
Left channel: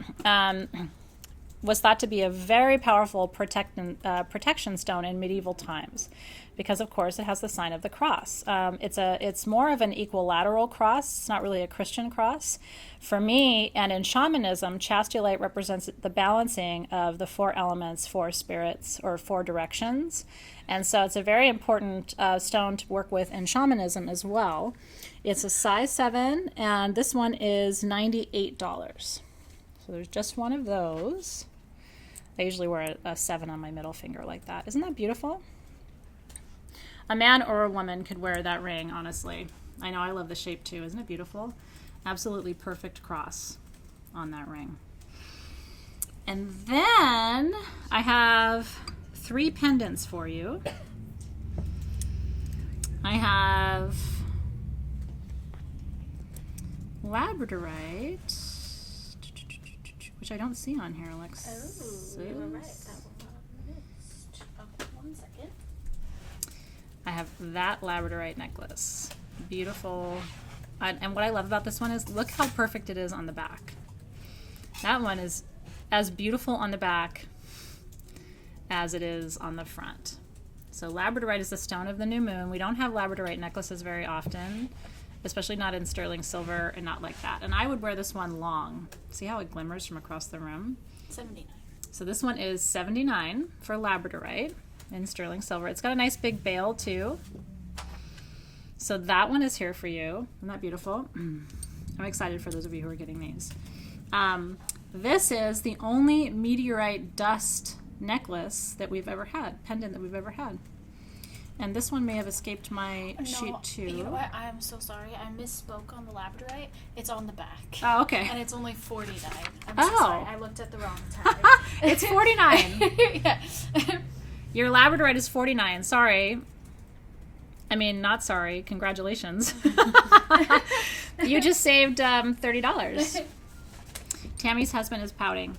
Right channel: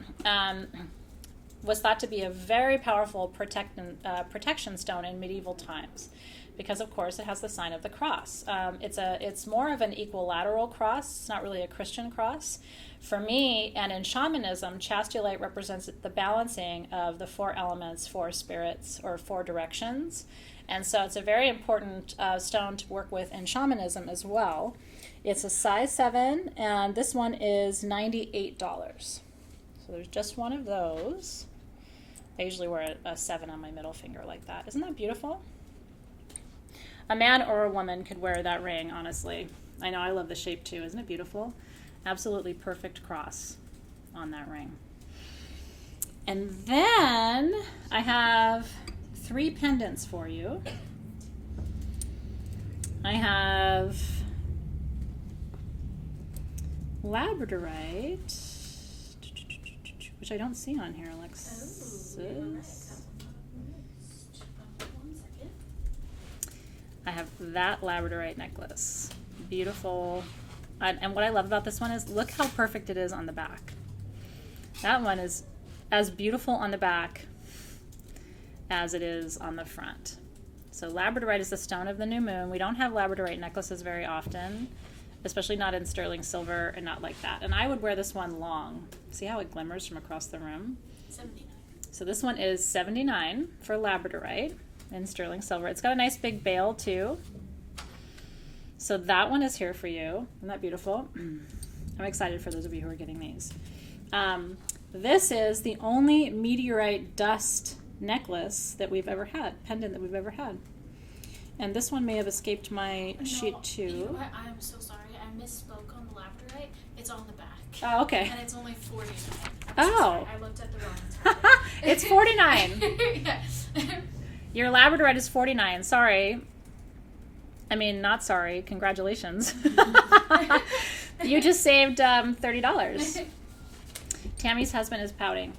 was thought to be a very powerful protection stone in medieval times because, of course, it has the sign of the cross. It's more of an equilateral cross. It's not really a Christian cross. For me, and in shamanism, chastiolite represents the balancing of the 4 elements, 4 spirits, or 4 directions. And so it's a very important stone to work with in shamanism as well. It's a size 7, and this one is $98. So there's just one of those. I usually wear a 7 on my middle finger like that. Isn't that beautiful? A man or a woman could wear that ring, honestly. I know, I love the shape too. Isn't it beautiful? Absolutely perfect cross on that ring. And then I have 3 pendants for you. I have labradorite, which I don't see on here, Alexis. Oh, you were right. That one second. I have that labradorite necklace. Beautiful. And what I love about this one is look how perfect it is on the back. That one is as beautiful on the back as it is on the front. So labradorite is the stone of the new moon. We don't have labradorite necklaces very often, especially not in sterling silver and not like that. And I would wear this one long. See how it glimmers from across the room? 79. So this one is $79 for labradorite in sterling silver. It's got a nice big bail too. So that one is here for you. Isn't that beautiful? I'm excited for those of you who are getting these. This is the only meteorite dust necklace that we've ever had, pendant that we've ever had. And this one may have escaped my sheet too. You know what? I'm so sorry. I misspoke on the labradorite. It's on the back. Oh, okay. And it's only $49. Oh. So sorry. I looked at the wrong time. It's $49. Yeah. Your labradorite is $49. Sorry. I mean, not sorry. Congratulations. You just saved $30. Tammy's husband is pouting.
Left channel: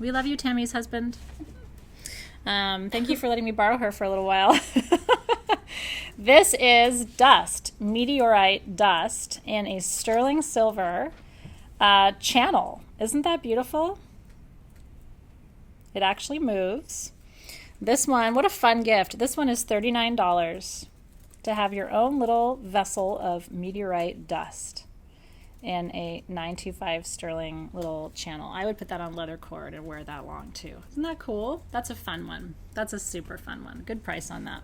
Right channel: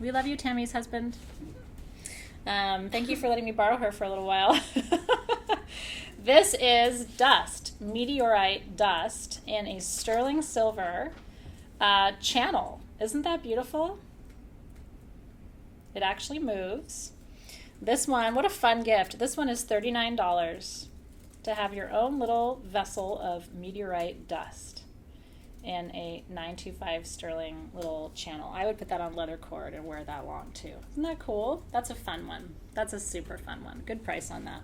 We love you, Tammy's husband. Thank you for letting me borrow her for a little while. This is dust, meteorite dust in a sterling silver channel. Isn't that beautiful? It actually moves. This one, what a fun gift. This one is $39 to have your own little vessel of meteorite dust in a 925 sterling little channel. I would put that on leather cord and wear that long too. Isn't that cool? That's a fun one. That's a super fun one. Good price on that.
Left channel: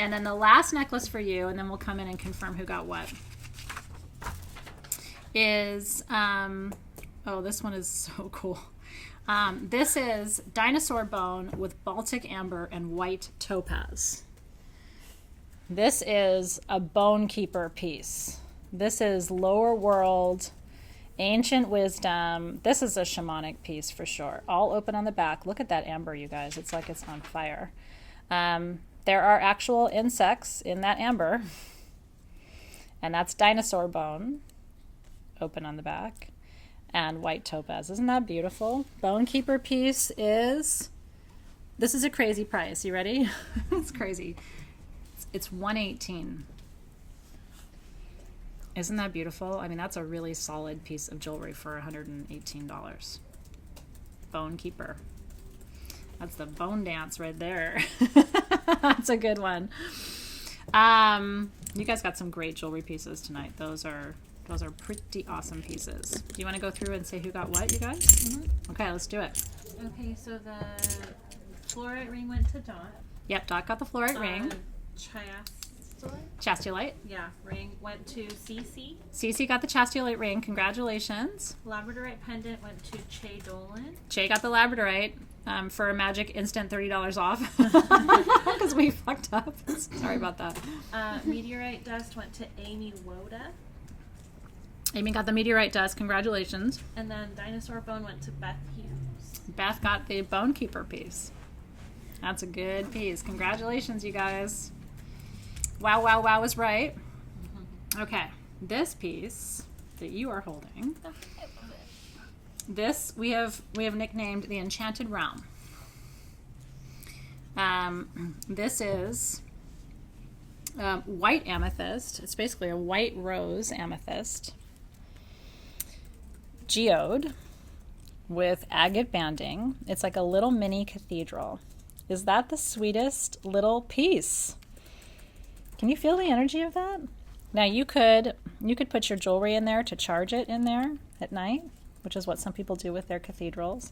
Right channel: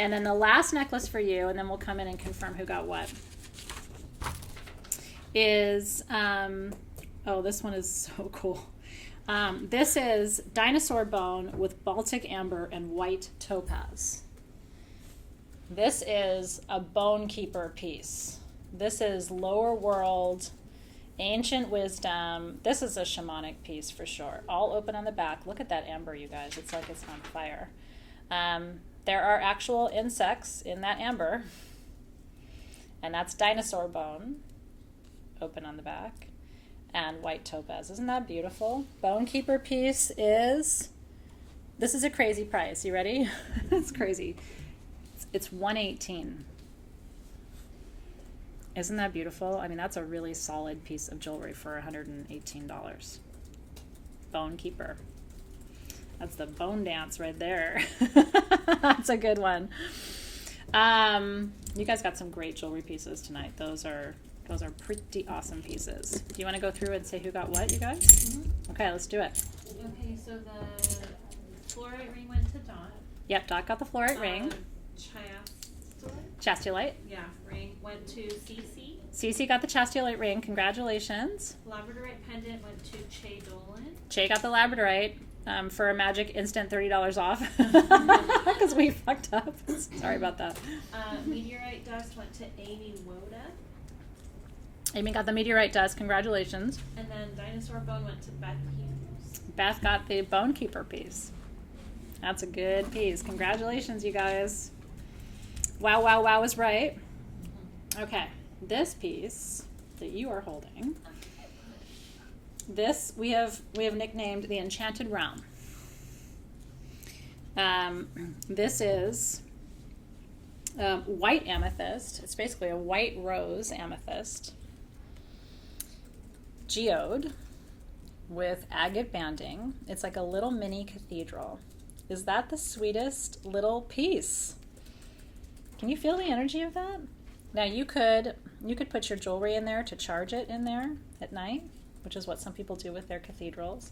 And then the last necklace for you, and then we'll come in and confirm who got what, is, oh, this one is so cool. This is dinosaur bone with Baltic amber and white topaz. This is a bone keeper piece. This is lower world, ancient wisdom. This is a shamanic piece for sure. All open on the back. Look at that amber, you guys. It's like it's on fire. There are actual insects in that amber. And that's dinosaur bone, open on the back, and white topaz. Isn't that beautiful? Bone keeper piece is, this is a crazy price. You ready? It's crazy. It's $118. Isn't that beautiful? I mean, that's a really solid piece of jewelry for $118. Bone keeper. That's the bone dance right there. That's a good one. You guys got some great jewelry pieces tonight. Those are pretty awesome pieces. Do you want to go through and say who got what, you guys? Mm-hmm. Okay, let's do it. Okay, so the fluorite ring went to Dot. Yep, Dot got the fluorite ring. Chastolite? Yeah, ring went to Cece. Cece got the chastolite ring. Congratulations. Labradorite pendant went to Che Dolan. Che got the labradorite for a magic instant $30 off because we fucked up. Sorry about that. Meteorite dust went to Amy Woda. Amy got the meteorite dust. Congratulations. And then dinosaur bone went to Beth Hughes. Beth got the bone keeper piece. That's a good piece. Congratulations, you guys. Wow, wow, wow was right. Mm-hmm. Okay, this piece that you are holding, this we have nicknamed the Enchanted Realm. This is white amethyst. It's basically a white rose amethyst, geode with agate banding. It's like a little mini cathedral. Is that the sweetest little piece? Can you feel the energy of that? Now you could put your jewelry in there to charge it in there at night, which is what some people do with their cathedrals.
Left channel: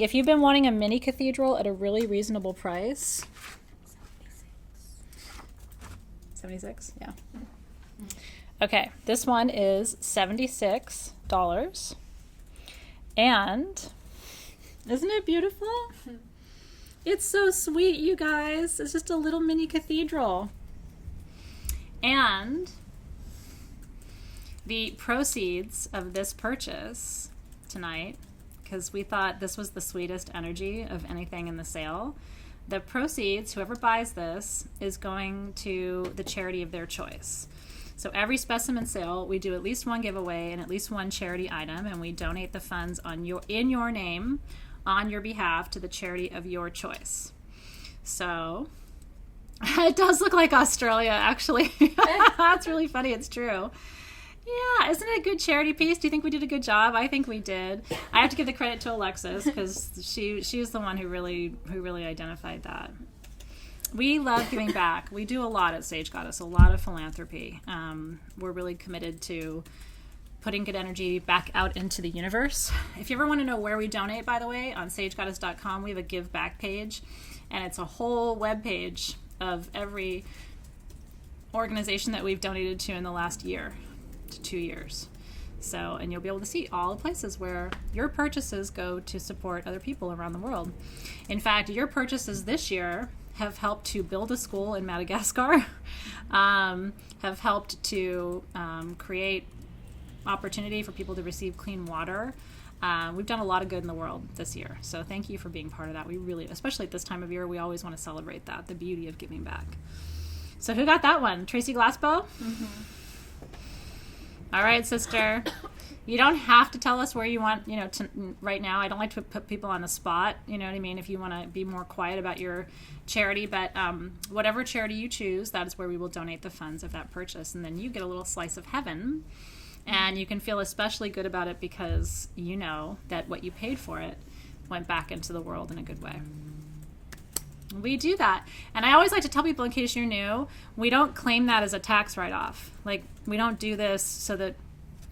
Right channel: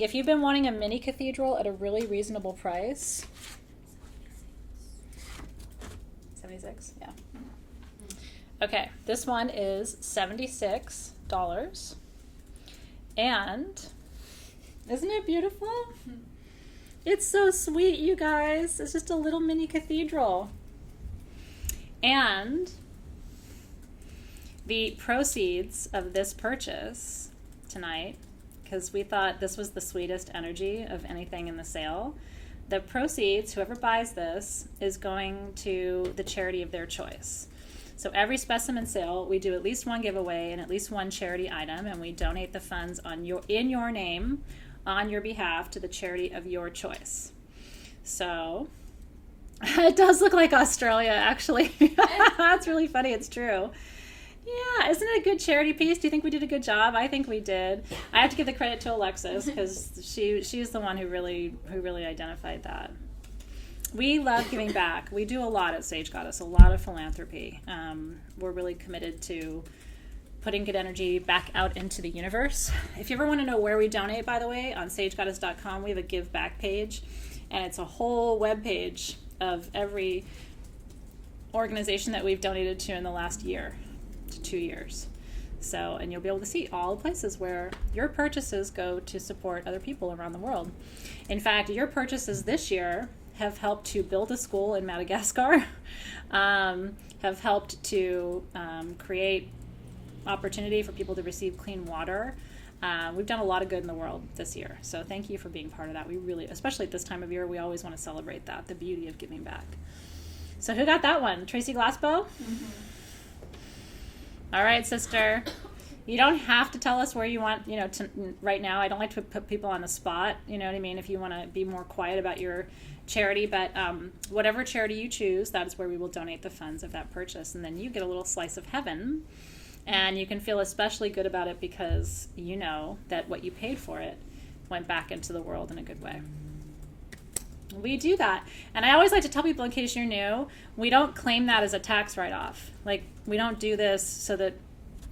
If you've been wanting a mini cathedral at a really reasonable price, 76, yeah. Okay, this one is $76. And isn't it beautiful? It's so sweet, you guys. It's just a little mini cathedral. And the proceeds of this purchase tonight, because we thought this was the sweetest energy of anything in the sale, the proceeds, whoever buys this, is going to the charity of their choice. So every specimen sale, we do at least one giveaway and at least one charity item, and we donate the funds in your name, on your behalf, to the charity of your choice. So it does look like Australia, actually. That's really funny. It's true. Yeah, isn't it a good charity piece? Do you think we did a good job? I think we did. I have to give the credit to Alexis because she's the one who really identified that. We love giving back. We do a lot at Sage Goddess, a lot of philanthropy. We're really committed to putting good energy back out into the universe. If you ever want to know where we donate, by the way, on sagegoddess.com, we have a give back page, and it's a whole web page of every organization that we've donated to in the last year to 2 years. So, and you'll be able to see all the places where your purchases go to support other people around the world. In fact, your purchases this year have helped to build a school in Madagascar, have helped to create opportunity for people to receive clean water. We've done a lot of good in the world this year. So thank you for being part of that. We really, especially at this time of year, we always want to celebrate that, the beauty of giving back. So who got that one? Tracy Glassbow? Mm-hmm. All right, sister. You don't have to tell us where you want, right now. I don't like to put people on the spot, you know what I mean, if you want to be more quiet about your charity, but whatever charity you choose, that is where we will donate the funds of that purchase. And then you get a little slice of heaven, and you can feel especially good about it because you know that what you paid for it went back into the world in a good way. We do that. And I always like to tell people, in case you're new, we don't claim that as a tax write-off. Like, we don't do this so that,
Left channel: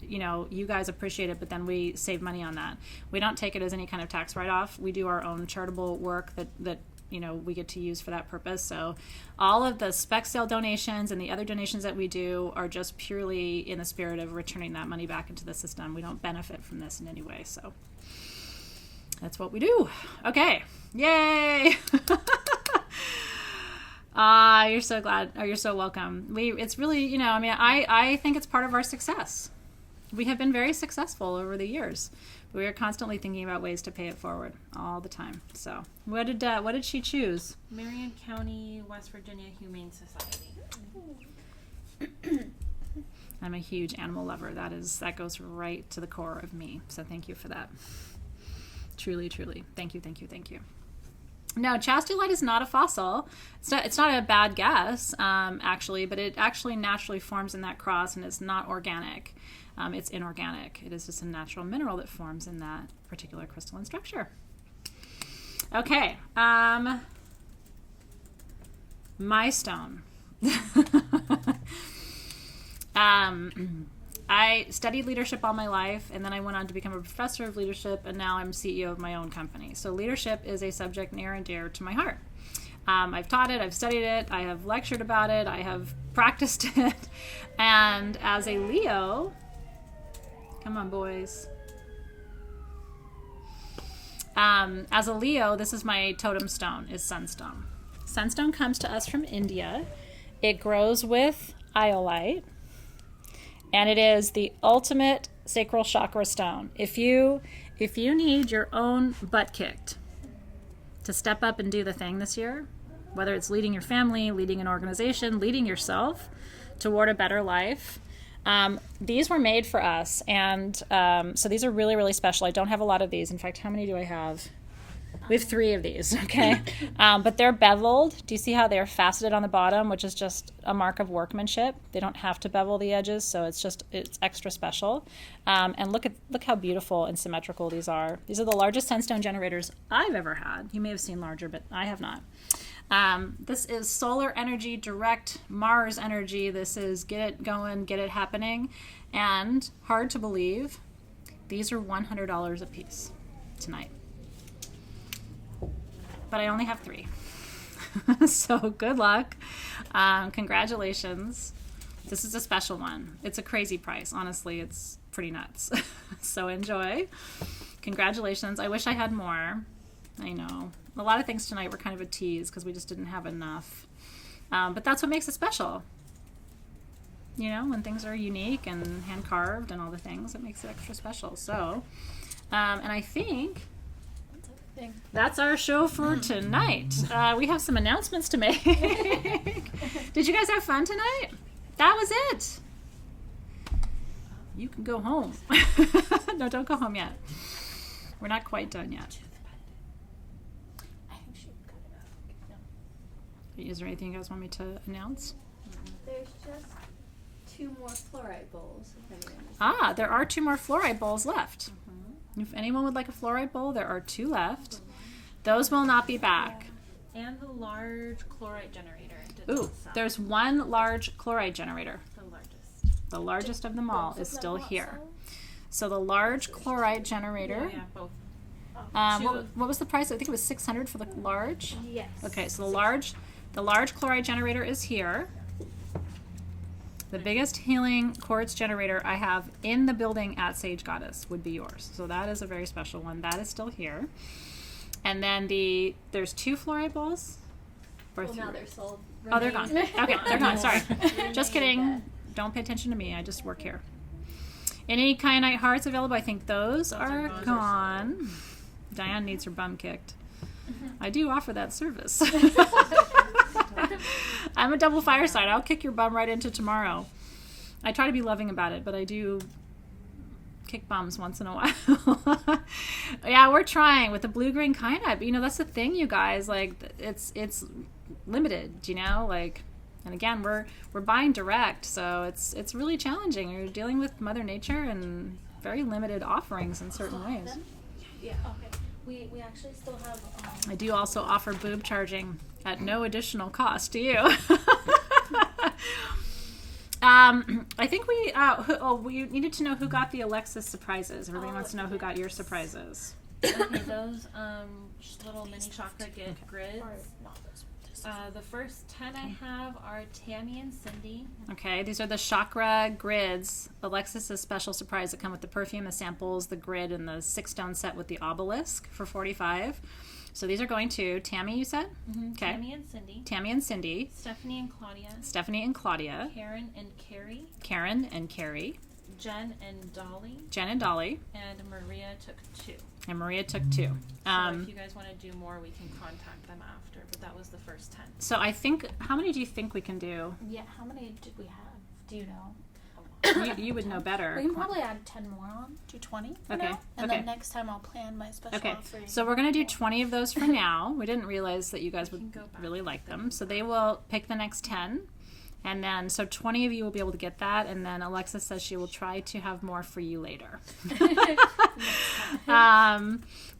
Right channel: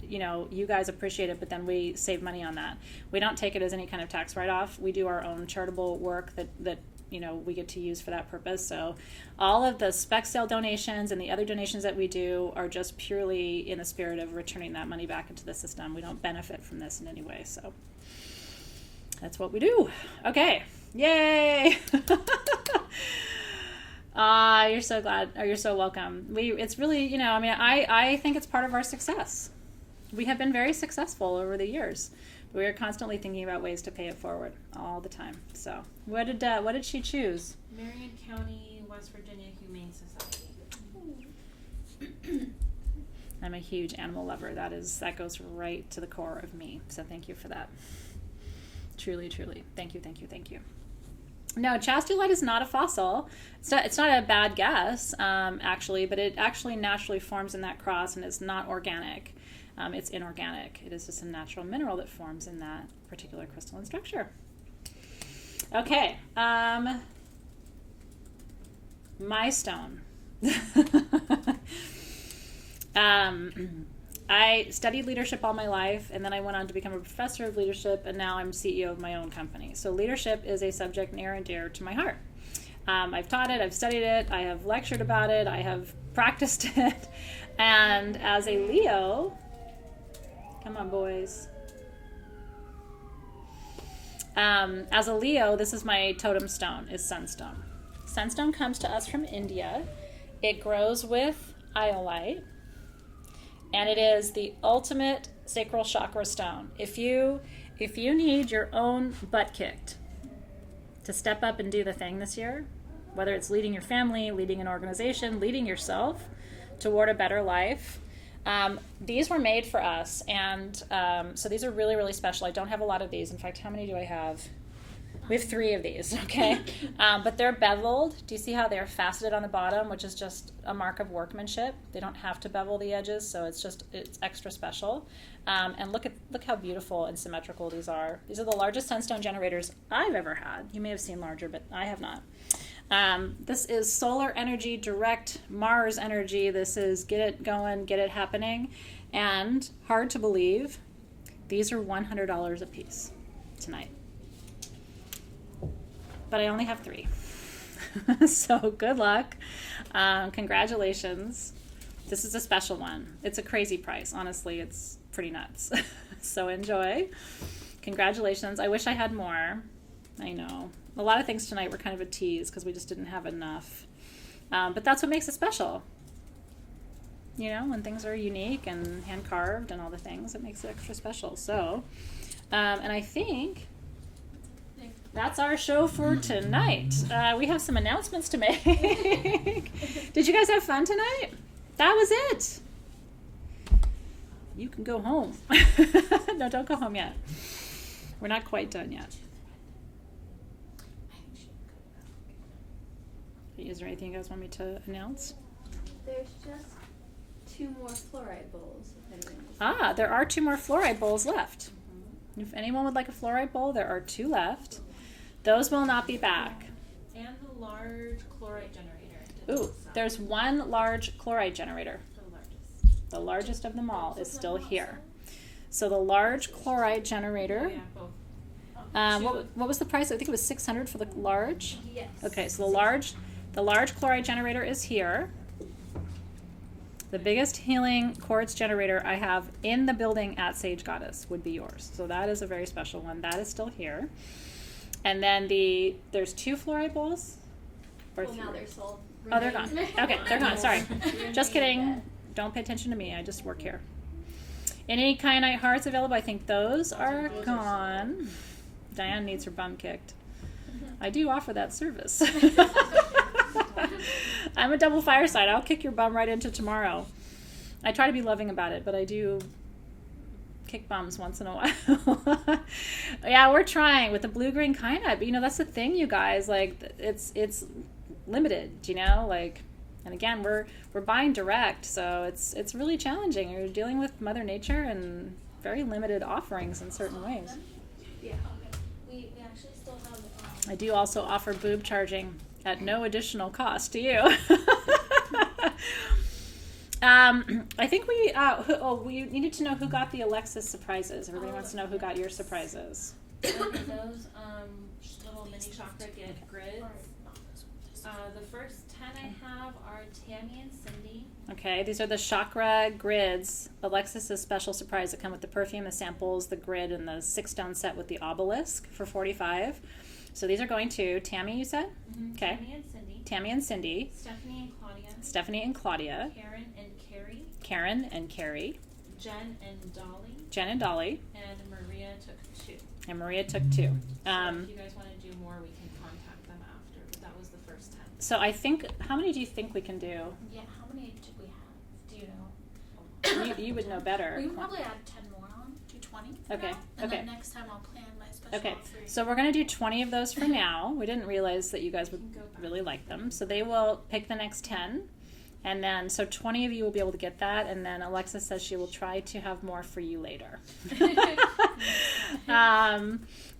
you guys appreciate it, but then we save money on that. We don't take it as any kind of tax write-off. We do our own charitable work that we get to use for that purpose. So all of the spec sale donations and the other donations that we do are just purely in the spirit of returning that money back into the system. We don't benefit from this in any way. So that's what we do. Okay. Yay. You're so glad, or you're so welcome. It's really, I think it's part of our success. We have been very successful over the years. We are constantly thinking about ways to pay it forward all the time. So, what did she choose? Marion County, West Virginia Humane Society. I'm a huge animal lover. That goes right to the core of me. So, thank you for that. Truly, truly. Thank you, thank you, thank you. No, chastolite is not a fossil. It's not a bad guess, actually, but it actually naturally forms in that cross and is not organic. It's inorganic. It is just a natural mineral that forms in that particular crystalline structure. Okay. My stone. I studied leadership all my life, and then I went on to become a professor of leadership, and now I'm CEO of my own company. So leadership is a subject near and dear to my heart. I've taught it, I've studied it, I have lectured about it, I have practiced it, and as a Leo, come on boys. As a Leo, this is my totem stone, is Sunstone. Sunstone comes to us from India. It grows with iolite, and it is the ultimate sacral chakra stone. If you need your own butt kicked to step up and do the thing this year, whether it's leading your family, leading an organization, leading yourself toward a better life, these were made for us, and so these are really, really special. I don't have a lot of these. In fact, how many do I have? We have 3 of these, okay? But they're beveled. Do you see how they're faceted on the bottom, which is just a mark of workmanship? They don't have to bevel the edges, so it's extra special. And look how beautiful and symmetrical these are. These are the largest sunstone generators I've ever had. You may have seen larger, but I have not. This is solar energy, direct Mars energy. This is get it going, get it happening. And hard to believe, these are $100 a piece tonight. But I only have 3. So good luck. Congratulations. This is a special one. It's a crazy price. Honestly, it's pretty nuts. So enjoy. Congratulations. I wish I had more. I know. A lot of things tonight were kind of a tease because we just didn't have enough. But that's what makes it special. You know, when things are unique and hand-carved and all the things, it makes it extra special. So, and I think that's our show for tonight. We have some announcements to make. Did you guys have fun tonight? That was it. You can go home. No, don't go home yet. We're not quite done yet. Is there anything you guys want me to announce? There's just 2 more fluorite bowls. There are 2 more fluorite bowls left. If anyone would like a fluorite bowl, there are 2 left. Those will not be back. And the large chlorite generator. Ooh, there's 1 large chlorite generator. The largest. The largest of them all is still here. So the large chlorite generator. Yeah, both. What was the price? I think it was $600 for the large. Yes. Okay, so the large chlorite generator is here. The biggest healing quartz generator I have in the building at Sage Goddess would be yours. So that is a very special one. That is still here. And then there's 2 fluorite bowls? Or Well, 3? now they're sold. Oh, they're gone. Okay, they're gone. Sorry. Remain Just kidding. dead. Don't pay attention to me. I just work here. Any kyanite hearts available? I think those are gone. Diane needs her bum kicked. I do offer that service. I'm a double fireside. I'll kick your bum right into tomorrow. I try to be loving about it, but I do kick bums once in a while. Yeah, we're trying with the blue-green kyanite. But, you know, that's the thing, you guys. Like, it's limited, you know? Like, and again, we're buying direct, so it's really challenging. You're dealing with Mother Nature and very limited offerings in certain ways. Yeah. Okay. We actually still have. I do also offer boob charging at no additional cost to you. I think we needed to know who got the Alexis surprises. Everybody wants to know who got your surprises. Okay, those little mini chakra grids. The first 10 I have are Tammy and Cindy. Okay, these are the chakra grids. Alexis's special surprise that come with the perfume, the samples, the grid, and the 6-stone set with the obelisk for $45. So these are going to Tammy, you said? Mm-hmm. Okay. Tammy and Cindy. Tammy and Cindy. Stephanie and Claudia. Stephanie and Claudia. Karen and Carrie. Karen and Carrie. Jen and Dolly. Jen and Dolly. And Maria took 2. And Maria took 2. So if you guys want to do more, we can contact them after. But that was the first 10. So I think, how many do you think we can do? Yeah. How many did we have? Do you know? You would know better. We can probably add 10 more on. Do 20. For Okay, now, and okay. then next time I'll plan my special. Okay, for so we're going to do 20 of those for now. We didn't realize that you guys would really like them. So they will pick the next 10. And then, so 20 of you will be able to get that. And then Alexa says she will try to have more for you later.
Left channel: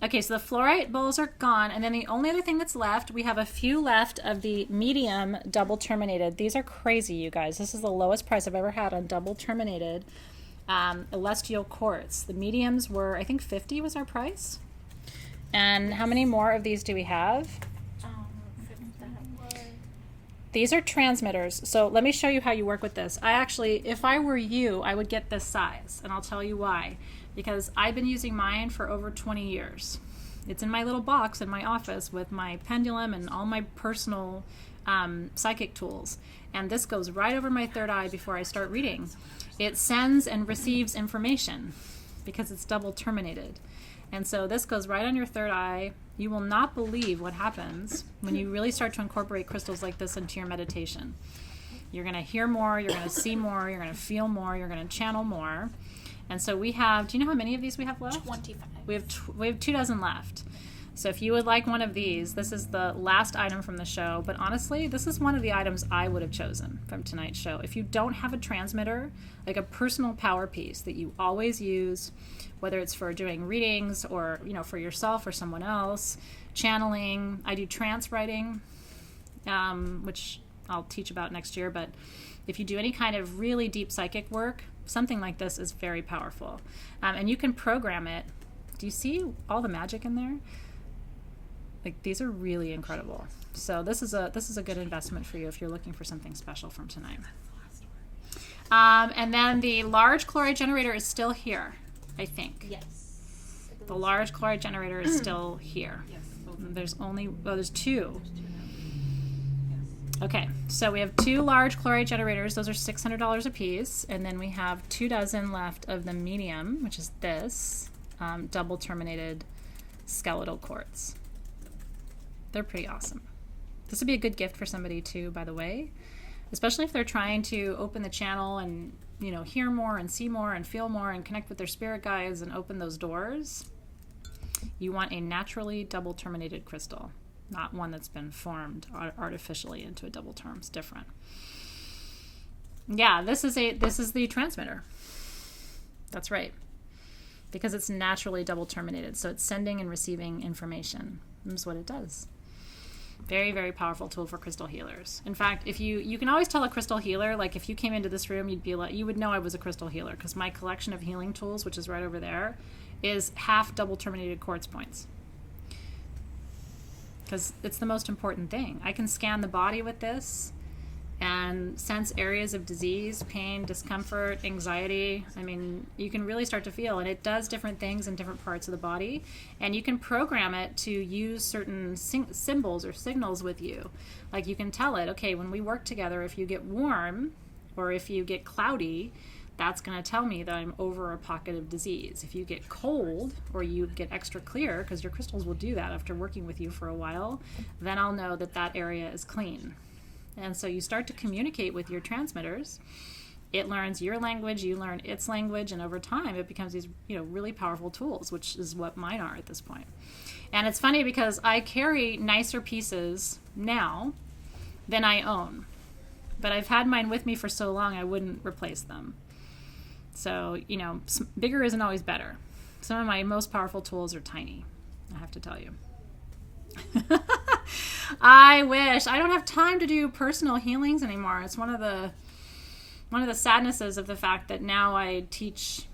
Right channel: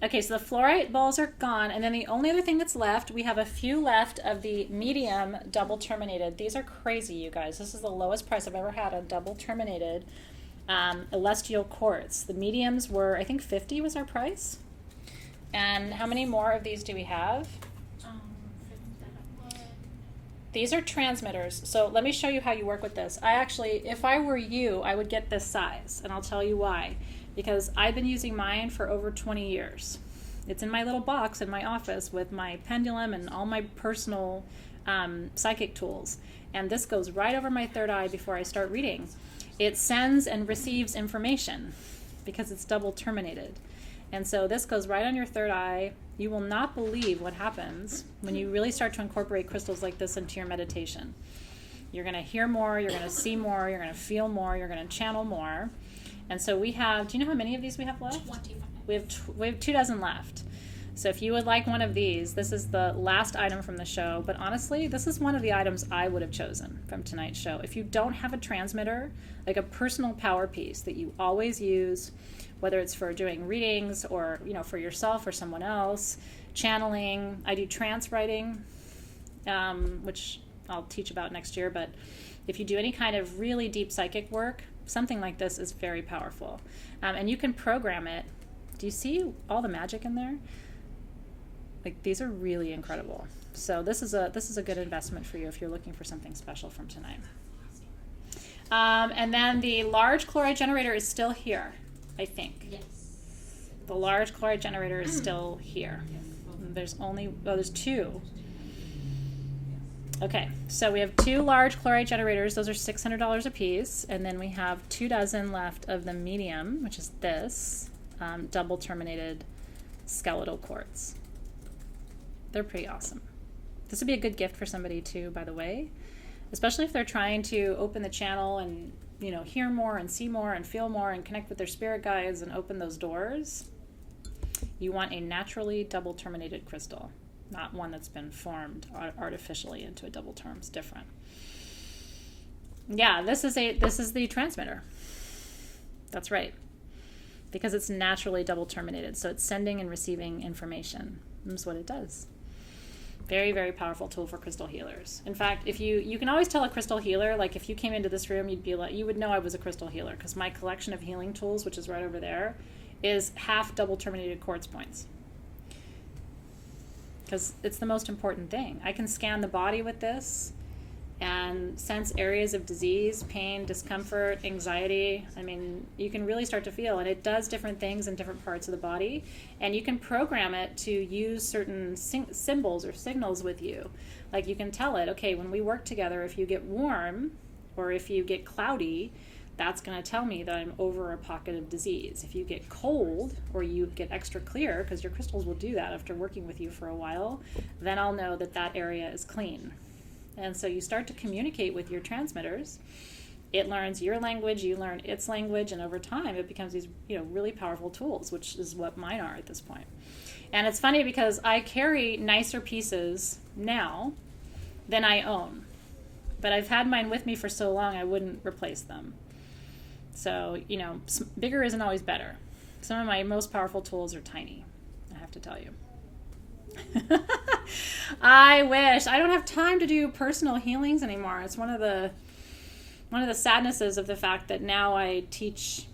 Okay, so the fluorite bowls are gone, and then the only other thing that's left, we have a few left of the medium double terminated. These are crazy, you guys. This is the lowest price I've ever had on double terminated celestial quartz. The mediums were, I think 50 was our price. And how many more of these do we have? These are transmitters. So let me show you how you work with this. I actually, if I were you, I would get this size, and I'll tell you why. Because I've been using mine for over 20 years. It's in my little box in my office with my pendulum and all my personal psychic tools. And this goes right over my third eye before I start reading. It sends and receives information because it's double terminated. And so this goes right on your third eye. You will not believe what happens when you really start to incorporate crystals like this into your meditation. You're going to hear more, you're going to see more, you're going to feel more, you're going to channel more. And so we have, do you know how many of these we have left? 25. We have 2 dozen left. So if you would like one of these, this is the last item from the show. But honestly, this is one of the items I would have chosen from tonight's show. If you don't have a transmitter, like a personal power piece that you always use, whether it's for doing readings or, you know, for yourself or someone else, channeling. I do trance writing, which I'll teach about next year. But if you do any kind of really deep psychic work, something like this is very powerful. And you can program it. Do you see all the magic in there? Like, these are really incredible. So this is a good investment for you if you're looking for something special from tonight. And then the large chlorite generator is still here, I think. Yes. The large chlorite generator is still here. Yes. There's 2. Okay, so we have 2 large chlorite generators. Those are $600 a piece. And then we have 2 dozen left of the medium, which is this, double terminated skeletal quartz. They're pretty awesome. This would be a good gift for somebody too, by the way, especially if they're trying to open the channel and, you know, hear more and see more and feel more and connect with their spirit guides and open those doors. You want a naturally double terminated crystal, not one that's been formed artificially into a double term. It's different. Yeah, this is the transmitter. That's right. Because it's naturally double terminated. So it's sending and receiving information. That's what it does. Very, very powerful tool for crystal healers. In fact, if you can always tell a crystal healer, like if you came into this room, you would know I was a crystal healer, because my collection of healing tools, which is right over there, is half double terminated quartz points. Because it's the most important thing. I can scan the body with this and sense areas of disease, pain, discomfort, anxiety. I mean, you can really start to feel, and it does different things in different parts of the body, and you can program it to use certain symbols or signals with you. Like, you can tell it, okay, when we work together, if you get warm or if you get cloudy, that's going to tell me that I'm over a pocket of disease. If you get cold or you get extra clear, because your crystals will do that after working with you for a while, then I'll know that that area is clean. And so you start to communicate with your transmitters. It learns your language, you learn its language, and over time it becomes these, you know, really powerful tools, which is what mine are at this point. And it's funny because I carry nicer pieces now than I own. But I've had mine with me for so long I wouldn't replace them. So, you know, bigger isn't always better. Some of my most powerful tools are tiny, I have to tell you. I wish. I don't have time to do personal healings anymore. It's one of the sadnesses of the fact that now I teach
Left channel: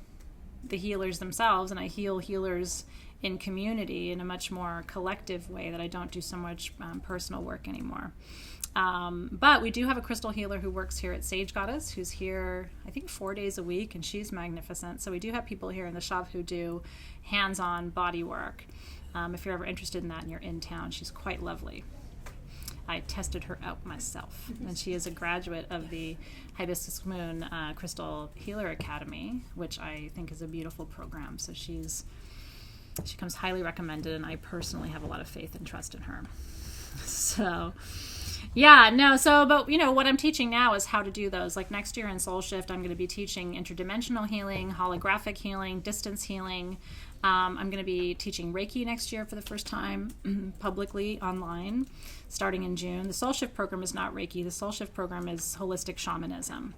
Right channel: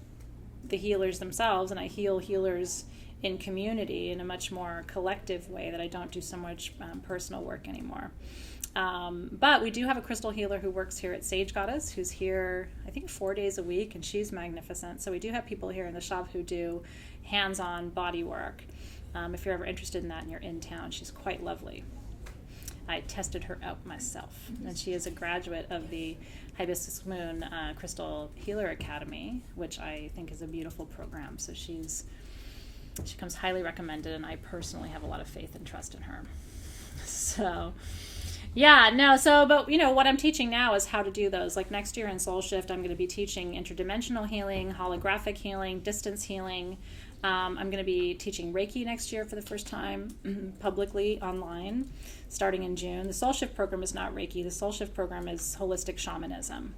the healers themselves, and I heal healers in community in a much more collective way, that I don't do so much personal work anymore. But we do have a crystal healer who works here at Sage Goddess, who's here, I think, 4 days a week, and she's magnificent. So we do have people here in the shop who do hands-on body work. If you're ever interested in that and you're in town, she's quite lovely. I tested her out myself, and she is a graduate of the Hibiscus Moon Crystal Healer Academy, which I think is a beautiful program. So she comes highly recommended, and I personally have a lot of faith and trust in her. So, yeah, no, but you know, what I'm teaching now is how to do those. Like next year in Soul Shift, I'm going to be teaching interdimensional healing, holographic healing, distance healing. I'm going to be teaching Reiki next year for the first time publicly online, starting in June. The Soul Shift program is not Reiki. The Soul Shift program is holistic shamanism.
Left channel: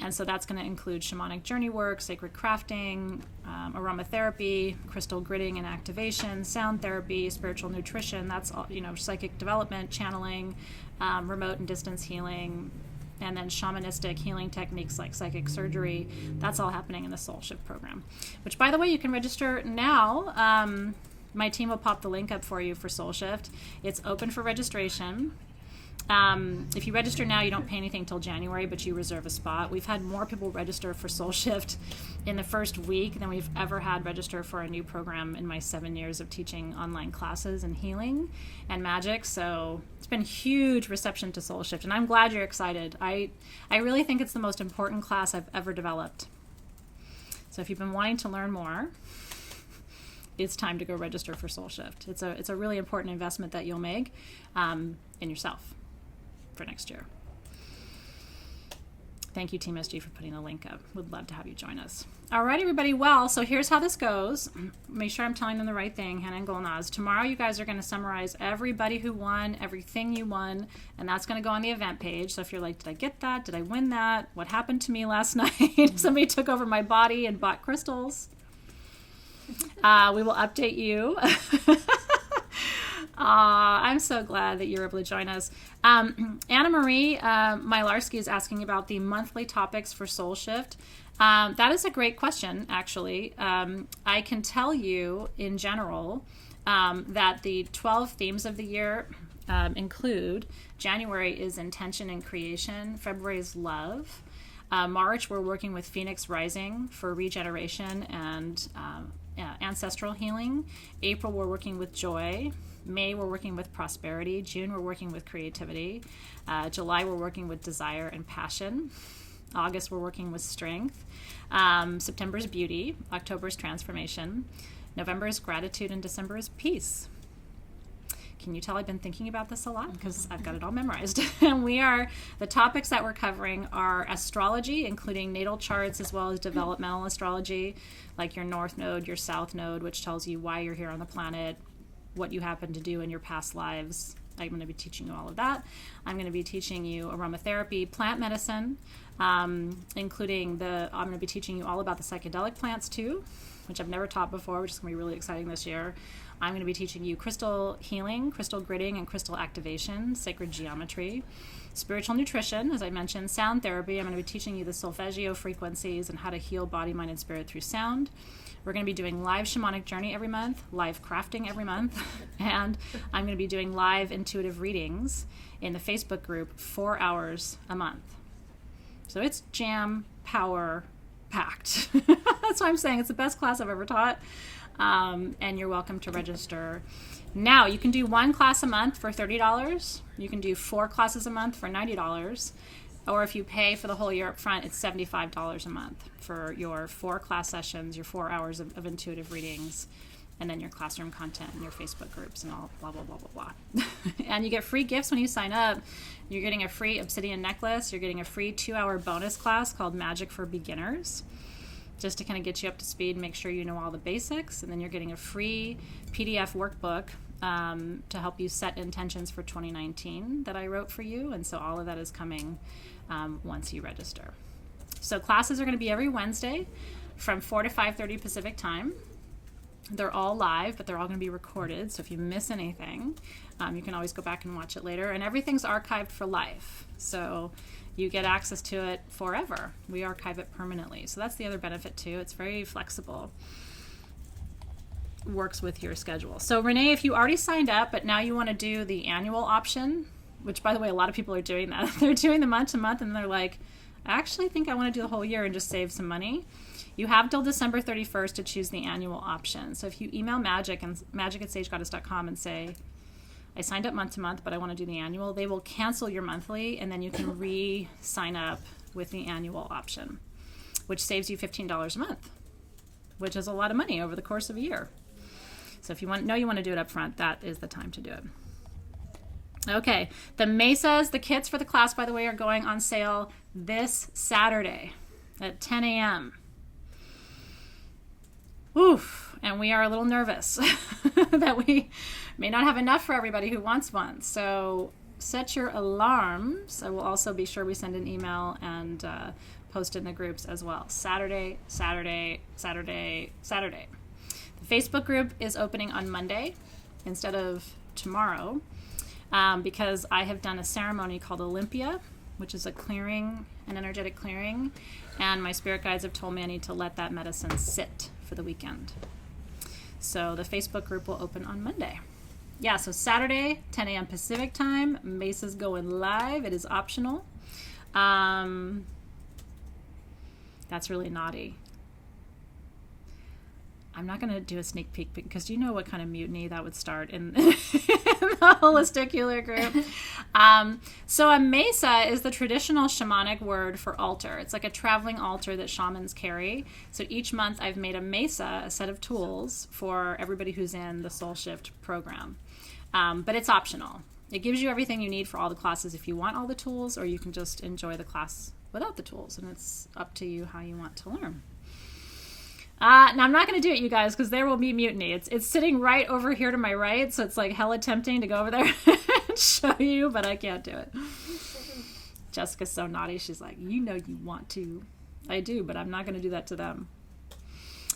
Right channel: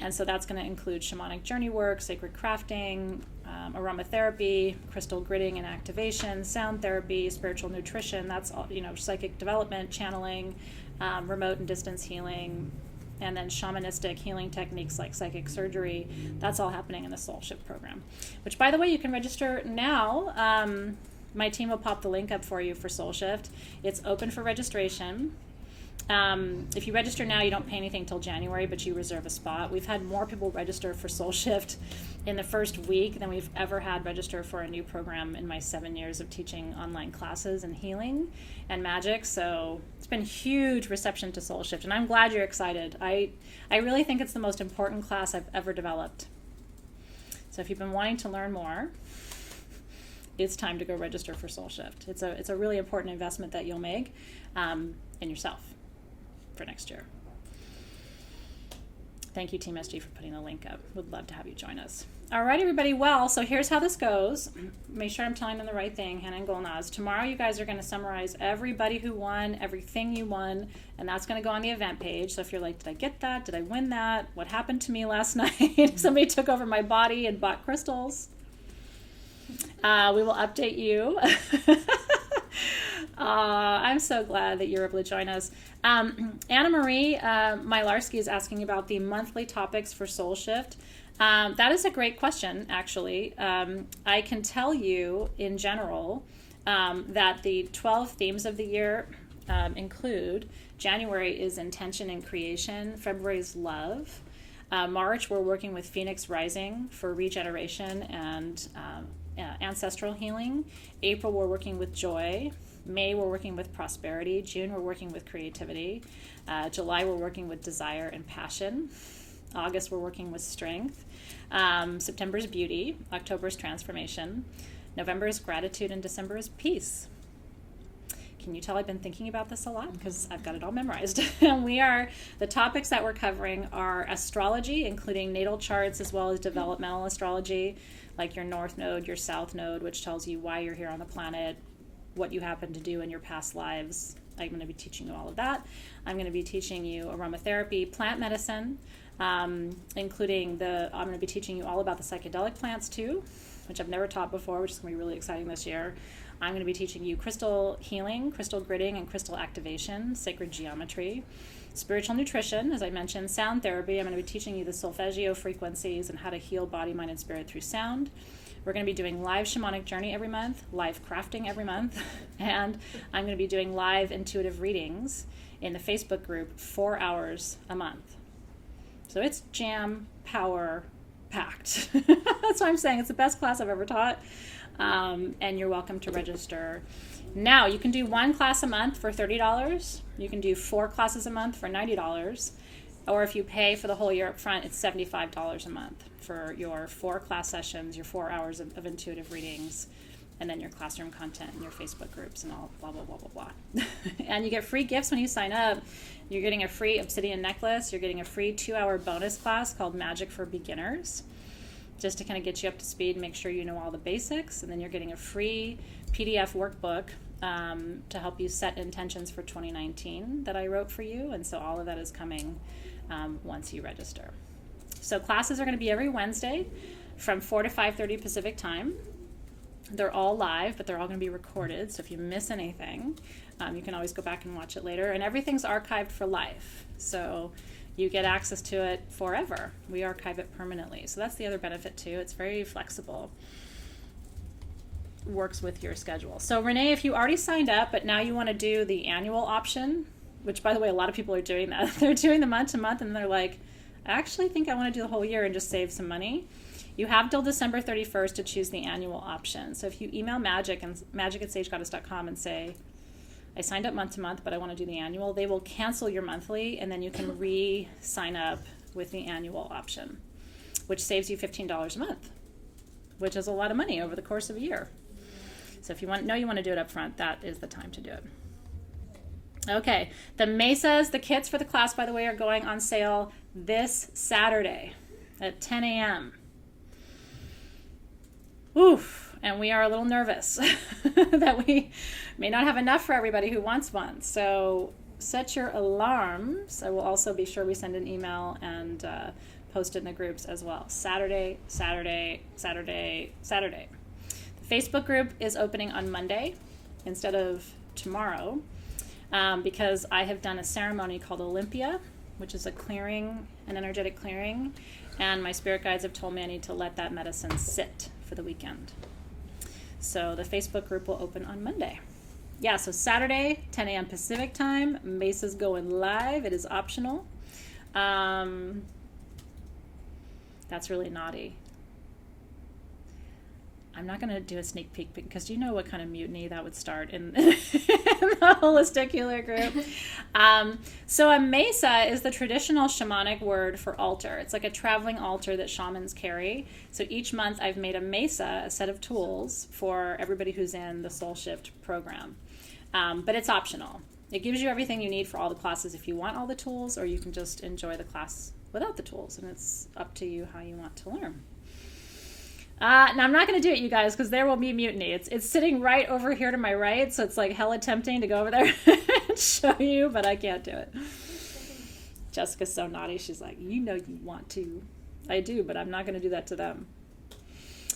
And so that's going to include shamanic journey work, sacred crafting, aromatherapy, crystal gridding and activation, sound therapy, spiritual nutrition. That's all, psychic development, channeling, remote and distance healing, and then shamanistic healing techniques like psychic surgery. That's all happening in the Soul Shift program, which, by the way, you can register now. My team will pop the link up for you for Soul Shift. It's open for registration. If you register now, you don't pay anything till January, but you reserve a spot. We've had more people register for Soul Shift in the first week than we've ever had register for a new program in my 7 years of teaching online classes in healing and magic. So it's been huge reception to Soul Shift, and I'm glad you're excited. I really think it's the most important class I've ever developed. So if you've been wanting to learn more, it's time to go register for Soul Shift. It's a really important investment that you'll make in yourself for next year. Thank you, Team SG, for putting the link up. Would love to have you join us. All right, everybody. Well, so here's how this goes. Make sure I'm telling them the right thing, Hannah and Golnaz. Tomorrow, you guys are going to summarize everybody who won, everything you won, and that's going to go on the event page. So if you're like, did I get that? Did I win that? What happened to me last night? Somebody took over my body and bought crystals. We will update you. I'm so glad that you're able to join us. Anna Marie Mylarski is asking about the monthly topics for Soul Shift. That is a great question, actually. I can tell you in general that the 12 themes of the year include: January is intention and creation, February is love, March we're working with Phoenix Rising for regeneration and ancestral healing, April we're working with joy, May we're working with prosperity, June we're working with creativity, July we're working with desire and passion, August we're working with strength, September is beauty, October is transformation, November is gratitude, and December is peace. Can you tell I've been thinking about this a lot? Because I've got it all memorized. And the topics that we're covering are astrology, including natal charts, as well as developmental astrology, like your north node, your south node, which tells you why you're here on the planet, what you happen to do in your past lives. I'm going to be teaching you all of that. I'm going to be teaching you aromatherapy, plant medicine, including I'm going to be teaching you all about the psychedelic plants too, which I've never taught before, which is going to be really exciting this year. I'm going to be teaching you crystal healing, crystal gridding, and crystal activation, sacred geometry, spiritual nutrition, as I mentioned, sound therapy. I'm going to be teaching you the solfeggio frequencies and how to heal body, mind, and spirit through sound. We're going to be doing live shamanic journey every month, live crafting every month, and I'm going to be doing live intuitive readings in the Facebook group 4 hours a month. So it's jam power packed. That's why I'm saying it's the best class I've ever taught. And you're welcome to register. Now, you can do one class a month for $30. You can do 4 classes a month for $90. Or if you pay for the whole year up front, it's $75 a month for your 4 class sessions, your 4 hours of intuitive readings, and then your classroom content and your Facebook groups and all blah, blah, blah, blah, blah. And you get free gifts when you sign up. You're getting a free obsidian necklace. You're getting a free 2-hour bonus class called Magic for Beginners, just to kind of get you up to speed and make sure you know all the basics. And then you're getting a free PDF workbook to help you set intentions for 2019 that I wrote for you. And so all of that is coming once you register. So classes are going to be every Wednesday from 4 to 5:30 Pacific time. They're all live, but they're all going to be recorded. So if you miss anything, you can always go back and watch it later. And everything's archived for life. So you get access to it forever. We archive it permanently. So that's the other benefit too. It's very flexible. Works with your schedule. So Renee, if you already signed up, but now you want to do the annual option, which by the way, a lot of people are doing that. They're doing the month to month and they're like, I actually think I want to do the whole year and just save some money. You have till December 31st to choose the annual option. So if you email magic@sagegoddess.com and say, I signed up month to month, but I want to do the annual, they will cancel your monthly and then you can re-sign up with the annual option, which saves you $15 a month, which is a lot of money over the course of a year. So if you want to do it up front, that is the time to do it. Okay, the mesas, the kits for the class, by the way, are going on sale this Saturday at 10 a.m. Oof, and we are a little nervous that we may not have enough for everybody who wants one. So set your alarms. I will also be sure we send an email and post it in the groups as well. Saturday. The Facebook group is opening on Monday instead of tomorrow because I have done a ceremony called Olympia, which is a clearing, an energetic clearing, and my spirit guides have told me I need to let that medicine sit for the weekend. So the Facebook group will open on Monday. Yeah, so Saturday, 10 a.m. Pacific time, Mesa's going live. It is optional. That's really naughty. I'm not going to do a sneak peek because do you know what kind of mutiny that would start in the holisticular group? So a mesa is the traditional shamanic word for altar. It's like a traveling altar that shamans carry. So each month I've made a mesa, a set of tools for everybody who's in the Soul Shift program. But it's optional. It gives you everything you need for all the classes if you want all the tools, or you can just enjoy the class without the tools, and it's up to you how you want to learn. Now, I'm not going to do it, you guys, because there will be mutiny. It's sitting right over here to my right, so it's like hella tempting to go over there and show you, but I can't do it. Jessica's so naughty. She's like, you know you want to. I do, but I'm not going to do that to them.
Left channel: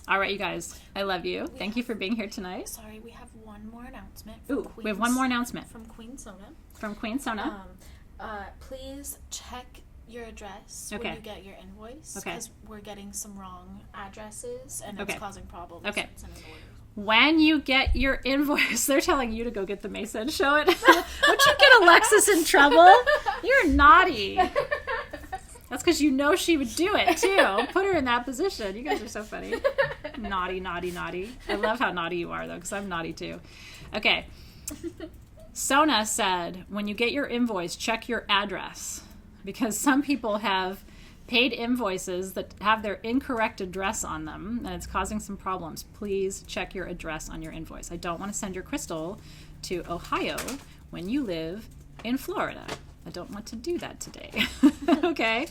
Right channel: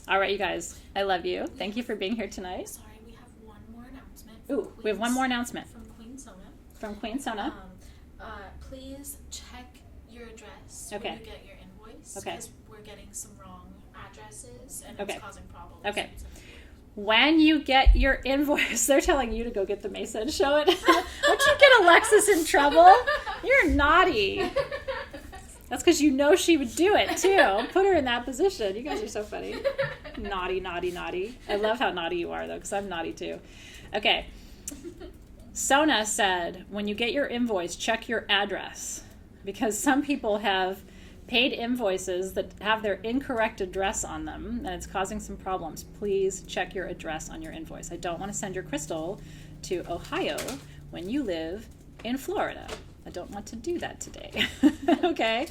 All right, you guys. I love you. Thank you for being here tonight. Sorry, we have one more announcement. Ooh, we have one more announcement. From Queen Sona. From Queen Sona. Please check your address Okay. when you get your invoice. Okay. Because we're getting some wrong addresses and Okay. it's causing problems. Okay. in some of the orders. When you get your invoice, they're telling you to go get the mesa and show it. Don't you get Alexis in trouble? You're naughty. That's because you know she would do it, too. Put her in that position. You guys are so funny. Naughty, naughty, naughty. I love how naughty you are, though, because I'm naughty, too. Okay. Sona said, when you get your invoice, check your address. Because some people have paid invoices that have their incorrect address on them, and it's causing some problems. Please check your address on your invoice. I don't want to send your crystal to Ohio when you live in Florida. I don't want to do that today. Okay?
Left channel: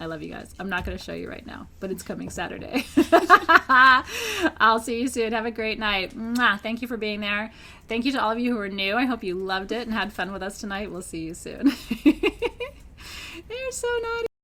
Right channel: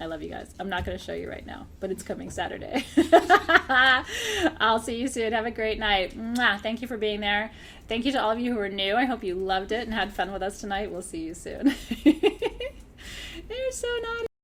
I love you guys. I'm not going to show you right now, but it's coming Saturday. I'll see you soon. Have a great night. Mwah. Thank you for being there. Thank you to all of you who are new. I hope you loved it and had fun with us tonight. We'll see you soon. You're so naughty.